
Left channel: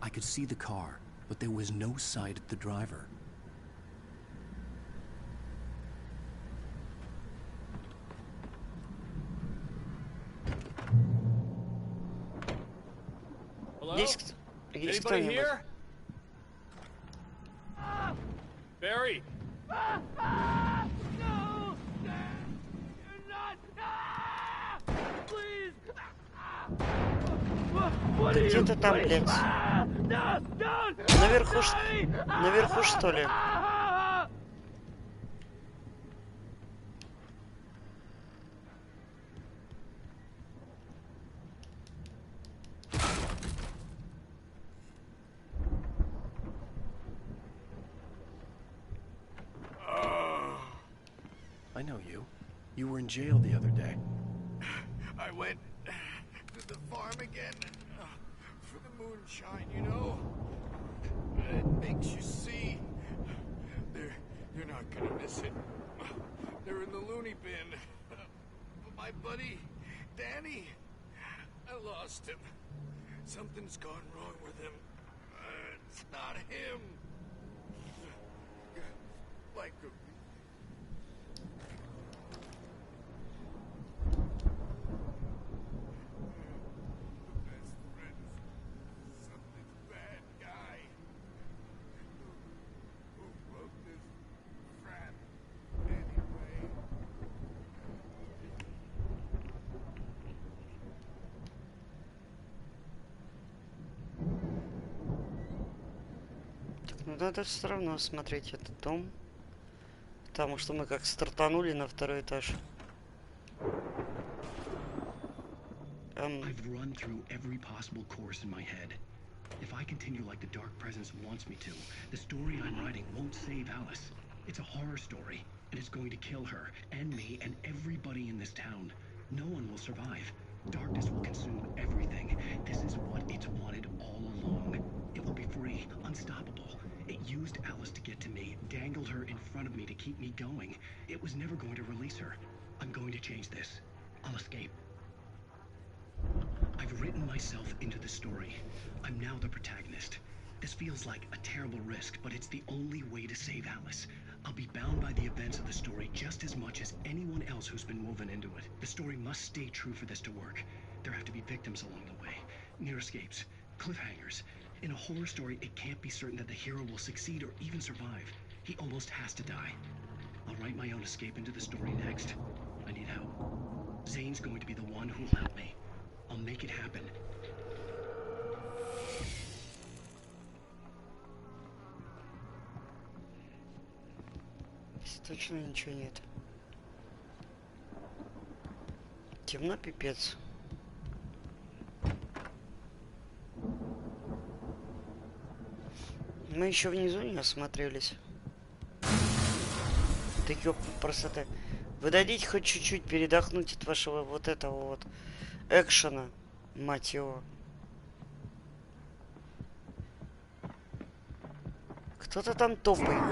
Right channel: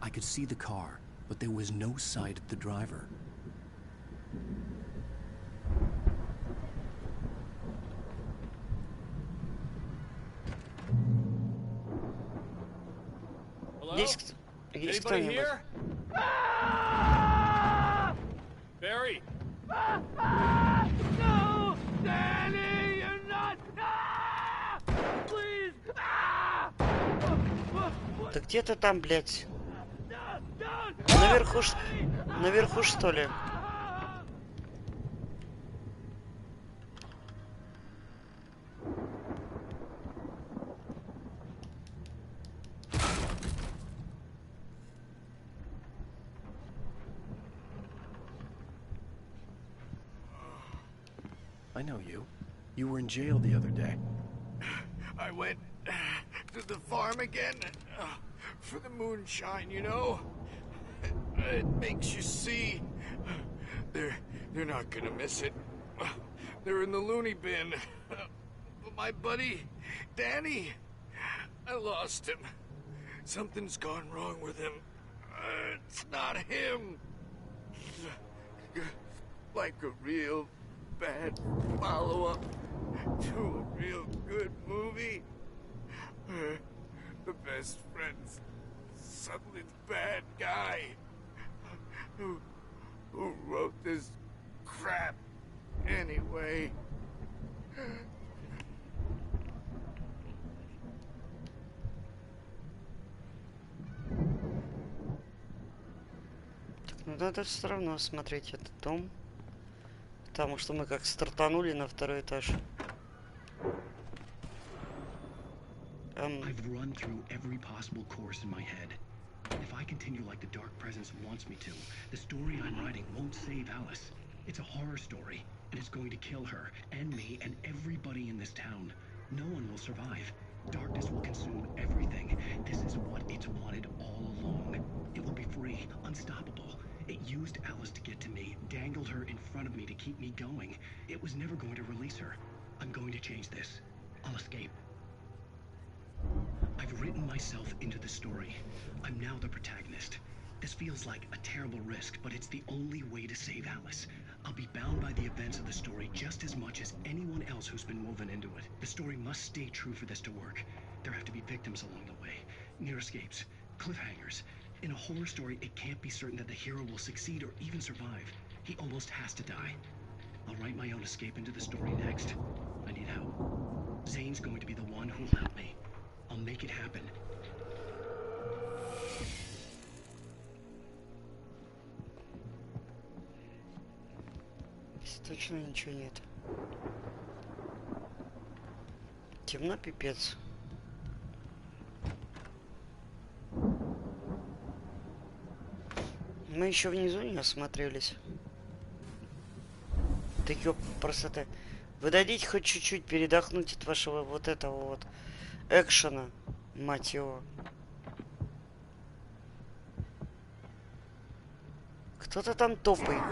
I could see the car, but there was no sight of the driver. Есть Anybody кто-нибудь? here? Barry! No! Danny, you're not! Please! Да где ты там, блядь? Наверху что ли? I know you. You were in jail the other day. I went to the farm again for the moonshine, you know? It makes you see. They're not gonna miss it. They're in the loony bin. But my buddy, Danny, I lost him. Something's gone wrong with him. It's not him. Like a real bad follow-up to a real good movie. The best friend's suddenly the bad guy. Who wrote this crap anyway? Так, ну надо все равно смотреть этот дом. Потому что мы как стартанули на второй этаж. I've run through every possible course in my head. If I continue like the Dark Presence wants me to, the story I'm writing won't save Alice. It's a horror story, and it's going to kill her, and me, and everybody in this town. No one will survive. Darkness will consume everything. This is what it's wanted all along. It will be free, unstoppable. It used Alice to get to me, dangled her in front of me to keep me going. It was never going to release her. I'm going to change this. I'll escape. I've written myself into the story. I'm now the protagonist. This feels like a terrible risk, but it's the only way to save Alice. I'll be bound by the events of the story just as much as anyone else who's been woven into it. The story must stay true for this to work. There have to be victims along the way, near escapes, cliffhangers. In a horror story, it can't be certain that the hero will succeed or even survive. He almost has to die. I'll write my own escape into the story next. I need help. Zane's going to be the one who'll help me. I'll make it happen. Здесь точно ничего нет. Темно пипец. Мы еще внизу не осмотрелись. Да ёп, просто-то. Вы дадите хоть чуть-чуть передохнуть от вашего вот этого вот экшена, мать его. Кто-то там топает.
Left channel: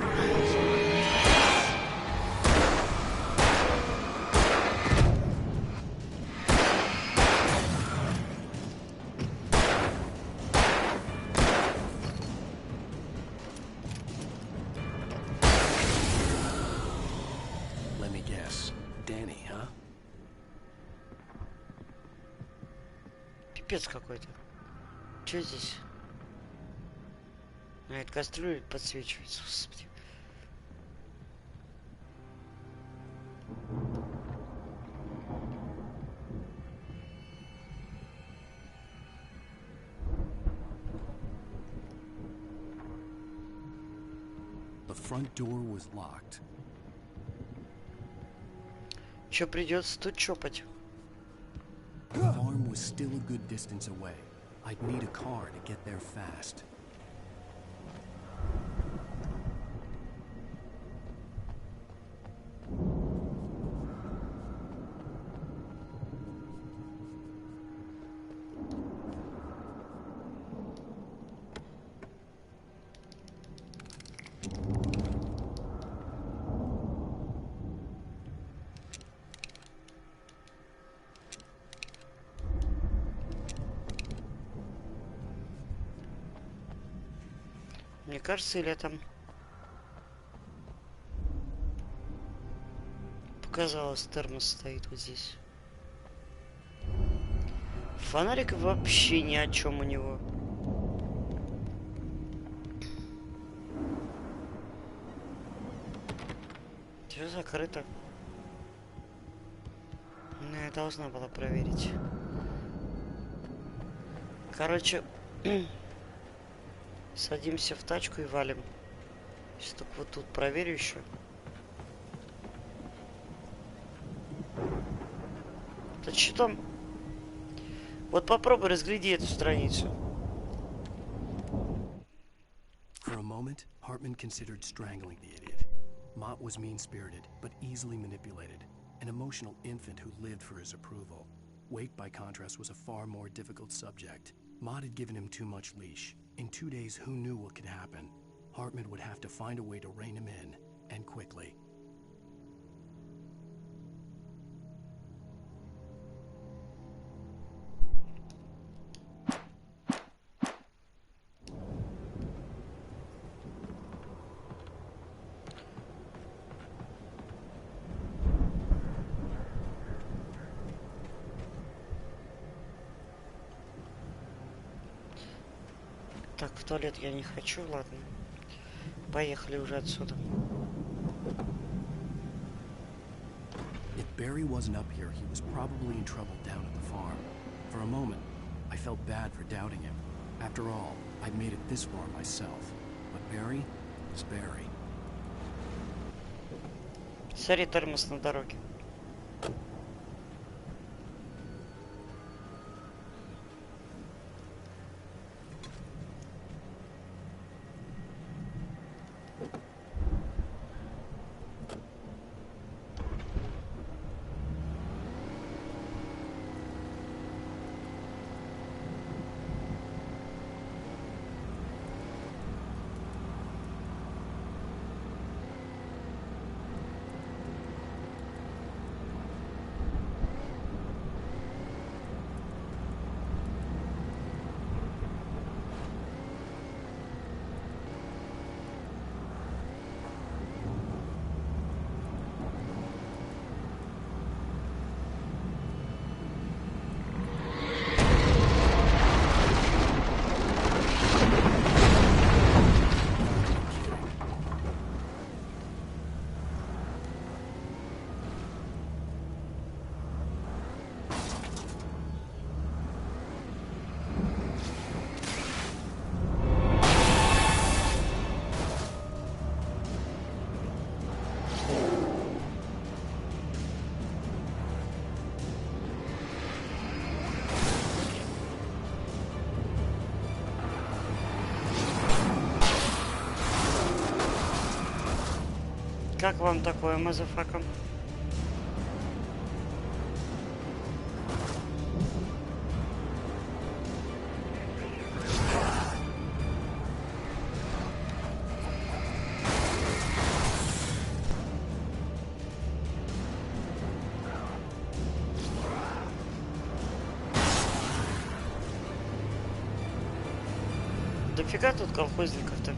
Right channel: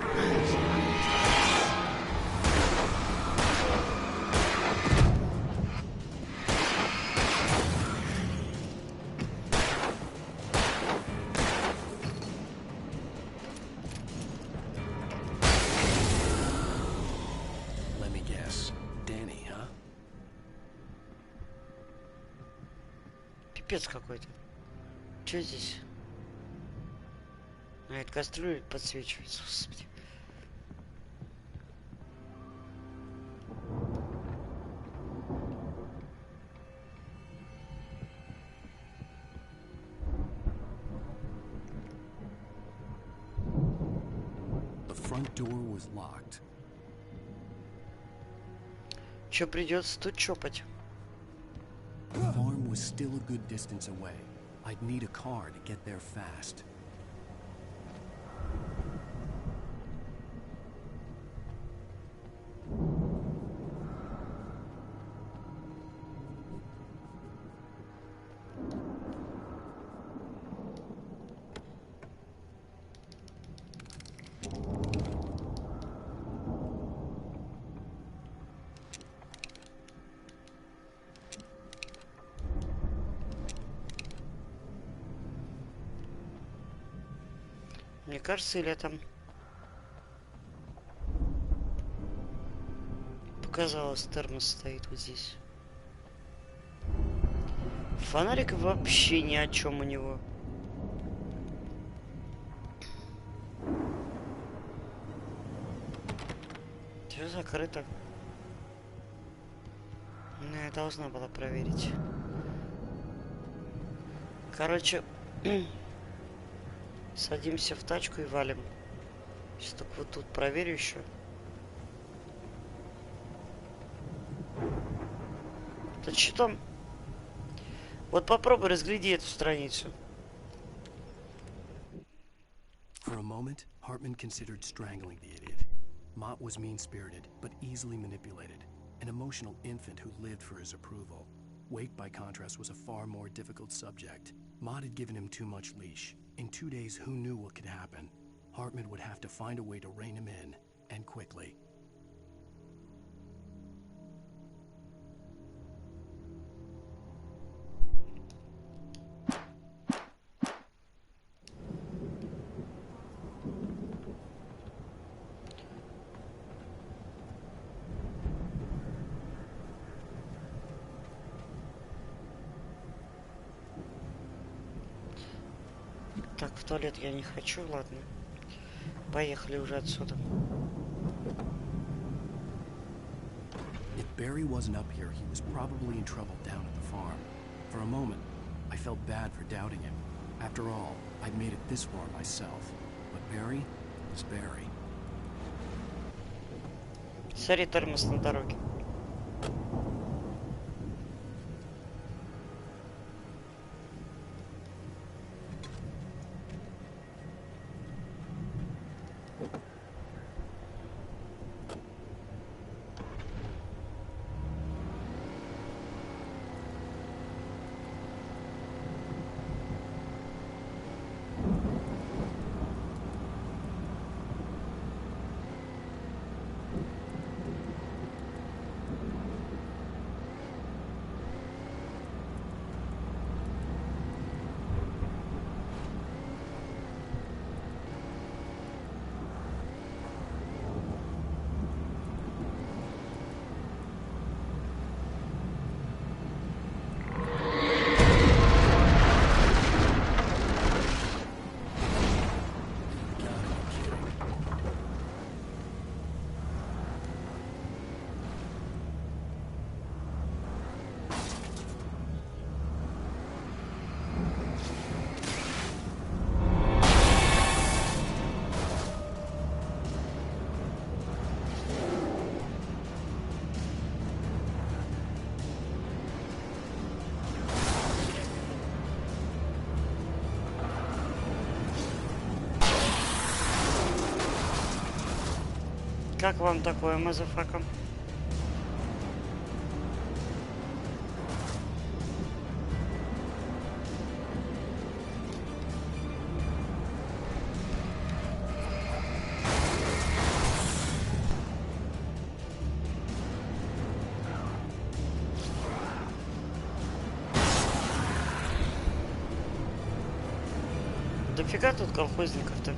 Let me guess. Danny, huh? Пипец какой-то. Что здесь? А, это кастрюля подсвечивается, господи. The front door was locked. Чё, придется тут чопать? The farm was still a good distance away. I'd need a car to get there fast. Мне кажется, или там показалось, термос стоит вот здесь. Фонарик вообще ни о чем у него. Все закрыто. Ну, я должна была проверить. Короче, садимся в тачку и валим. Сейчас только вот тут проверю еще. Да что там? Вот попробуй разгляди эту страницу. For a moment, Hartman considered strangling the idiot. Mott was mean-spirited, but easily manipulated. An emotional infant who lived for his approval. Wake, by contrast, was a far more difficult subject. Maud had given him too much leash. In 2 days, who knew what could happen? Hartman would have to find a way to rein him in, and quickly. Так, в туалет я не хочу, ладно. Поехали уже отсюда. If Barry wasn't up here, he was probably in trouble down at the farm. For a moment, I felt bad for doubting him. After all, I'd made it this far myself. But Barry was Barry. Смотри, тормоз на дороге. Как вам такое, мазафака? Дофига тут колхозников-то?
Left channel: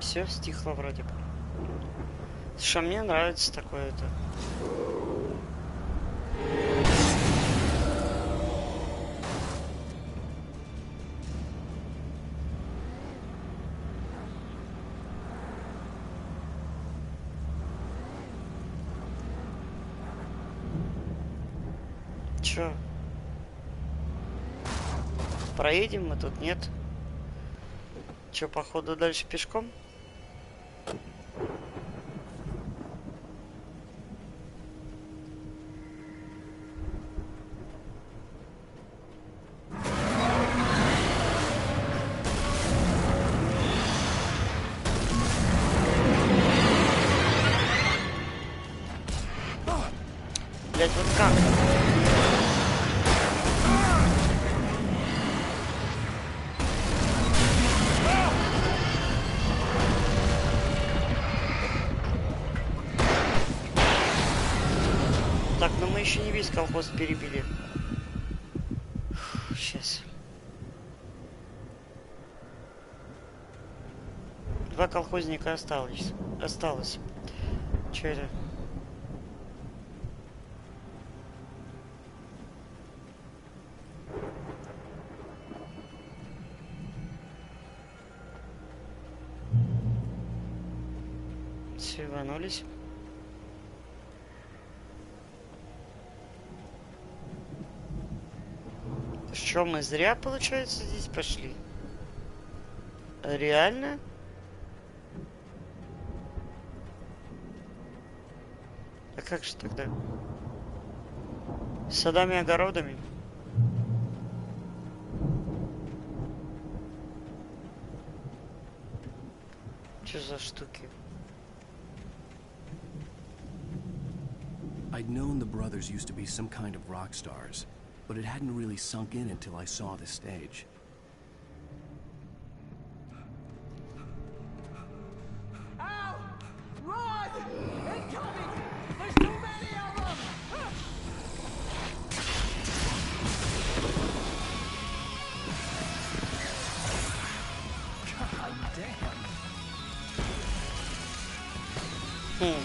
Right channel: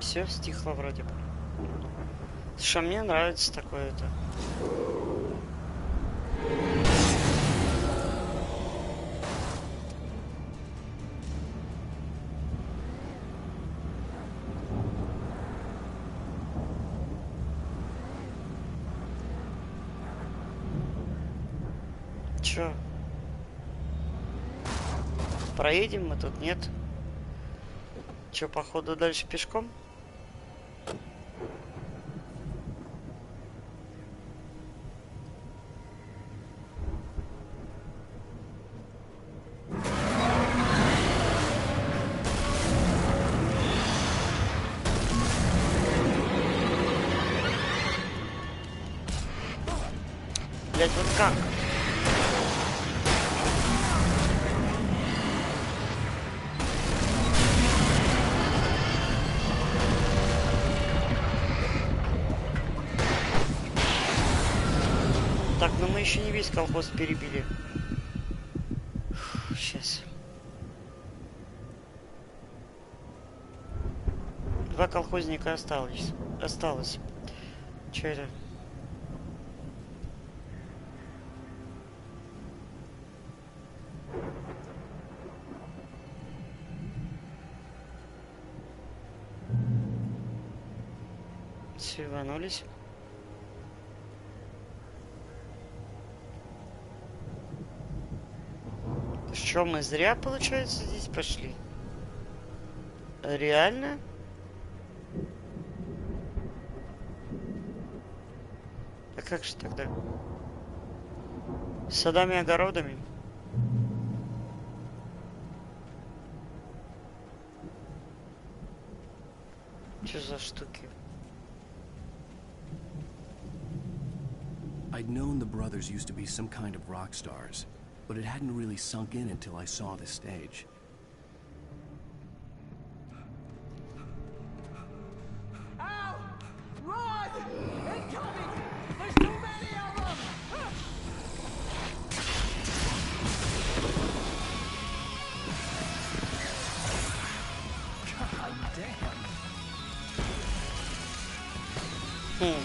Все стихло вроде бы. Что мне нравится такое-то. Чё? Проедем мы тут, нет? Чё, походу, дальше пешком? Блять, вот как? Так, но мы еще не весь колхоз перебили. Сейчас. 2 колхозника осталось. Че это? Все, рванулись. Что, мы зря, получается, здесь пошли? Реально? А как же тогда? С садами, огородами? Что за штуки? I'd known the brothers used to be some kind of rock stars, but it hadn't really sunk in until I saw the stage. Ow! Run! Incoming! There's too many of them! God damn.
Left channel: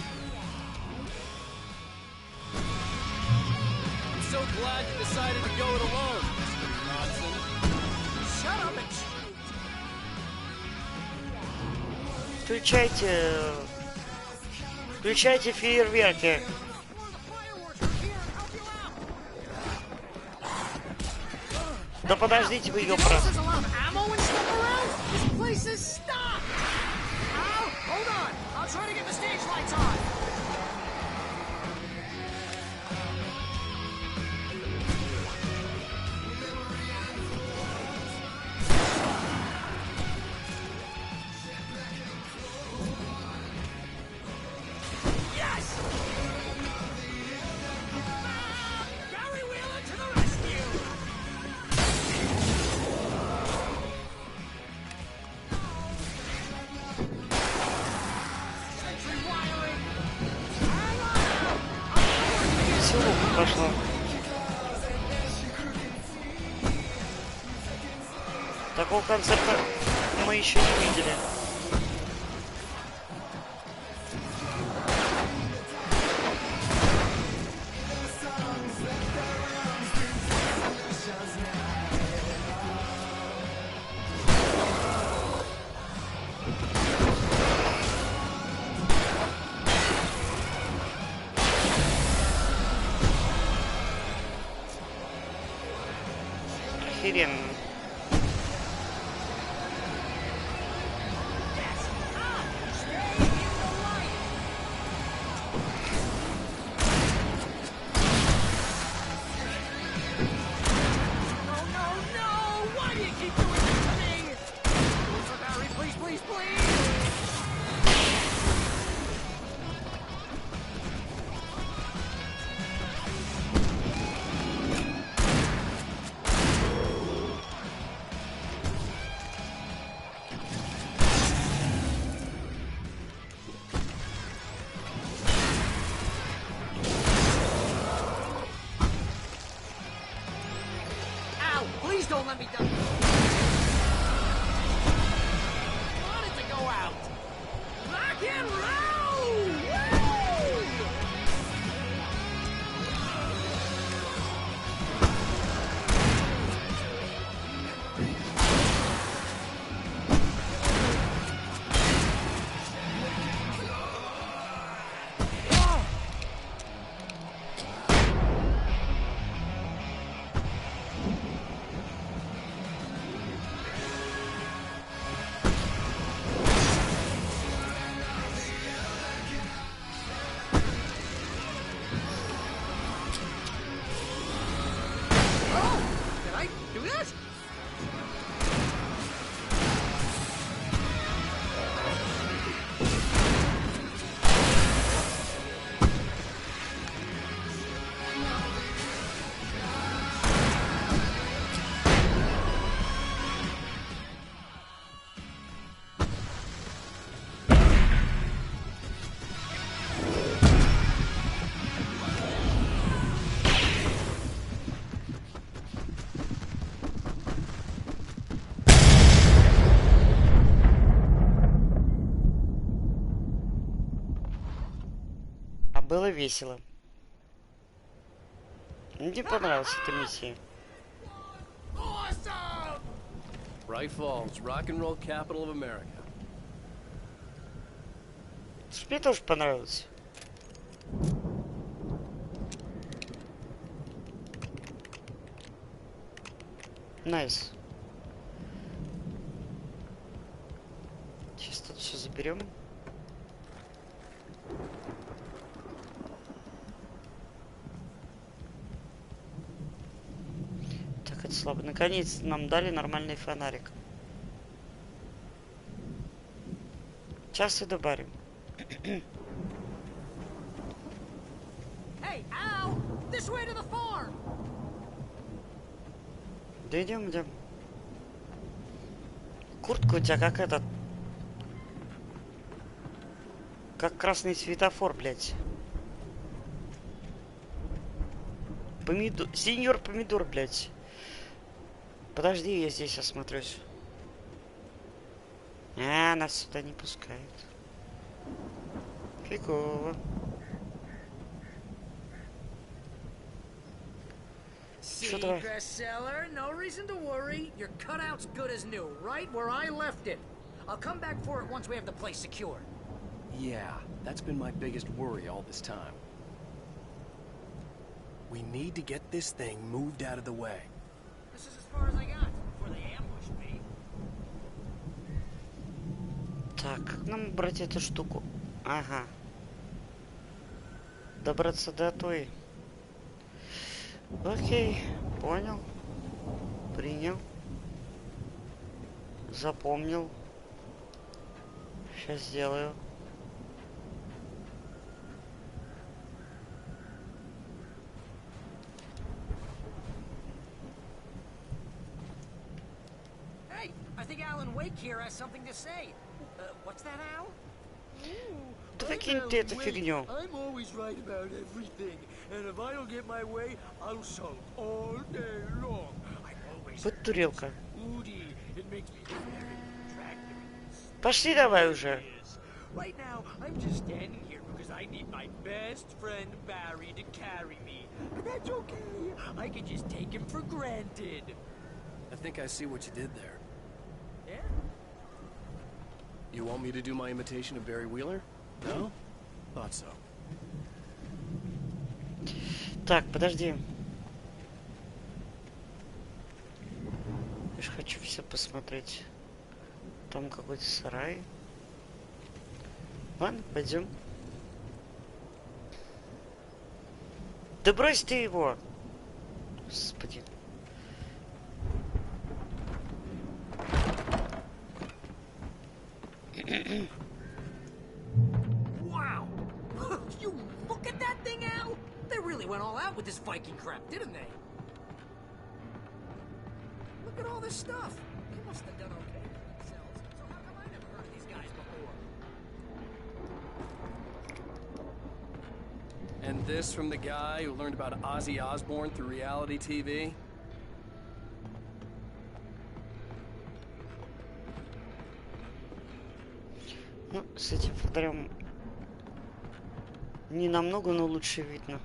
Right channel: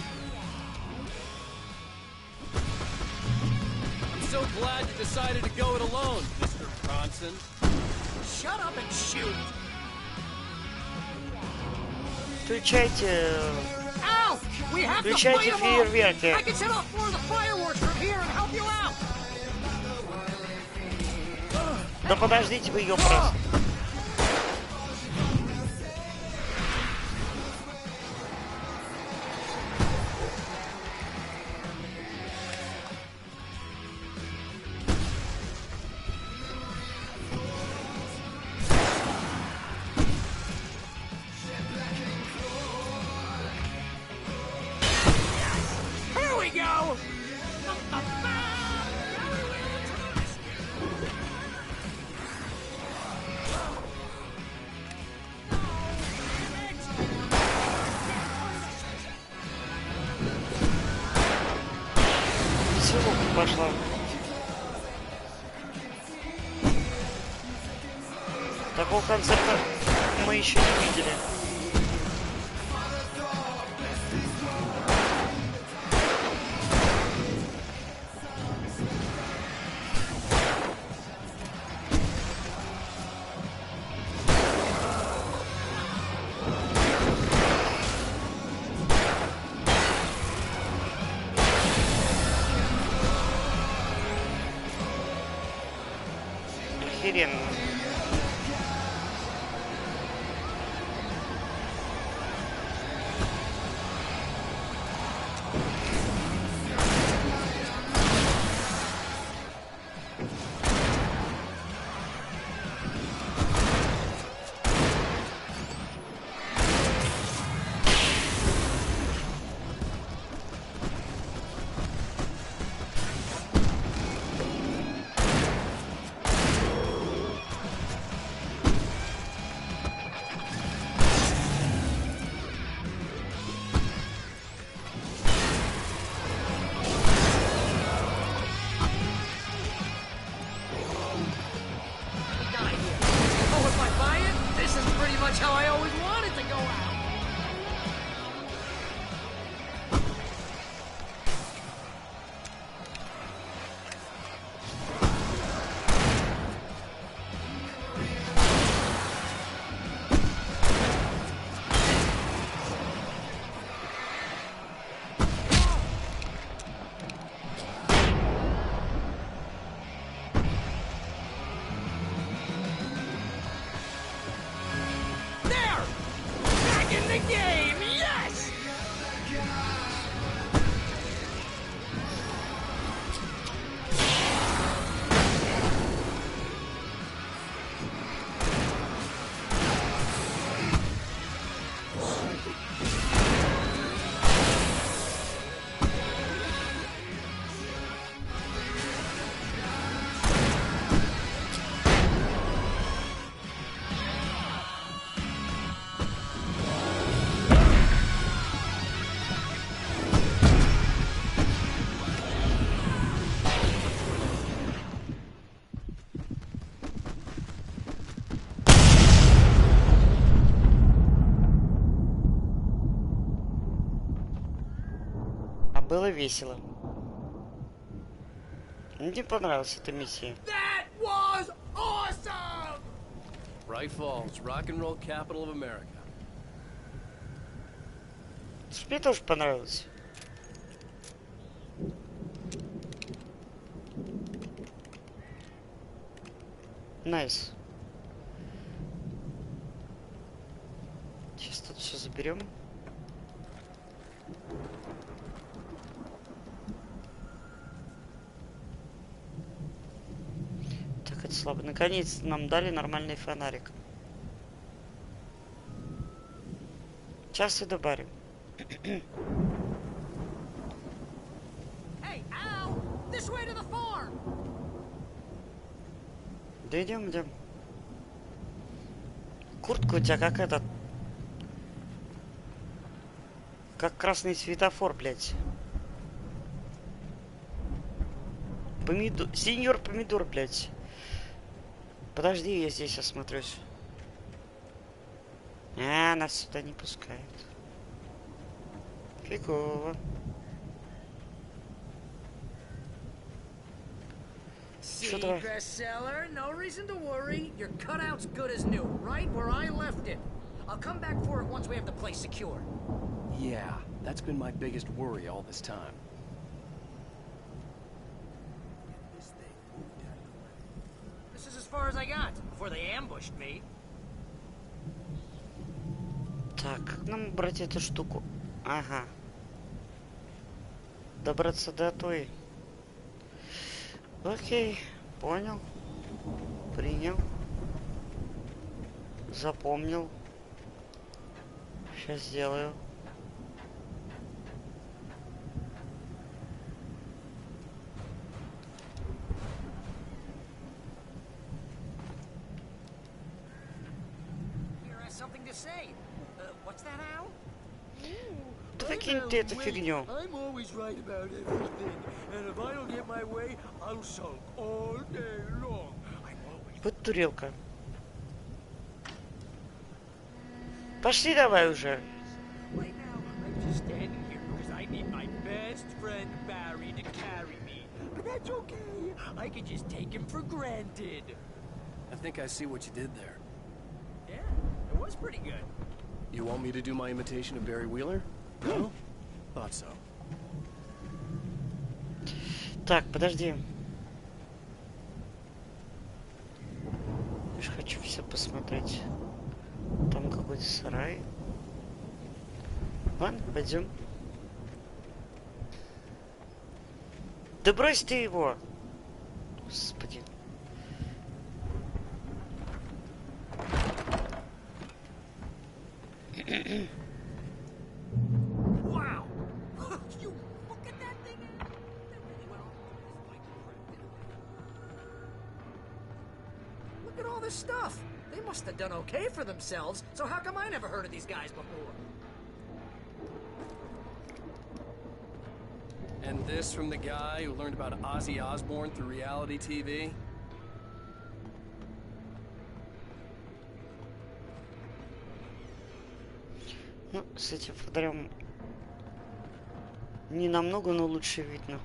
I'm so glad you decided to go it alone, Mr. Bronson. Shut up and shoot! Включайте... Ow! We have to Включайте fight 'em фейерверки. off. I can set off more of the fireworks from here and help you out. Да подождите вы ее просто. Ammo and stuff around? This place is stocked. Ow! Hold on. I'll try to get the stage lights on. Yes! Here we go! Gary Wheeler to the rescue! Веселуха пошла. Такого концерта мы еще не видели. Охеренно. Ow! Please don't let me die. Oh, if I buy it, this is pretty much how I always wanted to go out. Rock and roll! Woo! Back in the game! Yes! I do this? А было весело. Мне понравилась эта миссия. That was awesome! Bright Falls, rock and roll capital of America. Мне тоже понравилось. Найс. Сейчас тут все заберем. Так, это слабо. Наконец нам дали нормальный фонарик. Сейчас и добавим. Hey, This way to the farm. Да идем, идем. Куртка у тебя как этот. Как красный светофор, блядь. Помидор. Сеньор помидор, блядь. Подожди, я здесь осмотрюсь. А, нас сюда не пускают. Фигово. See, bestseller, no reason to worry. Your cutout's good as new, right where I left it. I'll come back for it once we have the place secured. Yeah, that's been my biggest worry all this time. We need to get this thing moved out of the way. This is as far as I got before they ambushed me. Так, как нам брать эту штуку? Ага. Добраться до той. Окей, понял. Принял. Запомнил. Сейчас сделаю. Hey, I think Alan Wake here has something to say. What's that, Al? Да выкинь ты эту фигню. I'm always right about everything, and if I don't get my way, I'll sulk all day long. I'm always Вот турелка. moody. It makes me very attractive. Пошли давай уже. Right now, I'm just standing here because I need my best friend Barry to carry me. But that's okay. I can just take him for granted. I think I see what you did there. Yeah, it was pretty good. You want me to do my imitation of Barry Wheeler? No? Thought so. Так, подожди. Я же хочу все посмотреть. Там какой-то сарай. Ладно, пойдем. Да брось ты его! Господи. Wow! You look at that thing, Al! They really went all out with this Viking crap, didn't they? Look at all this stuff. They must have done okay for themselves, so how come I never heard of these guys before? And this from the guy who learned about Ozzy Osbourne through reality TV? Ну, с этим фонарем не намного, но лучше видно.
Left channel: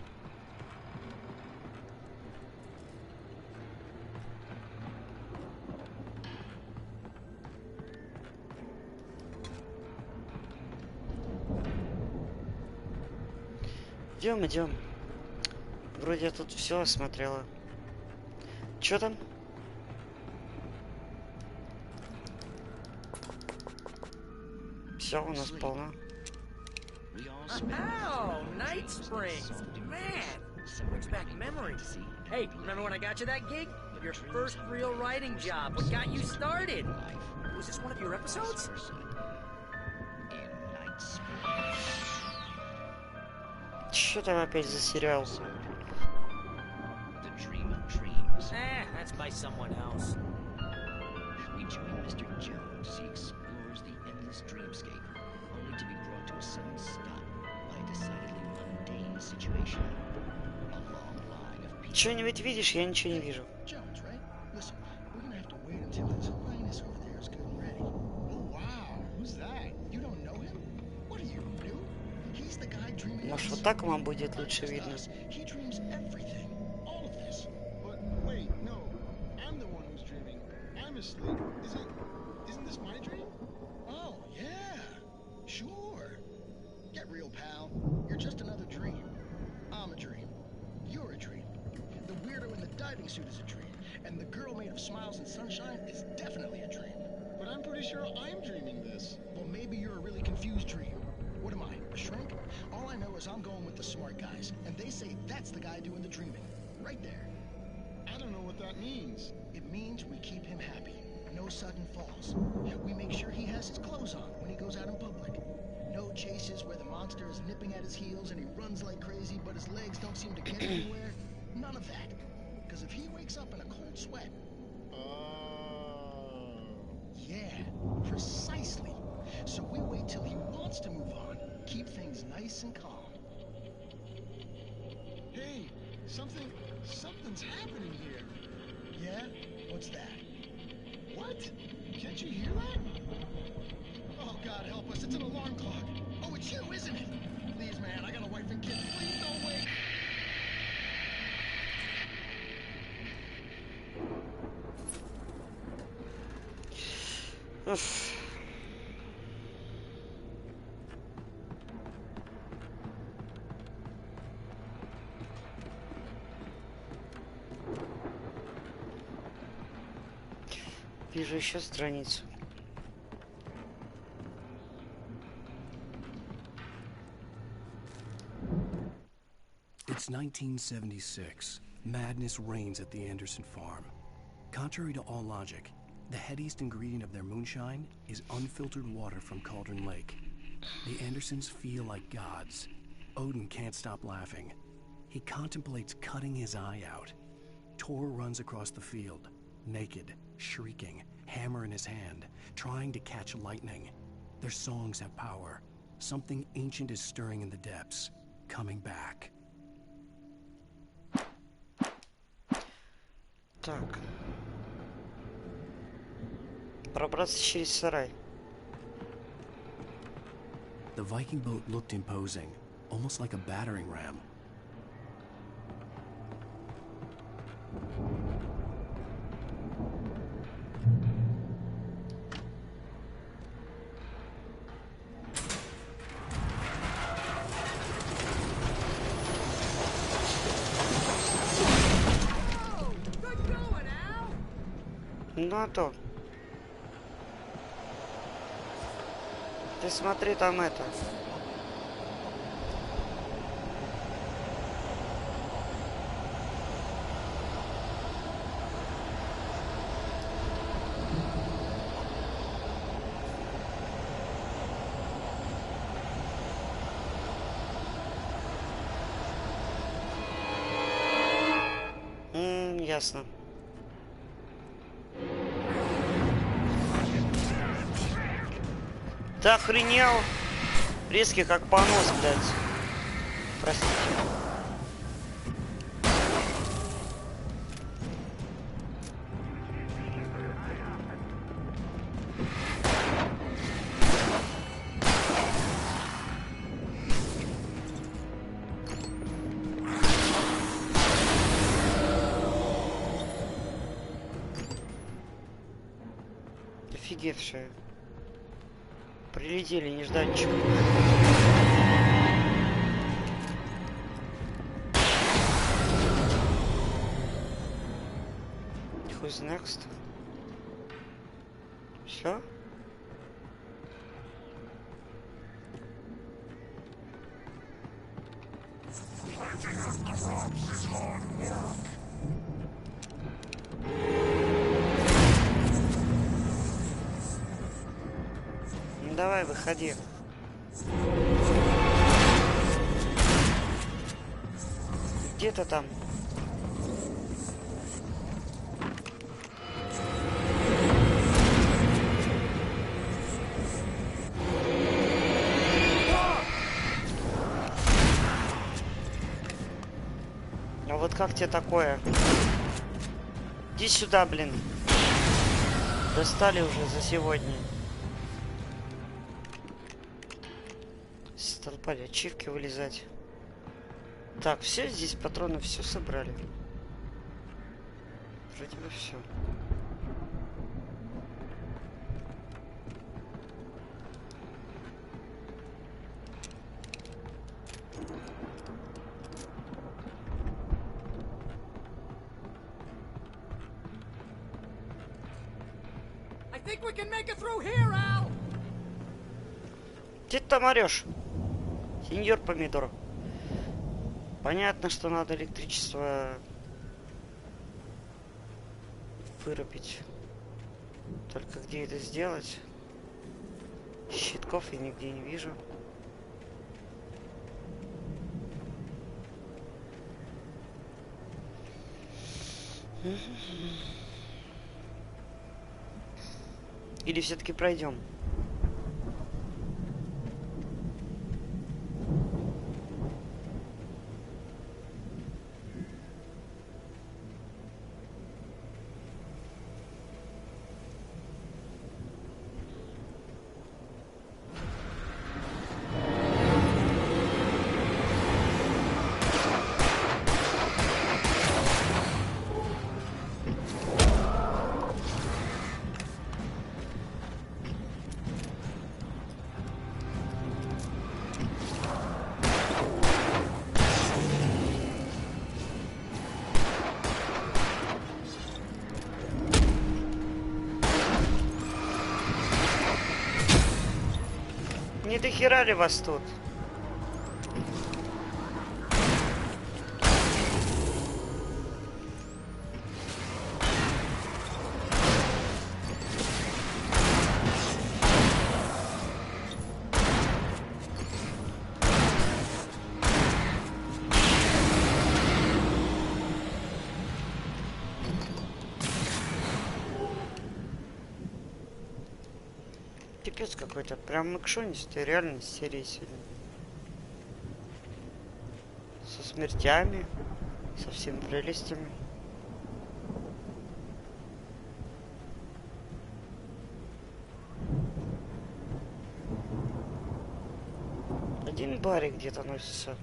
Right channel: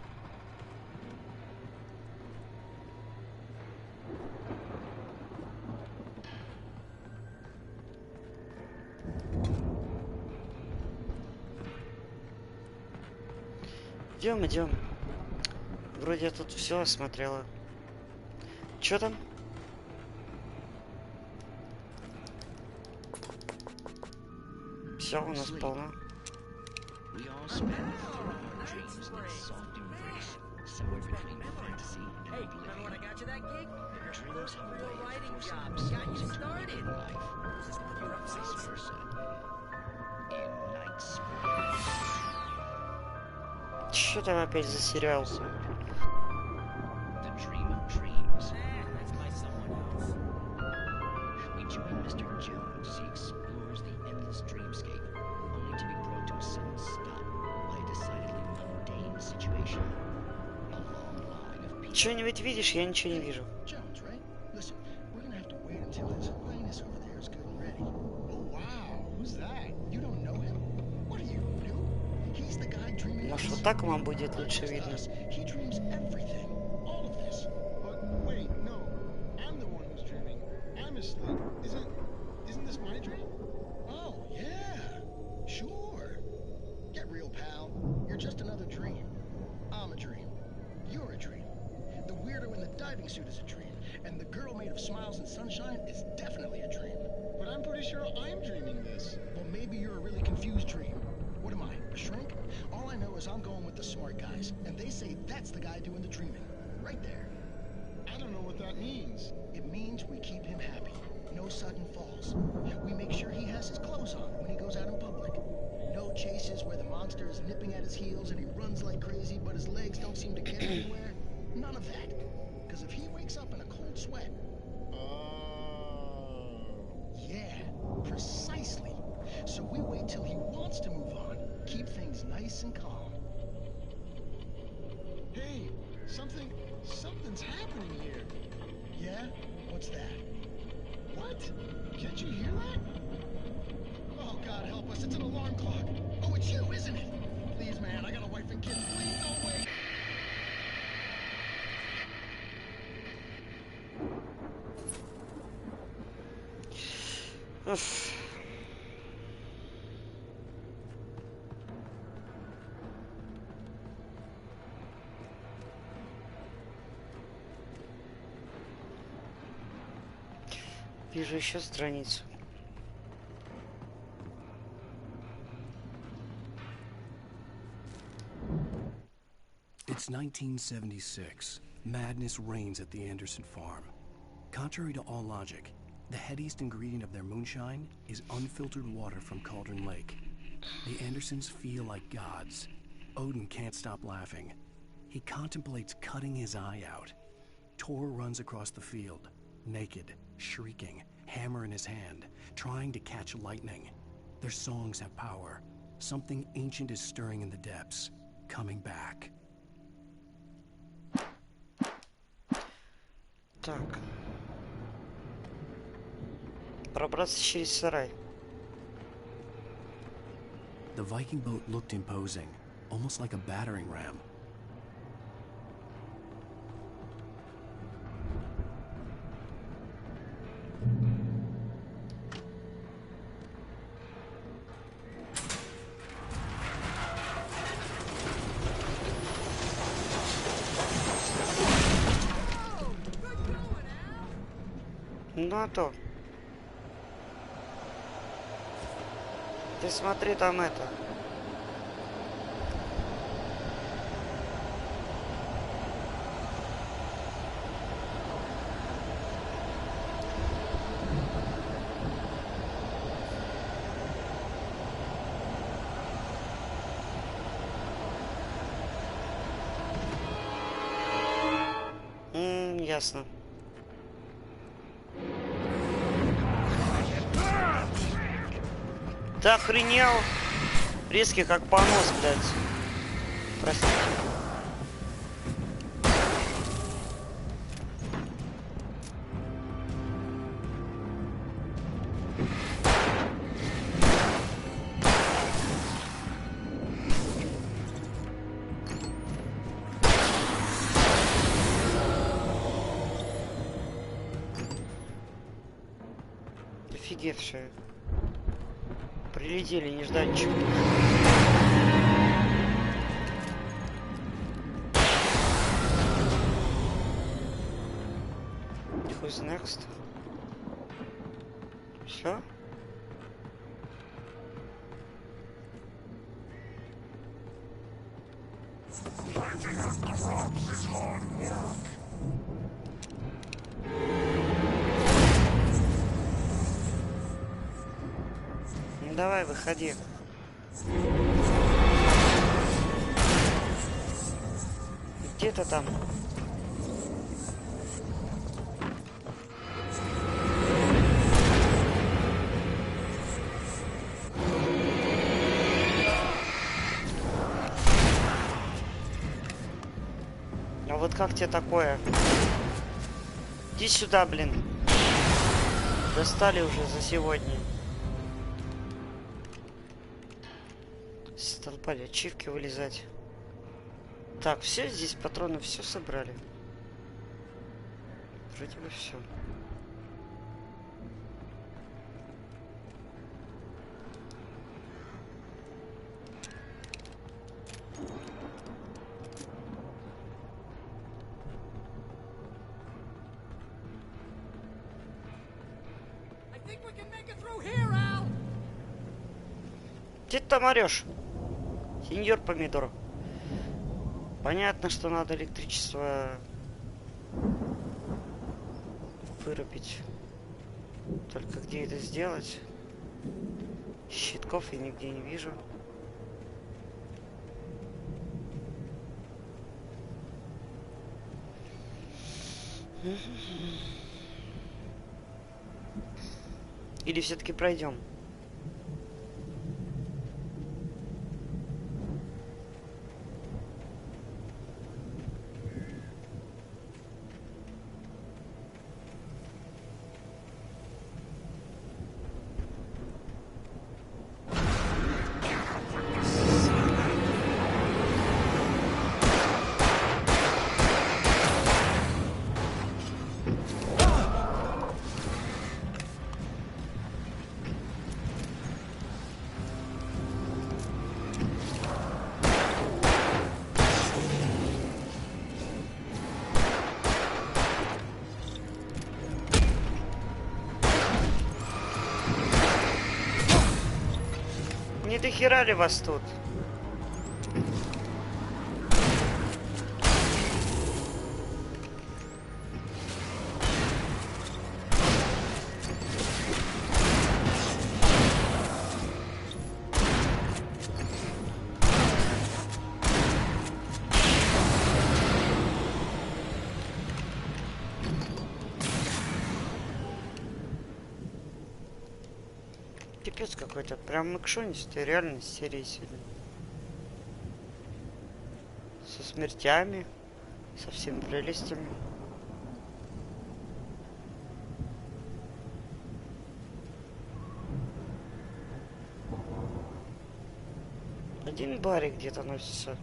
Идем, идем. Вроде я тут все осмотрела. Чё там? Все у нас полно. Oh, Night Springs! Man! Brings back memories. Hey, remember when I got you that gig? Your first real writing job. What got you started? Was this one of your episodes? Что там опять за сериал? That's by someone else. We join Mr. Jones as he explores the endless dreamscape, only to be brought to a sudden stop by a decidedly mundane situation. A long line of people. Что-нибудь видишь? Я ничего не вижу. Jones, right? Listen, we're gonna have to wait until his highness over there is good and ready. Oh wow, who's that? You don't know him? What are you, new? He's the guy dreaming. Может, вот так вам будет лучше видно? He dreams everything, all of this. But wait, no, I'm the one who's dreaming. I'm asleep. Isn't this my dream? Oh yeah, sure. Get real, pal. You're just another dream. I'm a dream. You're a dream. The weirdo in the diving suit is a dream, and the girl made of smiles and sunshine is definitely a dream. But I'm pretty sure I'm dreaming this. Well, maybe you're a really confused dream. What am I, a shrink? All I know is I'm going with the smart guys, and they say that's the guy doing the dreaming. Right there. I don't know what that means. It means we keep him happy. No sudden falls. We make sure he has his clothes on when he goes out in public. know chases where the monster is nipping at his heels and he runs like crazy, but his legs don't seem to get anywhere? None of that. Because if he wakes up in a cold sweat... Yeah, precisely. So we wait till he wants to move on. Keep things nice and calm. Hey, something's happening here. Yeah? What's that? What? Can't you hear that? Oh, God help us, it's an alarm clock. Oh, it's you, isn't it? Please, man, I got a wife and kids. Please don't wait. Вижу еще страницу. It's 1976. Madness reigns at the Anderson farm. Contrary to all logic, the headiest ingredient of their moonshine is unfiltered water from Cauldron Lake. The Andersons feel like gods. Odin can't stop laughing. He contemplates cutting his eye out. Tor runs across the field, naked, shrieking, hammer in his hand, trying to catch lightning. Their songs have power. Something ancient is stirring in the depths, coming back. Так. Пробраться через сарай. The Viking boat looked imposing, almost like a battering ram. Ну а то. Ты смотри, там это. Ясно. Ты охренел? Резкий как понос, блядь. Простите. Офигевшие. Прилетели нежданчик. Who's next? Все? Ну давай, выходи. Где ты там? А вот как тебе такое? Иди сюда, блин. Достали уже за сегодня. Столпали ачивки вылезать. Так, все здесь патроны, все собрали. Вроде бы все. I think we can make it through here, Al. Где ты там орешь? Сеньор Помидор. Понятно, что надо электричество вырубить. Только где это сделать? Щитков я нигде не вижу. Или все-таки пройдем? Не дохера ли вас тут? Пипец какой-то, прям экшонистая реальность серии сегодня. Со смертями, со всеми прелестями. Один барик где-то носится.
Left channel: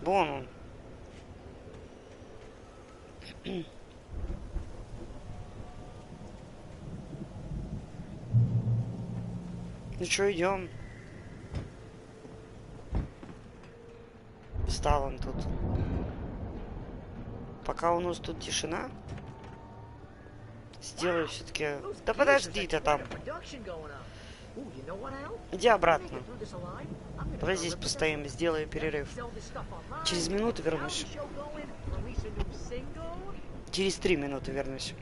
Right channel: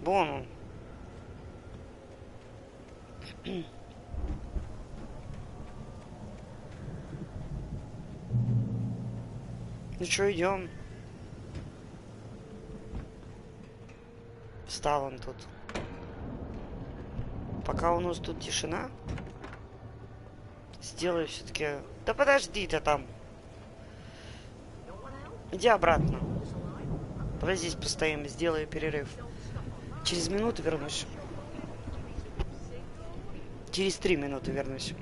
Вон он. Ну что, идем? Встал он тут. Пока у нас тут тишина, сделаю все-таки. Да подожди ты там. Иди обратно. Давай здесь постоим, сделаю перерыв. Через минуту вернусь. Через 3 минуты вернусь.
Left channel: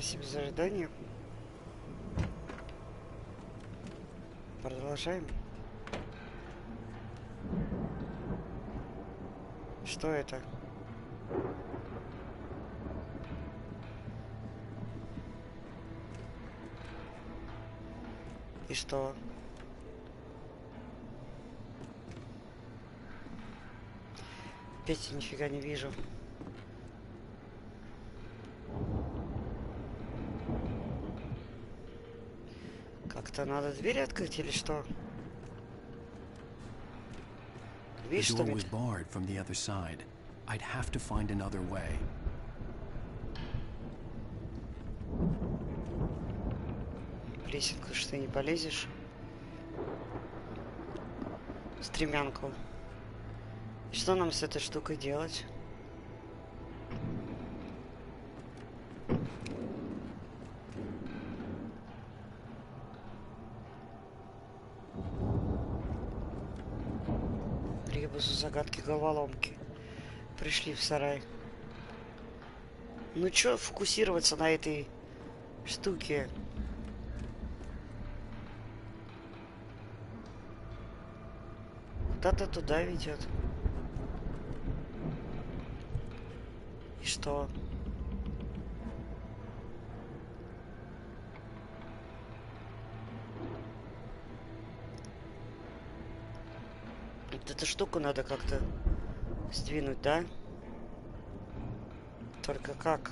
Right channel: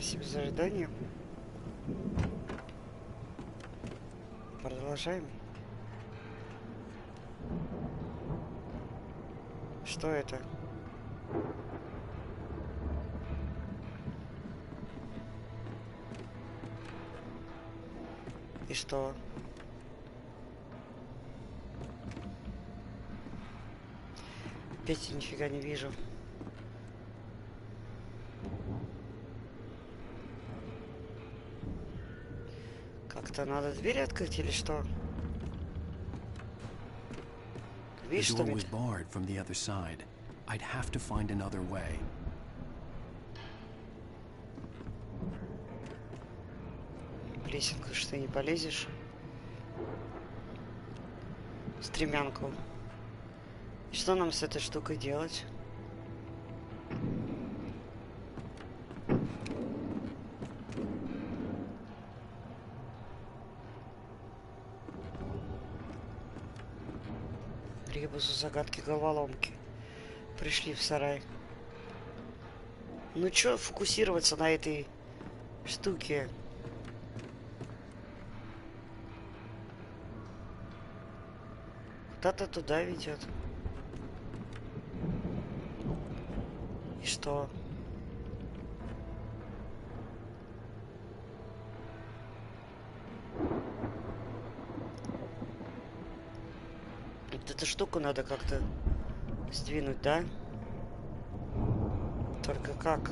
Спасибо за ожидание. Продолжаем. Что это? И что? Опять я нифига не вижу. Как-то надо двери открыть или что? The Видишь, door что was barred from the other side. I'd have to find another way. Лесенку, что ты не полезешь? Стремянку. И что нам с этой штукой делать? Ребусу загадки головоломки. Пришли в сарай. Ну чё фокусироваться на этой штуке? Куда-то туда ведет. И что? Вот эту штуку надо как-то сдвинуть, да? Только как?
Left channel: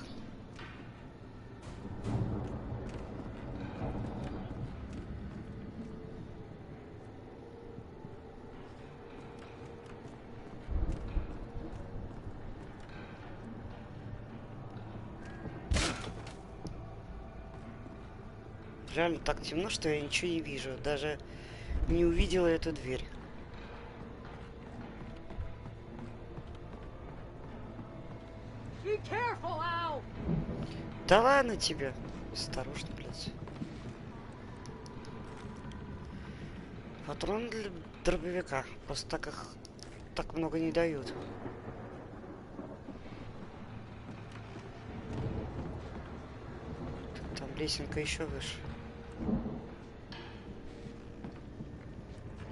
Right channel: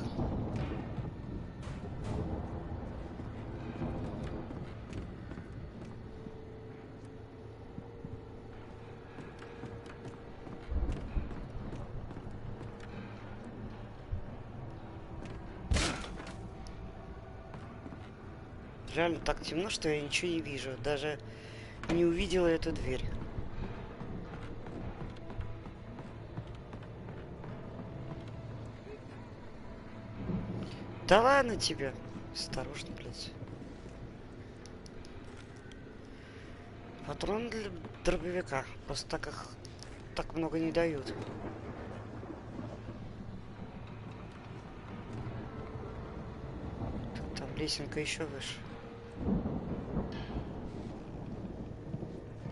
Реально так темно, что я ничего не вижу. Даже не увидела эту дверь. Да ладно тебе. Осторожно, блядь. Патрон для дробовика. Просто так их так много не дают. Там лесенка еще выше.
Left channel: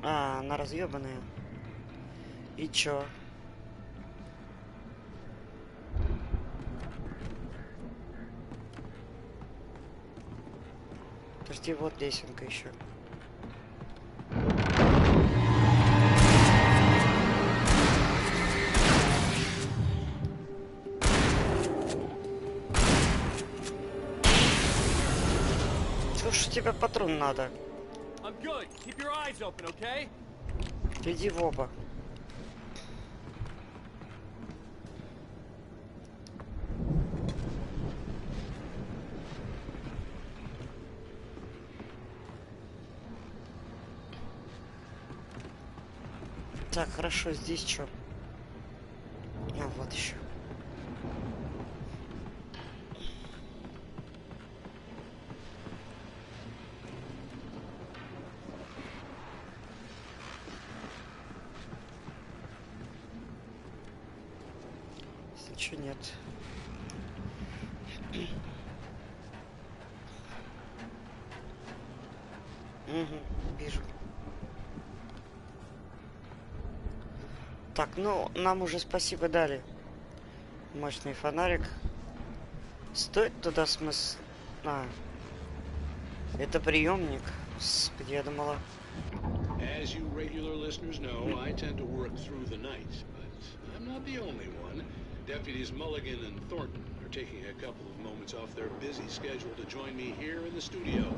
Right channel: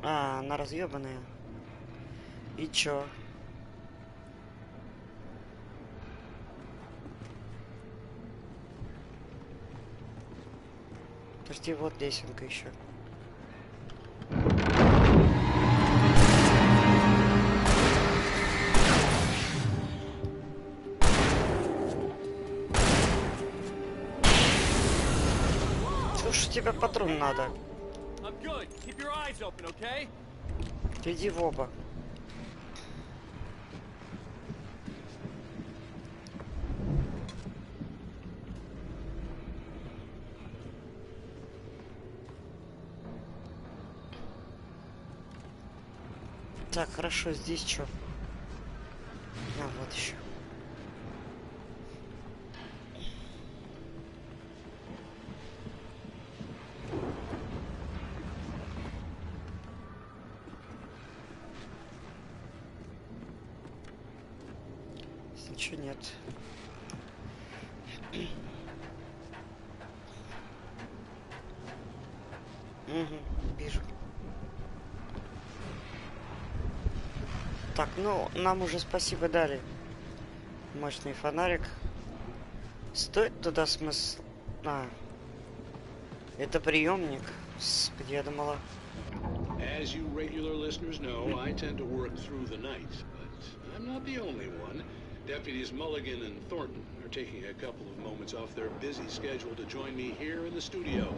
А, она разъебанная. И чё? Подожди, вот лесенка еще. Слушай, тебе патрон надо. Иди в оба. Так, хорошо, здесь что? А, вот еще. Ничего нет. Угу, вижу. Так, ну, нам уже спасибо дали. Мощный фонарик. Стоит туда смысл... А, это приемник. Господи, я думала... As you regular listeners know, I tend to work through the night, but I'm not the only one. Deputies Mulligan and Thornton are taking a couple of moments off their busy schedule to join me here in the studio.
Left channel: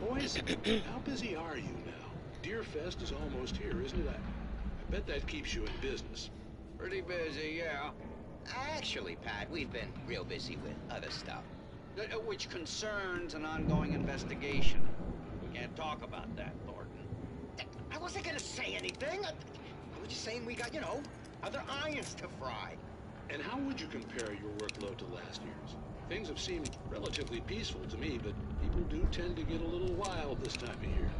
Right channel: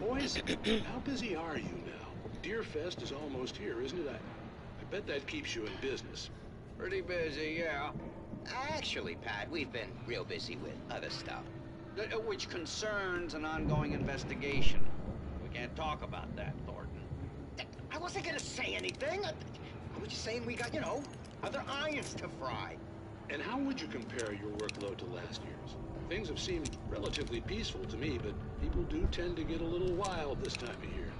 Boys, how busy are you now? Deerfest is almost here, isn't it? I bet that keeps you in business. Pretty busy, yeah. Actually, Pat, we've been real busy with other stuff, which concerns an ongoing investigation. We can't talk about that, Thornton. I wasn't gonna say anything. I was just saying we got, you know, other irons to fry. And how would you compare your workload to last year's? Things have seemed relatively peaceful to me, but people do tend to get a little wild this time of year.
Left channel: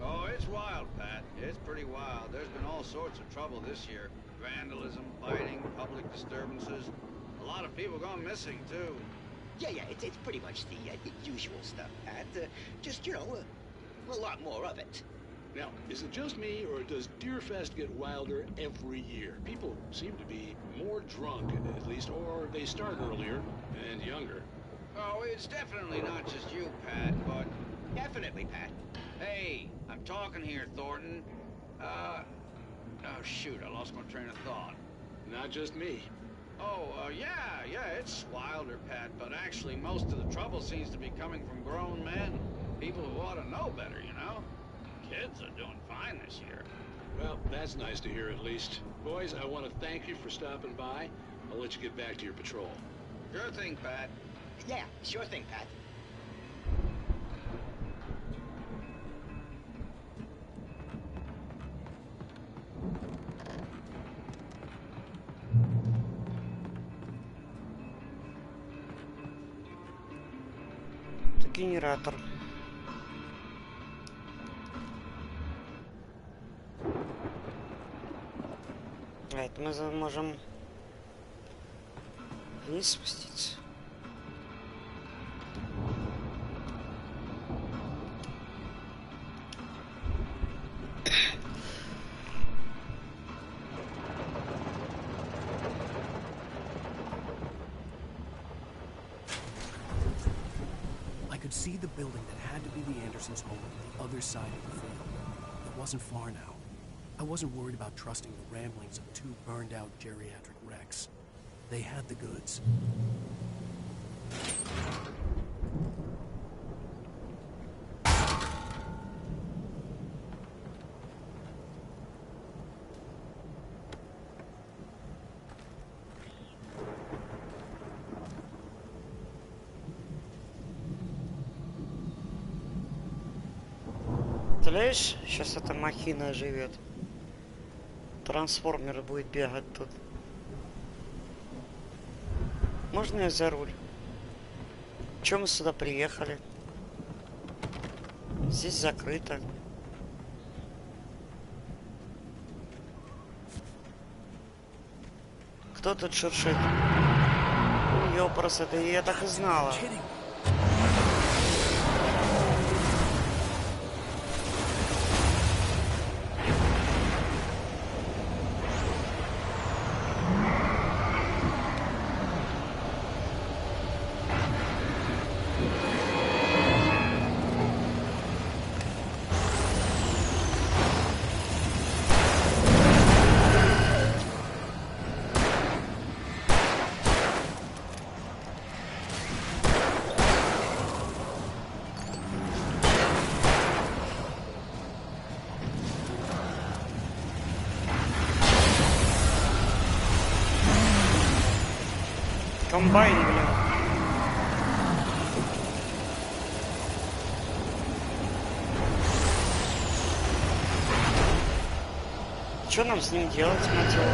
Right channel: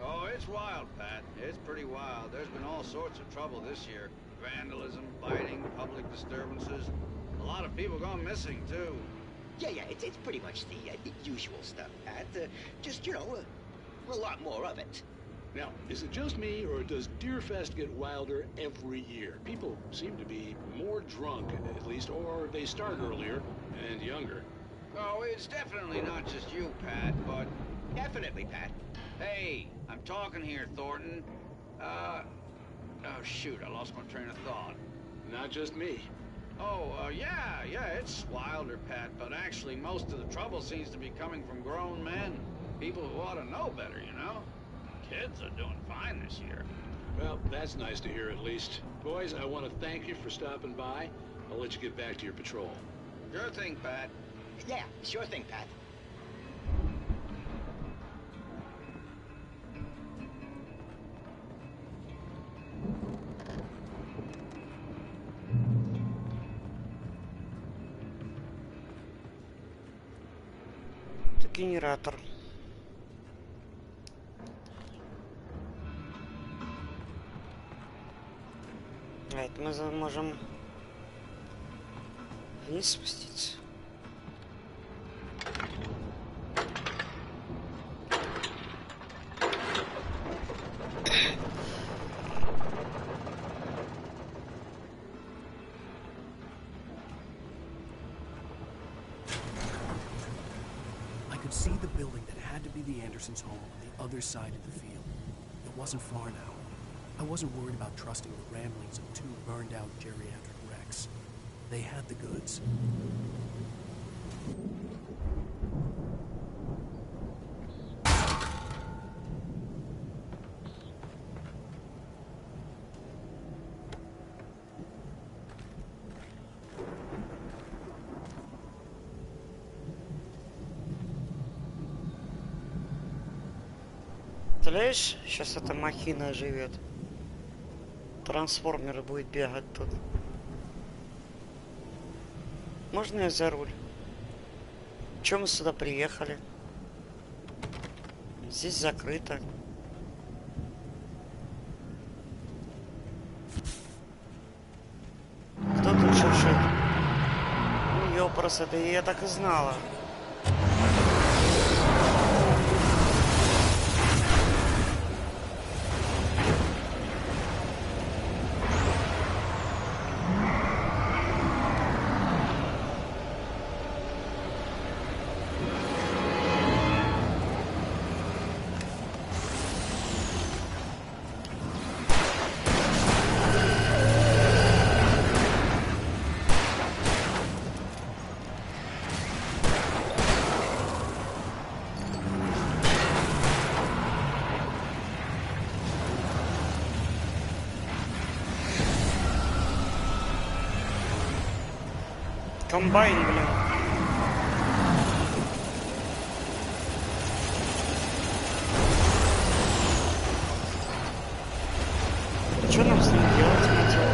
Oh, it's wild, Pat. It's pretty wild. There's been all sorts of trouble this year. Vandalism, fighting, public disturbances. A lot of people gone missing, too. Yeah, it's pretty much the usual stuff, Pat. Just, you know, a lot more of it. Now, is it just me, or does Deerfest get wilder every year? People seem to be more drunk, at least, or they start earlier and younger. Oh, it's definitely not just you, Pat, but... Definitely, Pat. Hey, I'm talking here, Thornton. Oh, shoot, I lost my train of thought. Not just me. Oh, yeah, it's wilder, Pat, but actually most of the trouble seems to be coming from grown men. People who ought to know better, you know? Kids are doing fine this year. Well, that's nice to hear at least. Boys, I want to thank you for stopping by. I'll let you get back to your patrol. Sure thing, Pat. Yeah, sure thing, Pat. Это генератор. А это мы можем вниз спуститься. I could see the building that had to be the Andersons' home on the other side of the field. It wasn't far now. I wasn't worried about trusting the ramblings of two burned-out geriatric wrecks. They had the goods. Представляешь, сейчас эта махина живет. Трансформер будет бегать тут. Можно я за руль? Чё мы сюда приехали? Здесь закрыто. Кто тут шуршит? Ёпрст, это я так и знала. Комбайн, блин. Что нам с ним делать, мать его?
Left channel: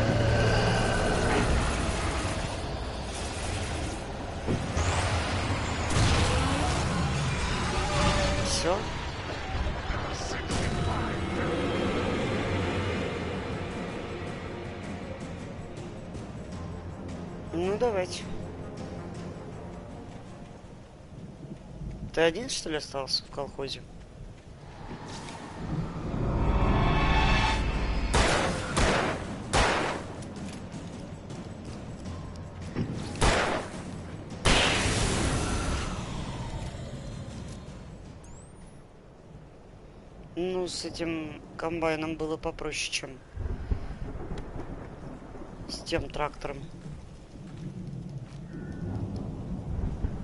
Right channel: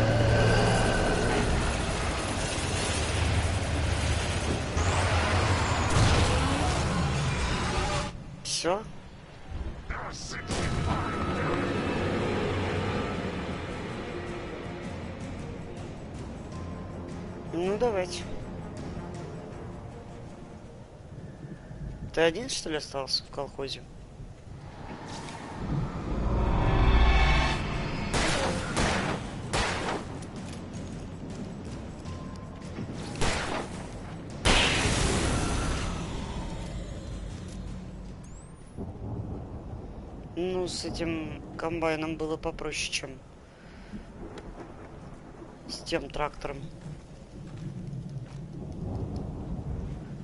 Все? Ну, давайте. Ты один, что ли, остался в колхозе? Ну, с этим комбайном было попроще, чем с тем трактором.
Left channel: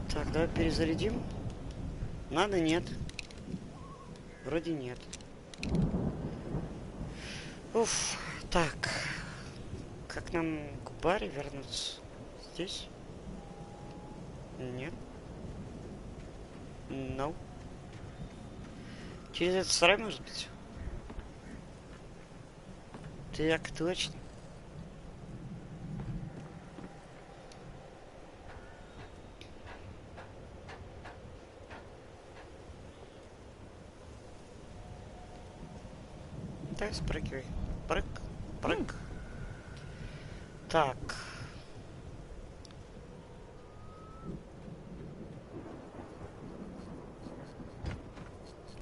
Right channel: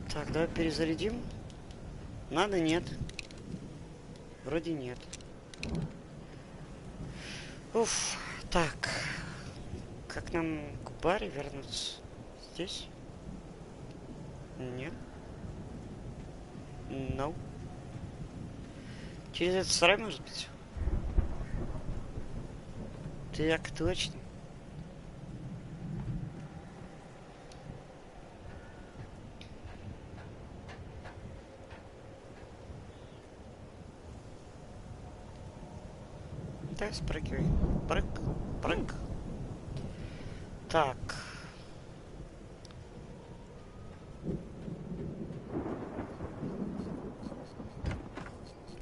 Так, давай перезарядим. Надо, нет. Вроде нет. Уф, так. Как нам к баре вернуться? Здесь? Нет. No. Через этот сарай, может быть? Так, точно. Да, спрыгивай. Прыг, прыг. Так.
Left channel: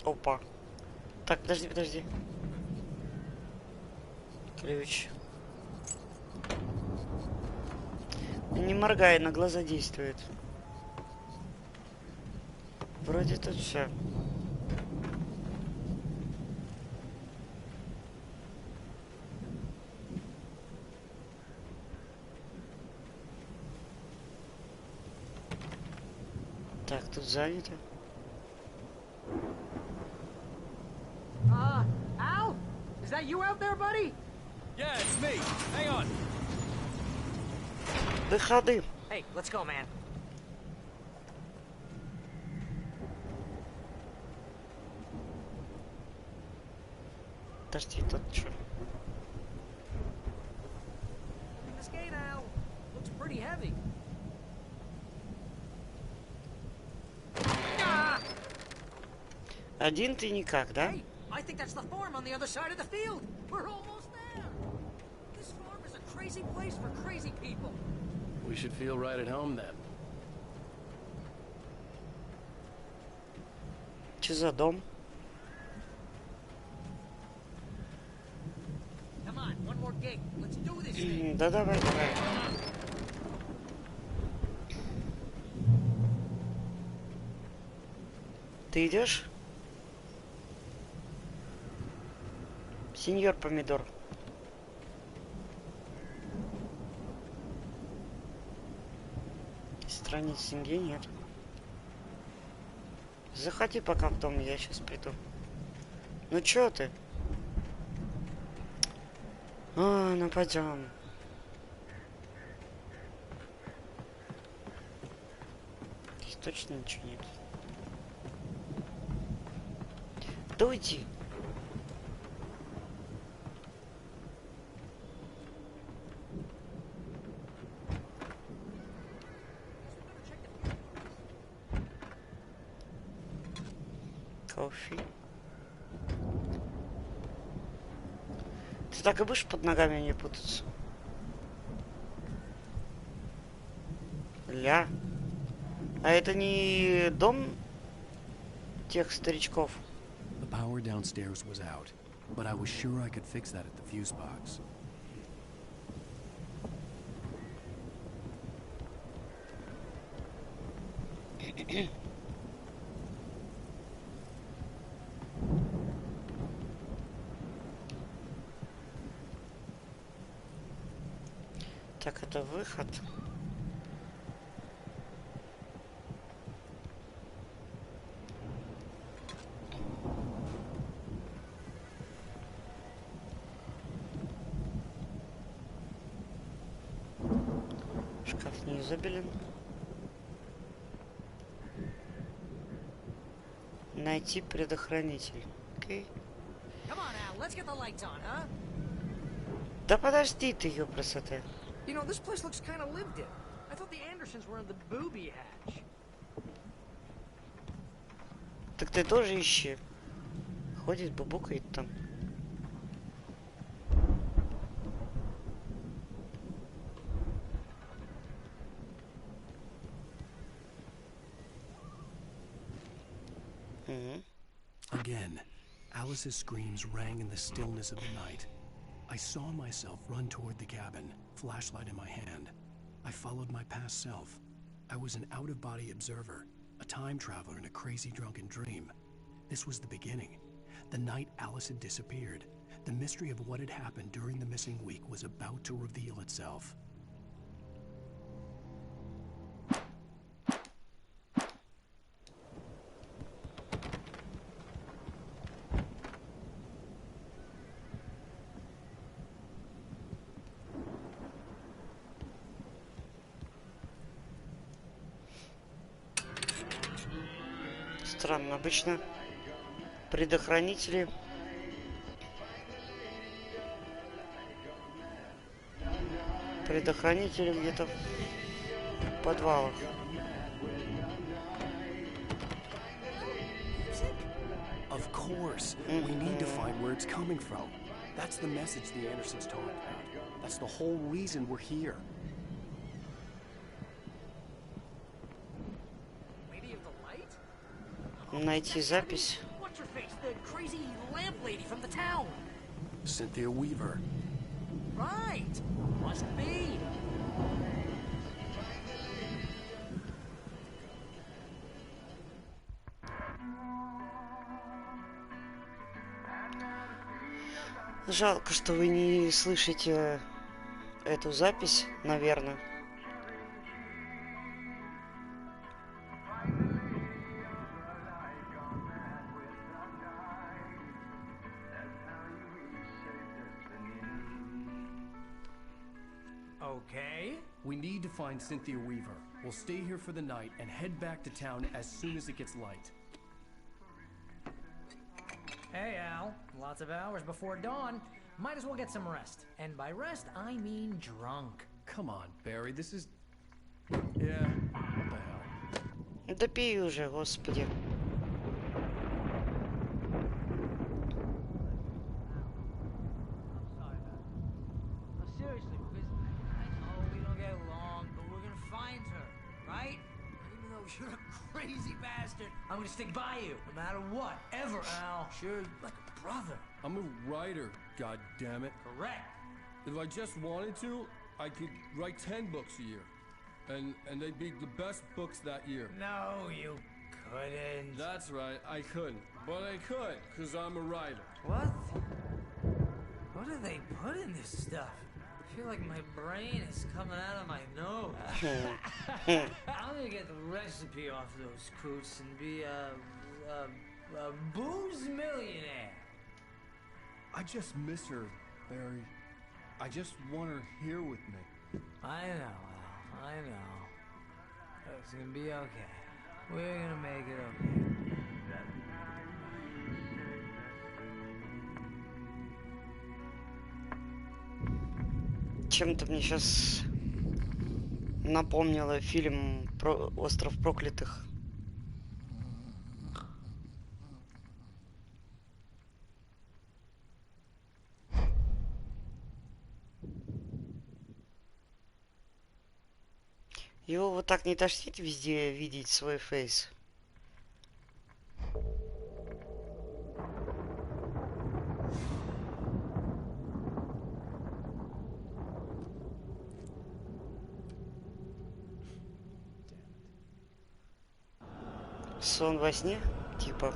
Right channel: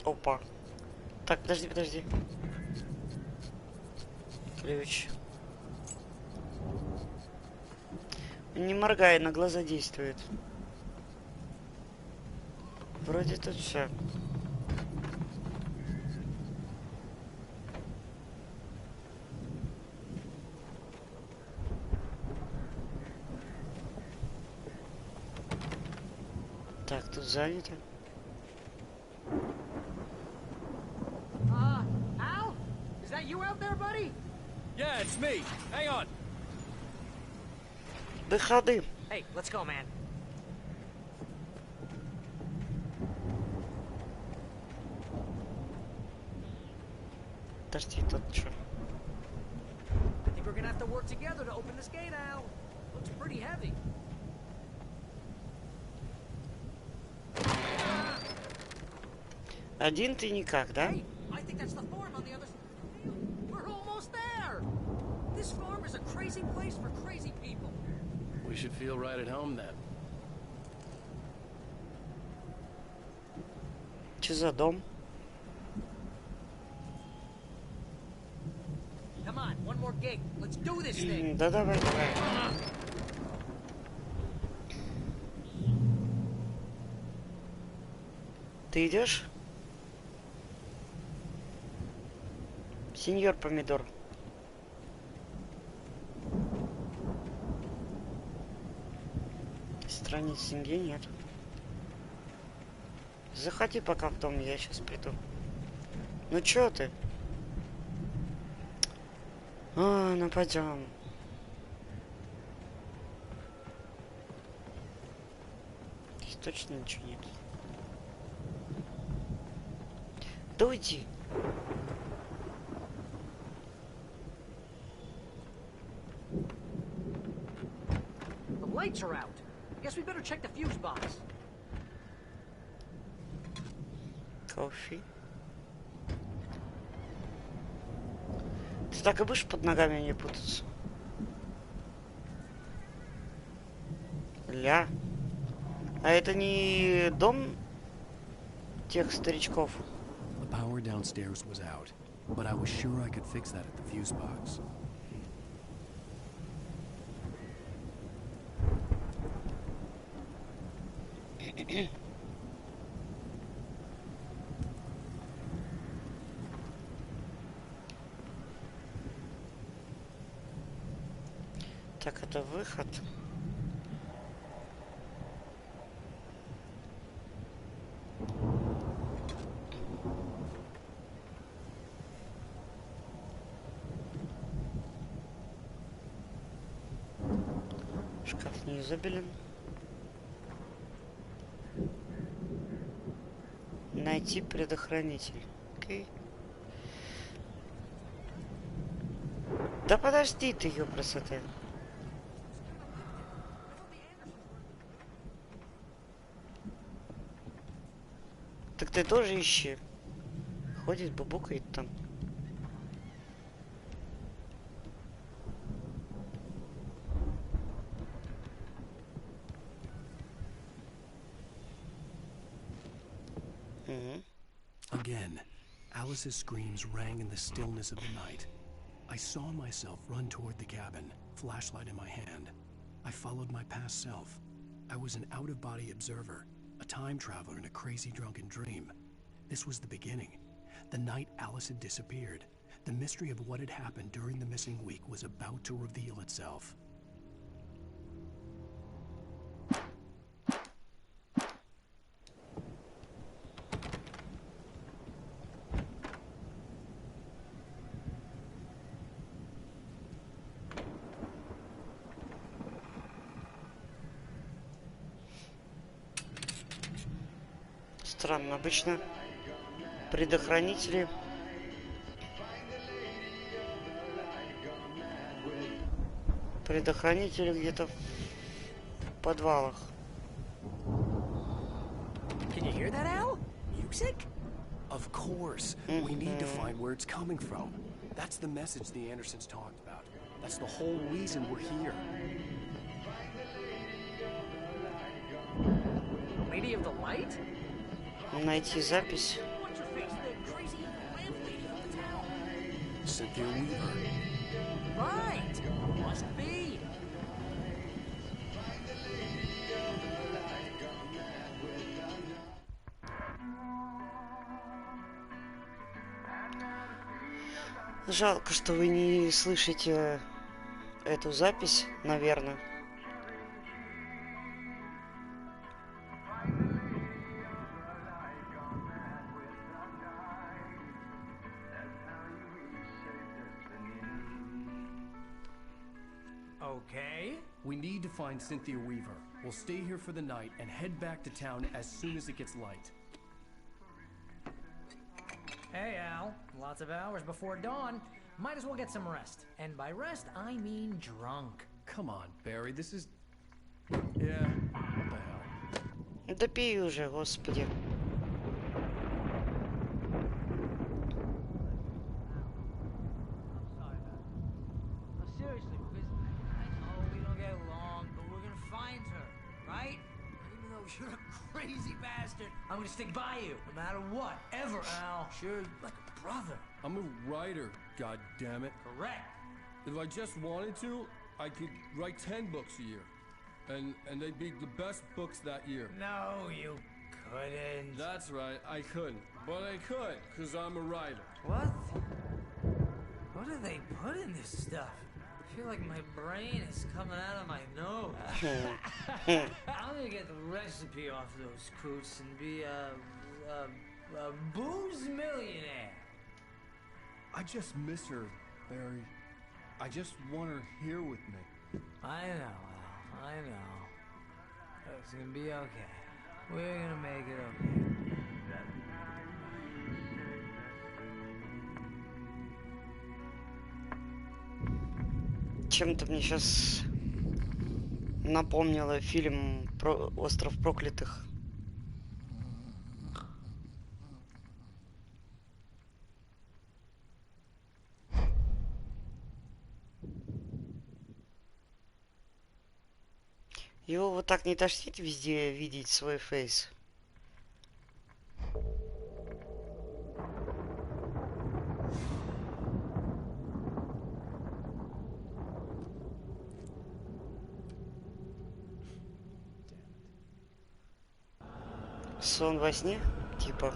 Опа. Так, подожди. Ключ. Не моргай, на глаза действует. Вроде тут все. Так, тут занято. Al? Is that you out there, buddy? Yeah, it's me. Hang on. Выходы. Hey, let's go, man. Подожди, тут что? I think we're gonna have to work together to open this gate, Al. Looks pretty heavy. Один ты никак, да? Hey, I think that's the farm on the other side of the field. We're almost there. This farm is a crazy place for crazy people. We should feel right at home then. Что за дом? Come on, one more gate. Let's do this thing. Да давай. Ты идешь? Сеньор Помидор. Страниц нигде нет. Заходи пока в дом, я сейчас приду. Ну чё ты? Ну пойдем. Здесь точно ничего нет. Да уйди. The lights are out. I guess we better check the fuse box. Кофе. Ты так и будешь под ногами не путаться? Ля. А это не дом тех старичков? The power downstairs was out, but I was sure I could fix that at the fuse box. Так, это выход. Шкаф не изобилен. Найти предохранитель. Окей. Да подожди ты, ёпросоты. You know, this place looks kind of lived in. I thought the Andersons were in the booby hatch. Так ты тоже ищи. Ходит, бубукает там. Again, Alice's screams rang in the stillness of the night. I saw myself run toward the cabin, flashlight in my hand. I followed my past self. I was an out-of-body observer, a time traveler in a crazy drunken dream. This was the beginning. The night Alice had disappeared. The mystery of what had happened during the missing week was about to reveal itself. Странно, обычно предохранители где-то в подвалах. Of course. We need to find where it's coming from. That's the message the Andersons talked about. That's the whole reason we're here. Lady of the Light? Найти запись. What's your face? Cynthia Weaver. Right. Must be. Жалко, что вы не слышите эту запись, наверное. Okay. We need to find Cynthia Weaver. We'll stay here for the night and head back to town as soon as it gets light. Hey, Al. Lots of hours before dawn. Might as well get some rest. And by rest, I mean drunk. Come on, Barry, this is... Yeah, what the hell? Да пей уже, господи. Seriously, because I know we don't get along, but we're gonna find her, right? Even though you're a crazy bastard, I'm gonna stick by you, no matter what, ever, Al. Sure, like a brother. I'm a writer, goddammit. Correct. If I just wanted to, I could write 10 books a year. And they'd be the best books that year. No, you couldn't. That's right, I couldn't. But I could, because I'm a writer. What? What do they put in this stuff? I feel like my brain is coming out of my nose. I'm gonna get the recipe off those coots and be a booze millionaire. I just miss her, Barry. I just want her here with me. I know, Al. I know. It's gonna be okay. We're gonna make it okay. Чем-то мне сейчас напомнило фильм про «Остров проклятых». Его вот так не тошнит везде видеть свой фейс? Сон во сне? Типа.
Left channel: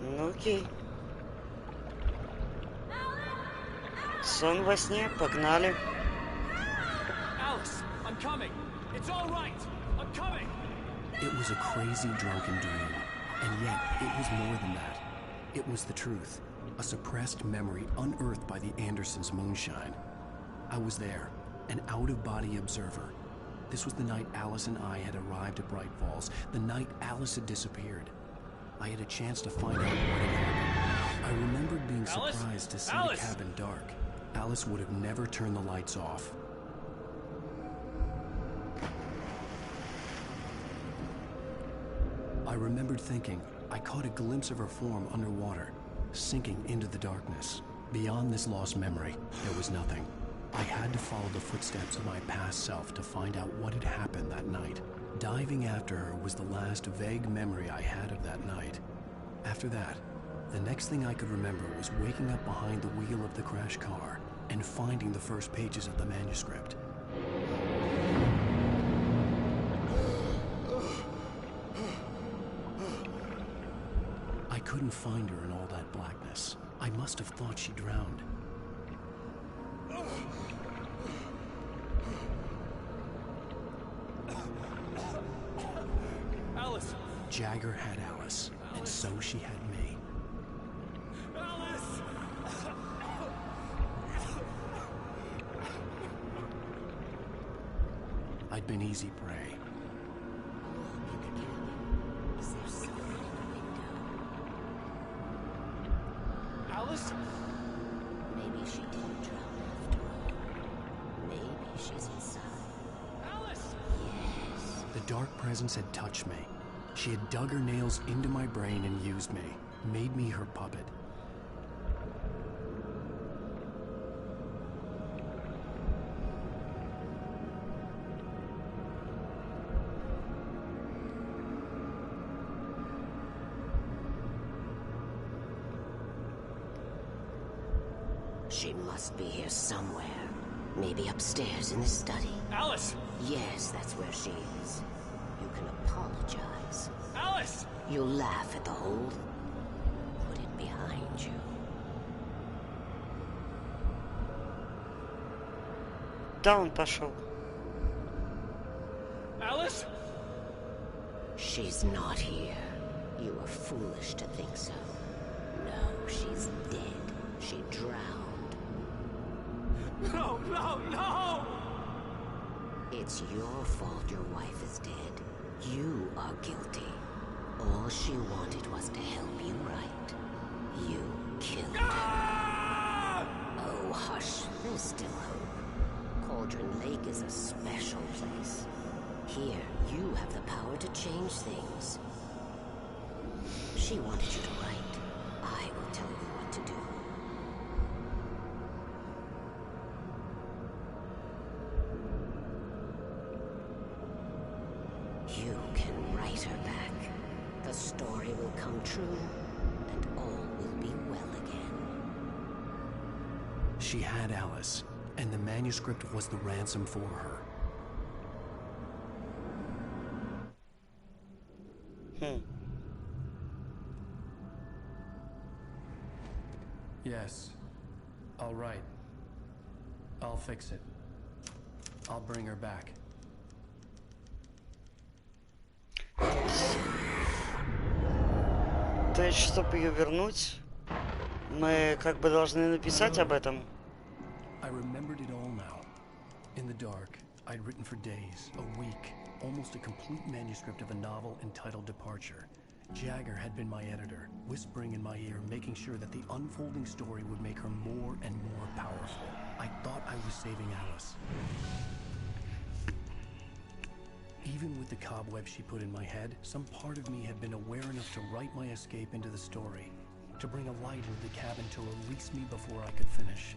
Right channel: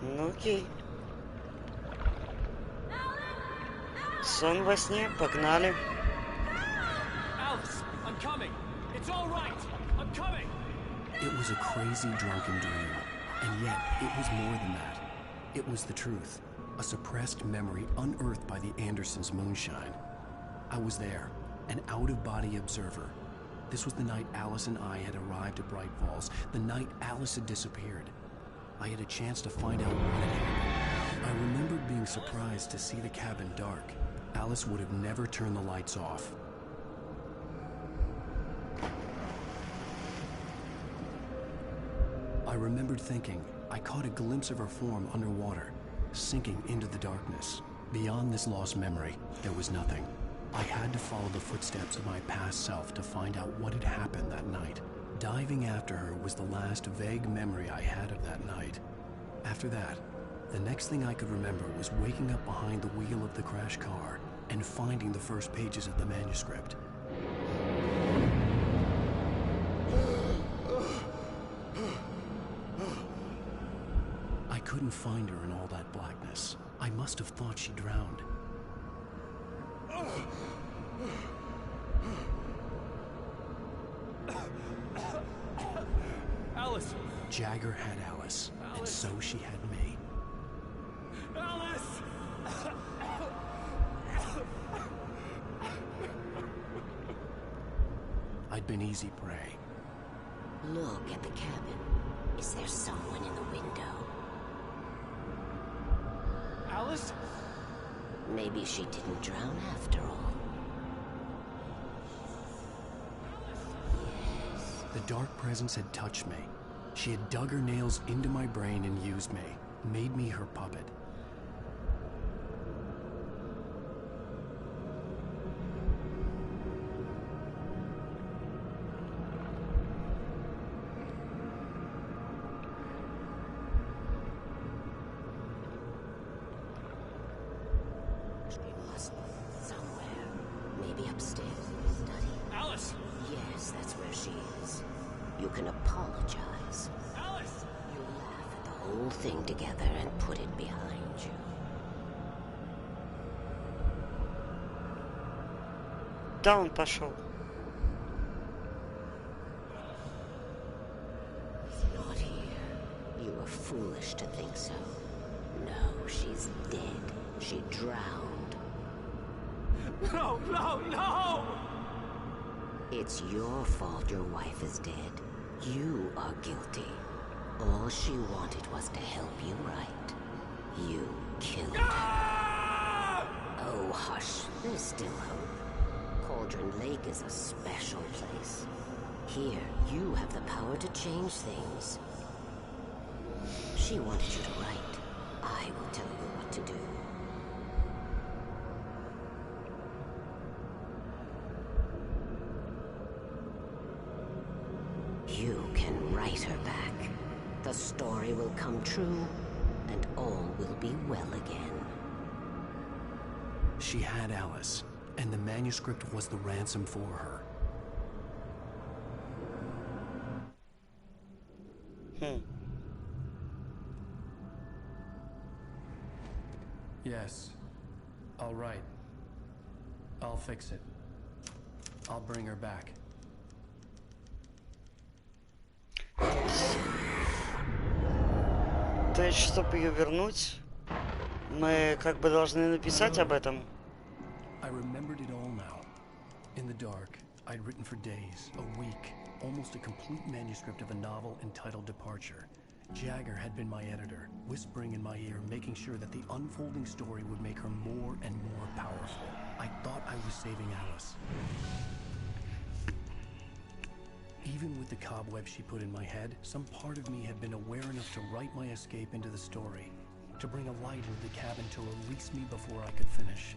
Ну окей. Сон во сне, погнали. Alice, I'm coming. It's all right. I'm coming. It was a crazy drunken dream, and yet it was more than that. It was the truth, a suppressed memory unearthed by the Andersons' moonshine. I was there, an out-of-body observer. This was the night Alice and I had arrived at Bright Falls, the night Alice had disappeared. I had a chance to find out what had happened. I remembered being surprised to see the cabin dark. Alice would have never turned the lights off. I remembered thinking I caught a glimpse of her form underwater, sinking into the darkness. Beyond this lost memory, there was nothing. I had to follow the footsteps of my past self to find out what had happened that night. Diving after her was the last vague memory I had of that night. After that, the next thing I could remember was waking up behind the wheel of the crashed car and finding the first pages of the manuscript. I couldn't find her in all that blackness. I must have thought she drowned. Alice! Jagger had Alice, and so she had me. Alice! I'd been easy prey. Look at the cabin. Is there someone in the window? Alice? Maybe she didn't drown after all. Maybe she's inside. Alice! Yes. The dark presence had touched me. She had dug her nails into my brain and used me, made me her puppet. She must be here somewhere. Maybe upstairs in the study. Alice! Yes, that's where she is. You can apologize. Alice! You'll laugh at the whole thing together and put it behind you. Да, он пошел. Alice? She's not here. You were foolish to think so. No, she's dead. She drowned. No, no, no! It's your fault your wife is dead. You are guilty. All she wanted was to help you right. You killed her. Oh, hush. There's still hope. Cauldron Lake is a special place. Here, you have the power to change things. She wanted you to write. I will tell you what to do. You can write her back. The story will come true, and all will be well again. She had Alice, and the manuscript was the ransom for her. Yes. All right. I'll fix it. I'll bring her back. То есть, чтобы ее вернуть, мы как бы должны написать об этом. I remembered it all now. In the dark, I'd written for days, a week, almost a complete manuscript of a novel entitled Departure. Jagger had been my editor, whispering in my ear, making sure that the unfolding story would make her more and more powerful. I thought I was saving Alice. Even with the cobweb she put in my head, some part of me had been aware enough to write my escape into the story, to bring a light into the cabin to release me before I could finish,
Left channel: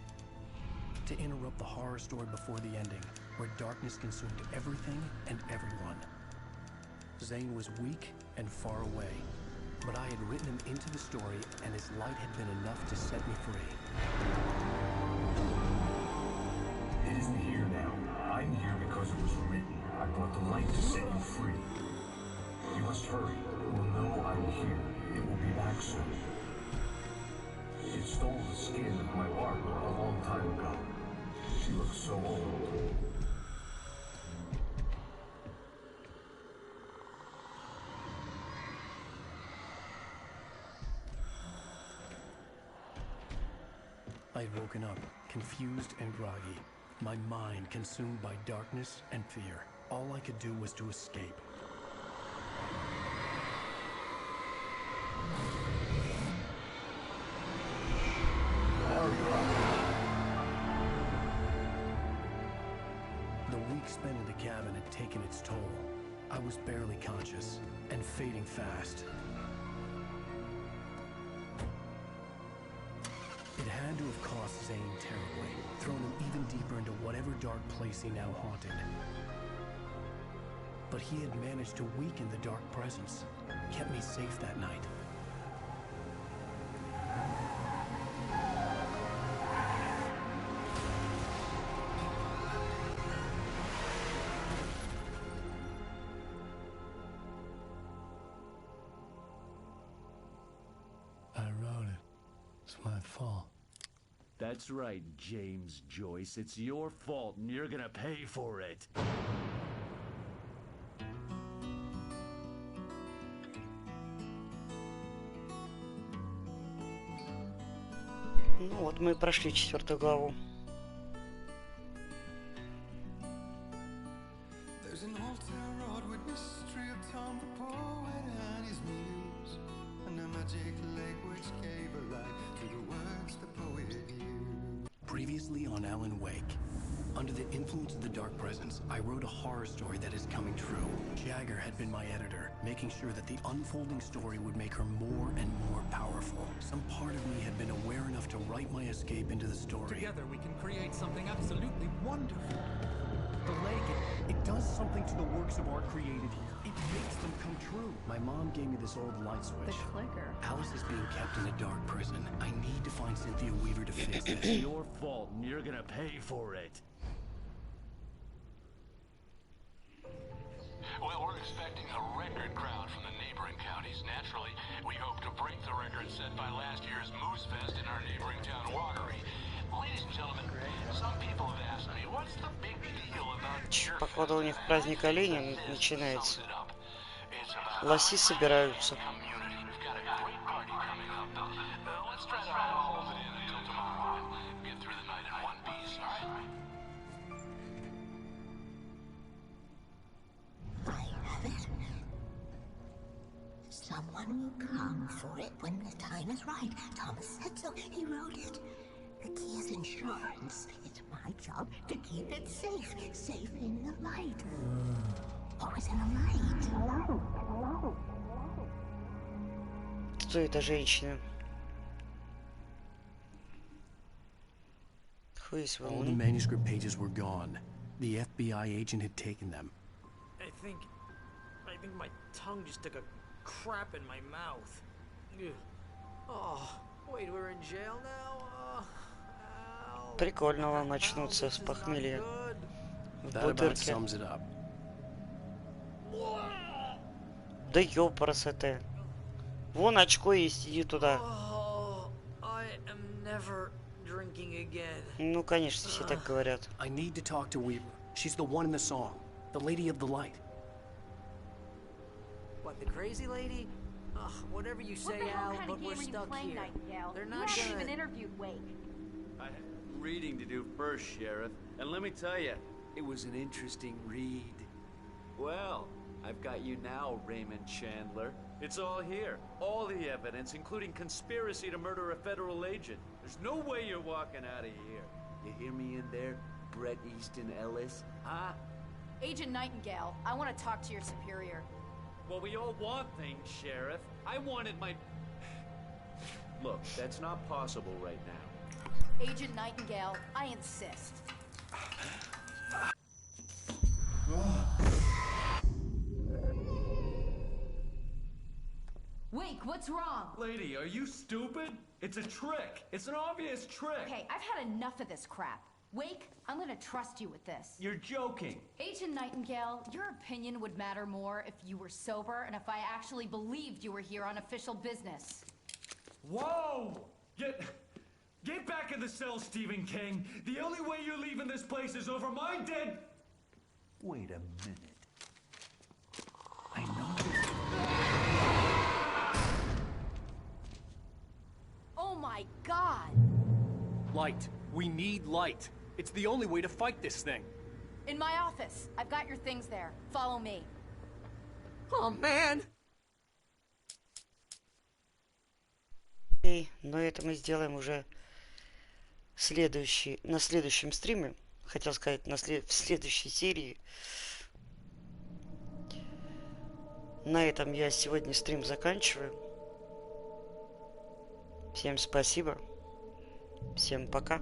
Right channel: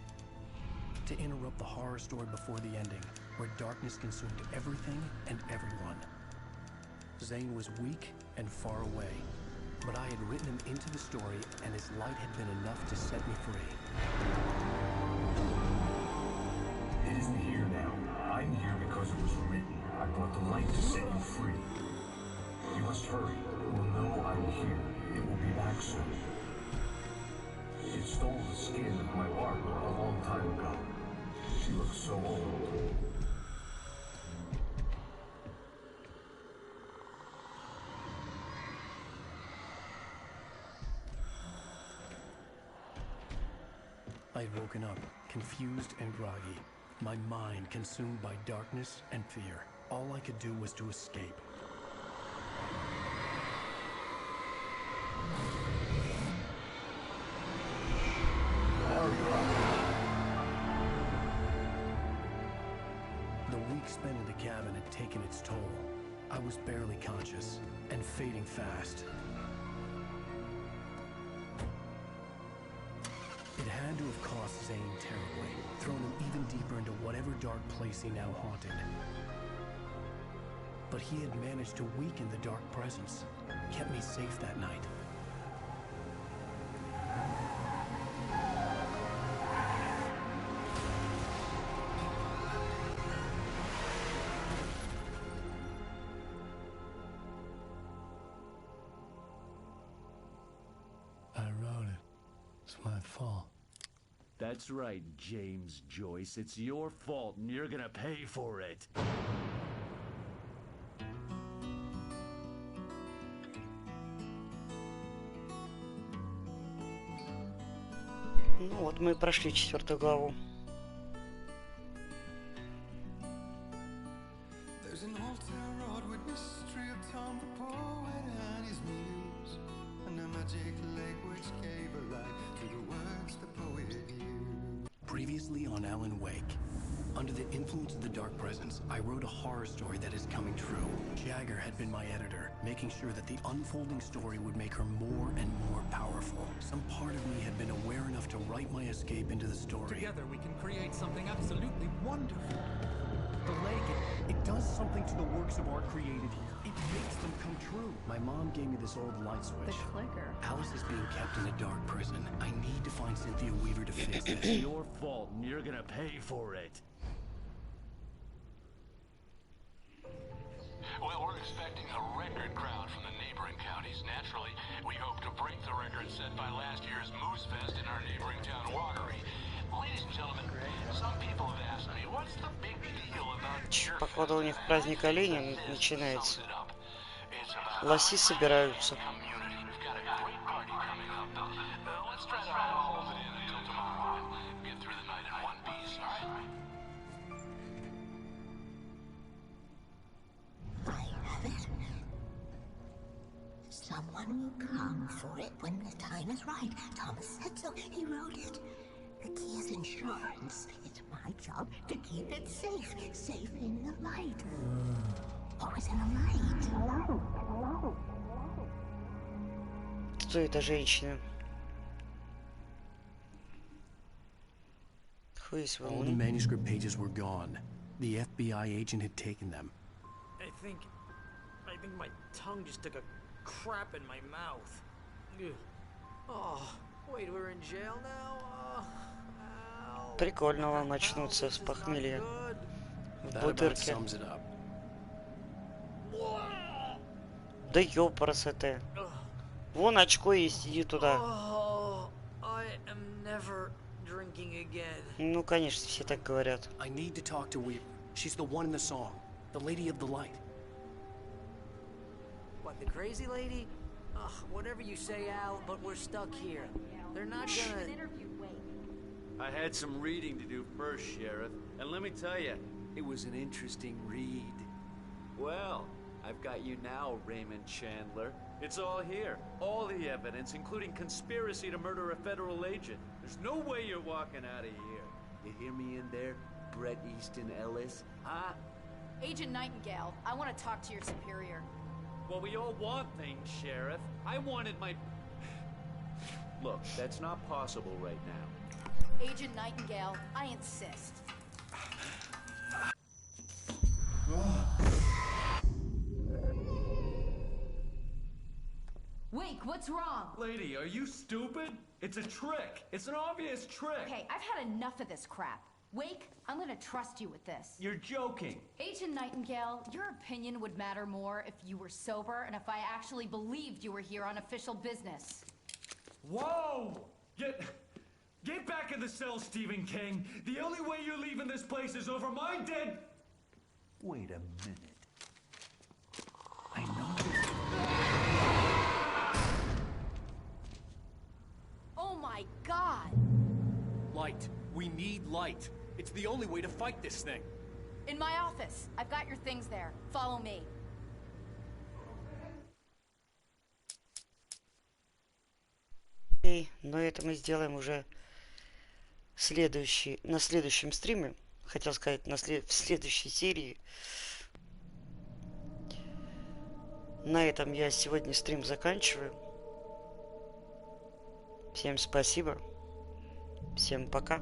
to interrupt the horror story before the ending, where darkness consumed everything and everyone. Zane was weak and far away, but I had written him into the story, and his light had been enough to set me free. It isn't here now. I'm here because it was written. I brought the light to set you free. You must hurry. We'll know I'm here. It will be back soon. It stole the skin of my lark a long time ago. She looks so old. I'd woken up, confused and groggy, my mind consumed by darkness and fear. All I could do was to escape. The week spent in the cabin had taken its toll. I was barely conscious, and fading fast. It had to have cost Zane terribly, thrown him even deeper into whatever dark place he now haunted. But he had managed to weaken the dark presence, kept me safe that night. I wrote it. It's my fault. That's right, James Joyce. It's your fault, and you're gonna pay for it. Ну вот мы прошли 4-ю главу. There's an old town road with mystery of Tom the poet and his muse, and a magic lake which gave a light to the words the poet used. Previously on Alan Wake. Under the influence of the dark presence, I wrote a horror story that is coming true. Jagger had been my editor, making sure that the unfolding story would make her more and more powerful. Some part of me had been aware enough to write my escape into the story. Together we can create something absolutely wonderful. The lake, it does something to the works of art created here. It makes them come true. My mom gave me this old light switch. The clicker. Alice is being kept in a dark prison. I need to find Cynthia Weaver to fix It's this. your fault, and you're gonna pay for it. Well, we're expecting a record crowd from the neighboring counties. Naturally, we hope to break the record set by last year's Moose Fest in our neighboring town, Watery. Ladies and gentlemen, some people have asked me, what's the big deal about Походу, у них праздник оленя начинается. Лоси собираются. Someone will come for it when the time is right. Thomas said so. He wrote it. The key is insurance. It's my job to keep it safe. Safe in the light. Always in the light. Hello. Кто эта женщина? Who is All the manuscript pages were gone. The FBI agent had taken them. I think my tongue just took a crap in my mouth. Ugh. Oh, wait, we're in jail now? Прикольно вам очнуться с похмелья в That about бутырке. sums it up. Да ёпарасоте. Вон очко есть, иди туда. Oh, I am never drinking again. Ну, конечно, все так говорят. I need to talk to Weaver. She's the one in the song. The lady of the light. What, the crazy lady? Ugh, whatever you say, Al, but we're stuck here. They're not gonna... interviewed Wake. I had some reading to do first, Sheriff, and let me tell you, it was an interesting read. Well, I've got you now, Raymond Chandler. It's all here. All the evidence, including conspiracy to murder a federal agent. There's no way you're walking out of here. You hear me in there, Bret Easton Ellis? Huh? Agent Nightingale, I want to talk to your superior. Well, we all want things, Sheriff. I wanted my... Look, that's not possible right now. Agent Nightingale, I insist. Wake, what's wrong? Lady, are you stupid? It's a trick. It's an obvious trick. Okay, I've had enough of this crap. Wake, I'm gonna trust you with this. You're joking. Agent Nightingale, your opinion would matter more if you were sober and if I actually believed you were here on official business. Whoa! Get back in the cell, Stephen King. The only way you're leaving this place is over my dead... Wait a minute. I know this. Oh my God! Light. We need light. It's the only way to fight this thing. In my office. I've got your things there. Follow me. Oh, man! Окей, но это мы сделаем уже на следующем стриме. Хотел сказать, в следующей серии. На этом я сегодня стрим заканчиваю. Всем спасибо. Всем пока.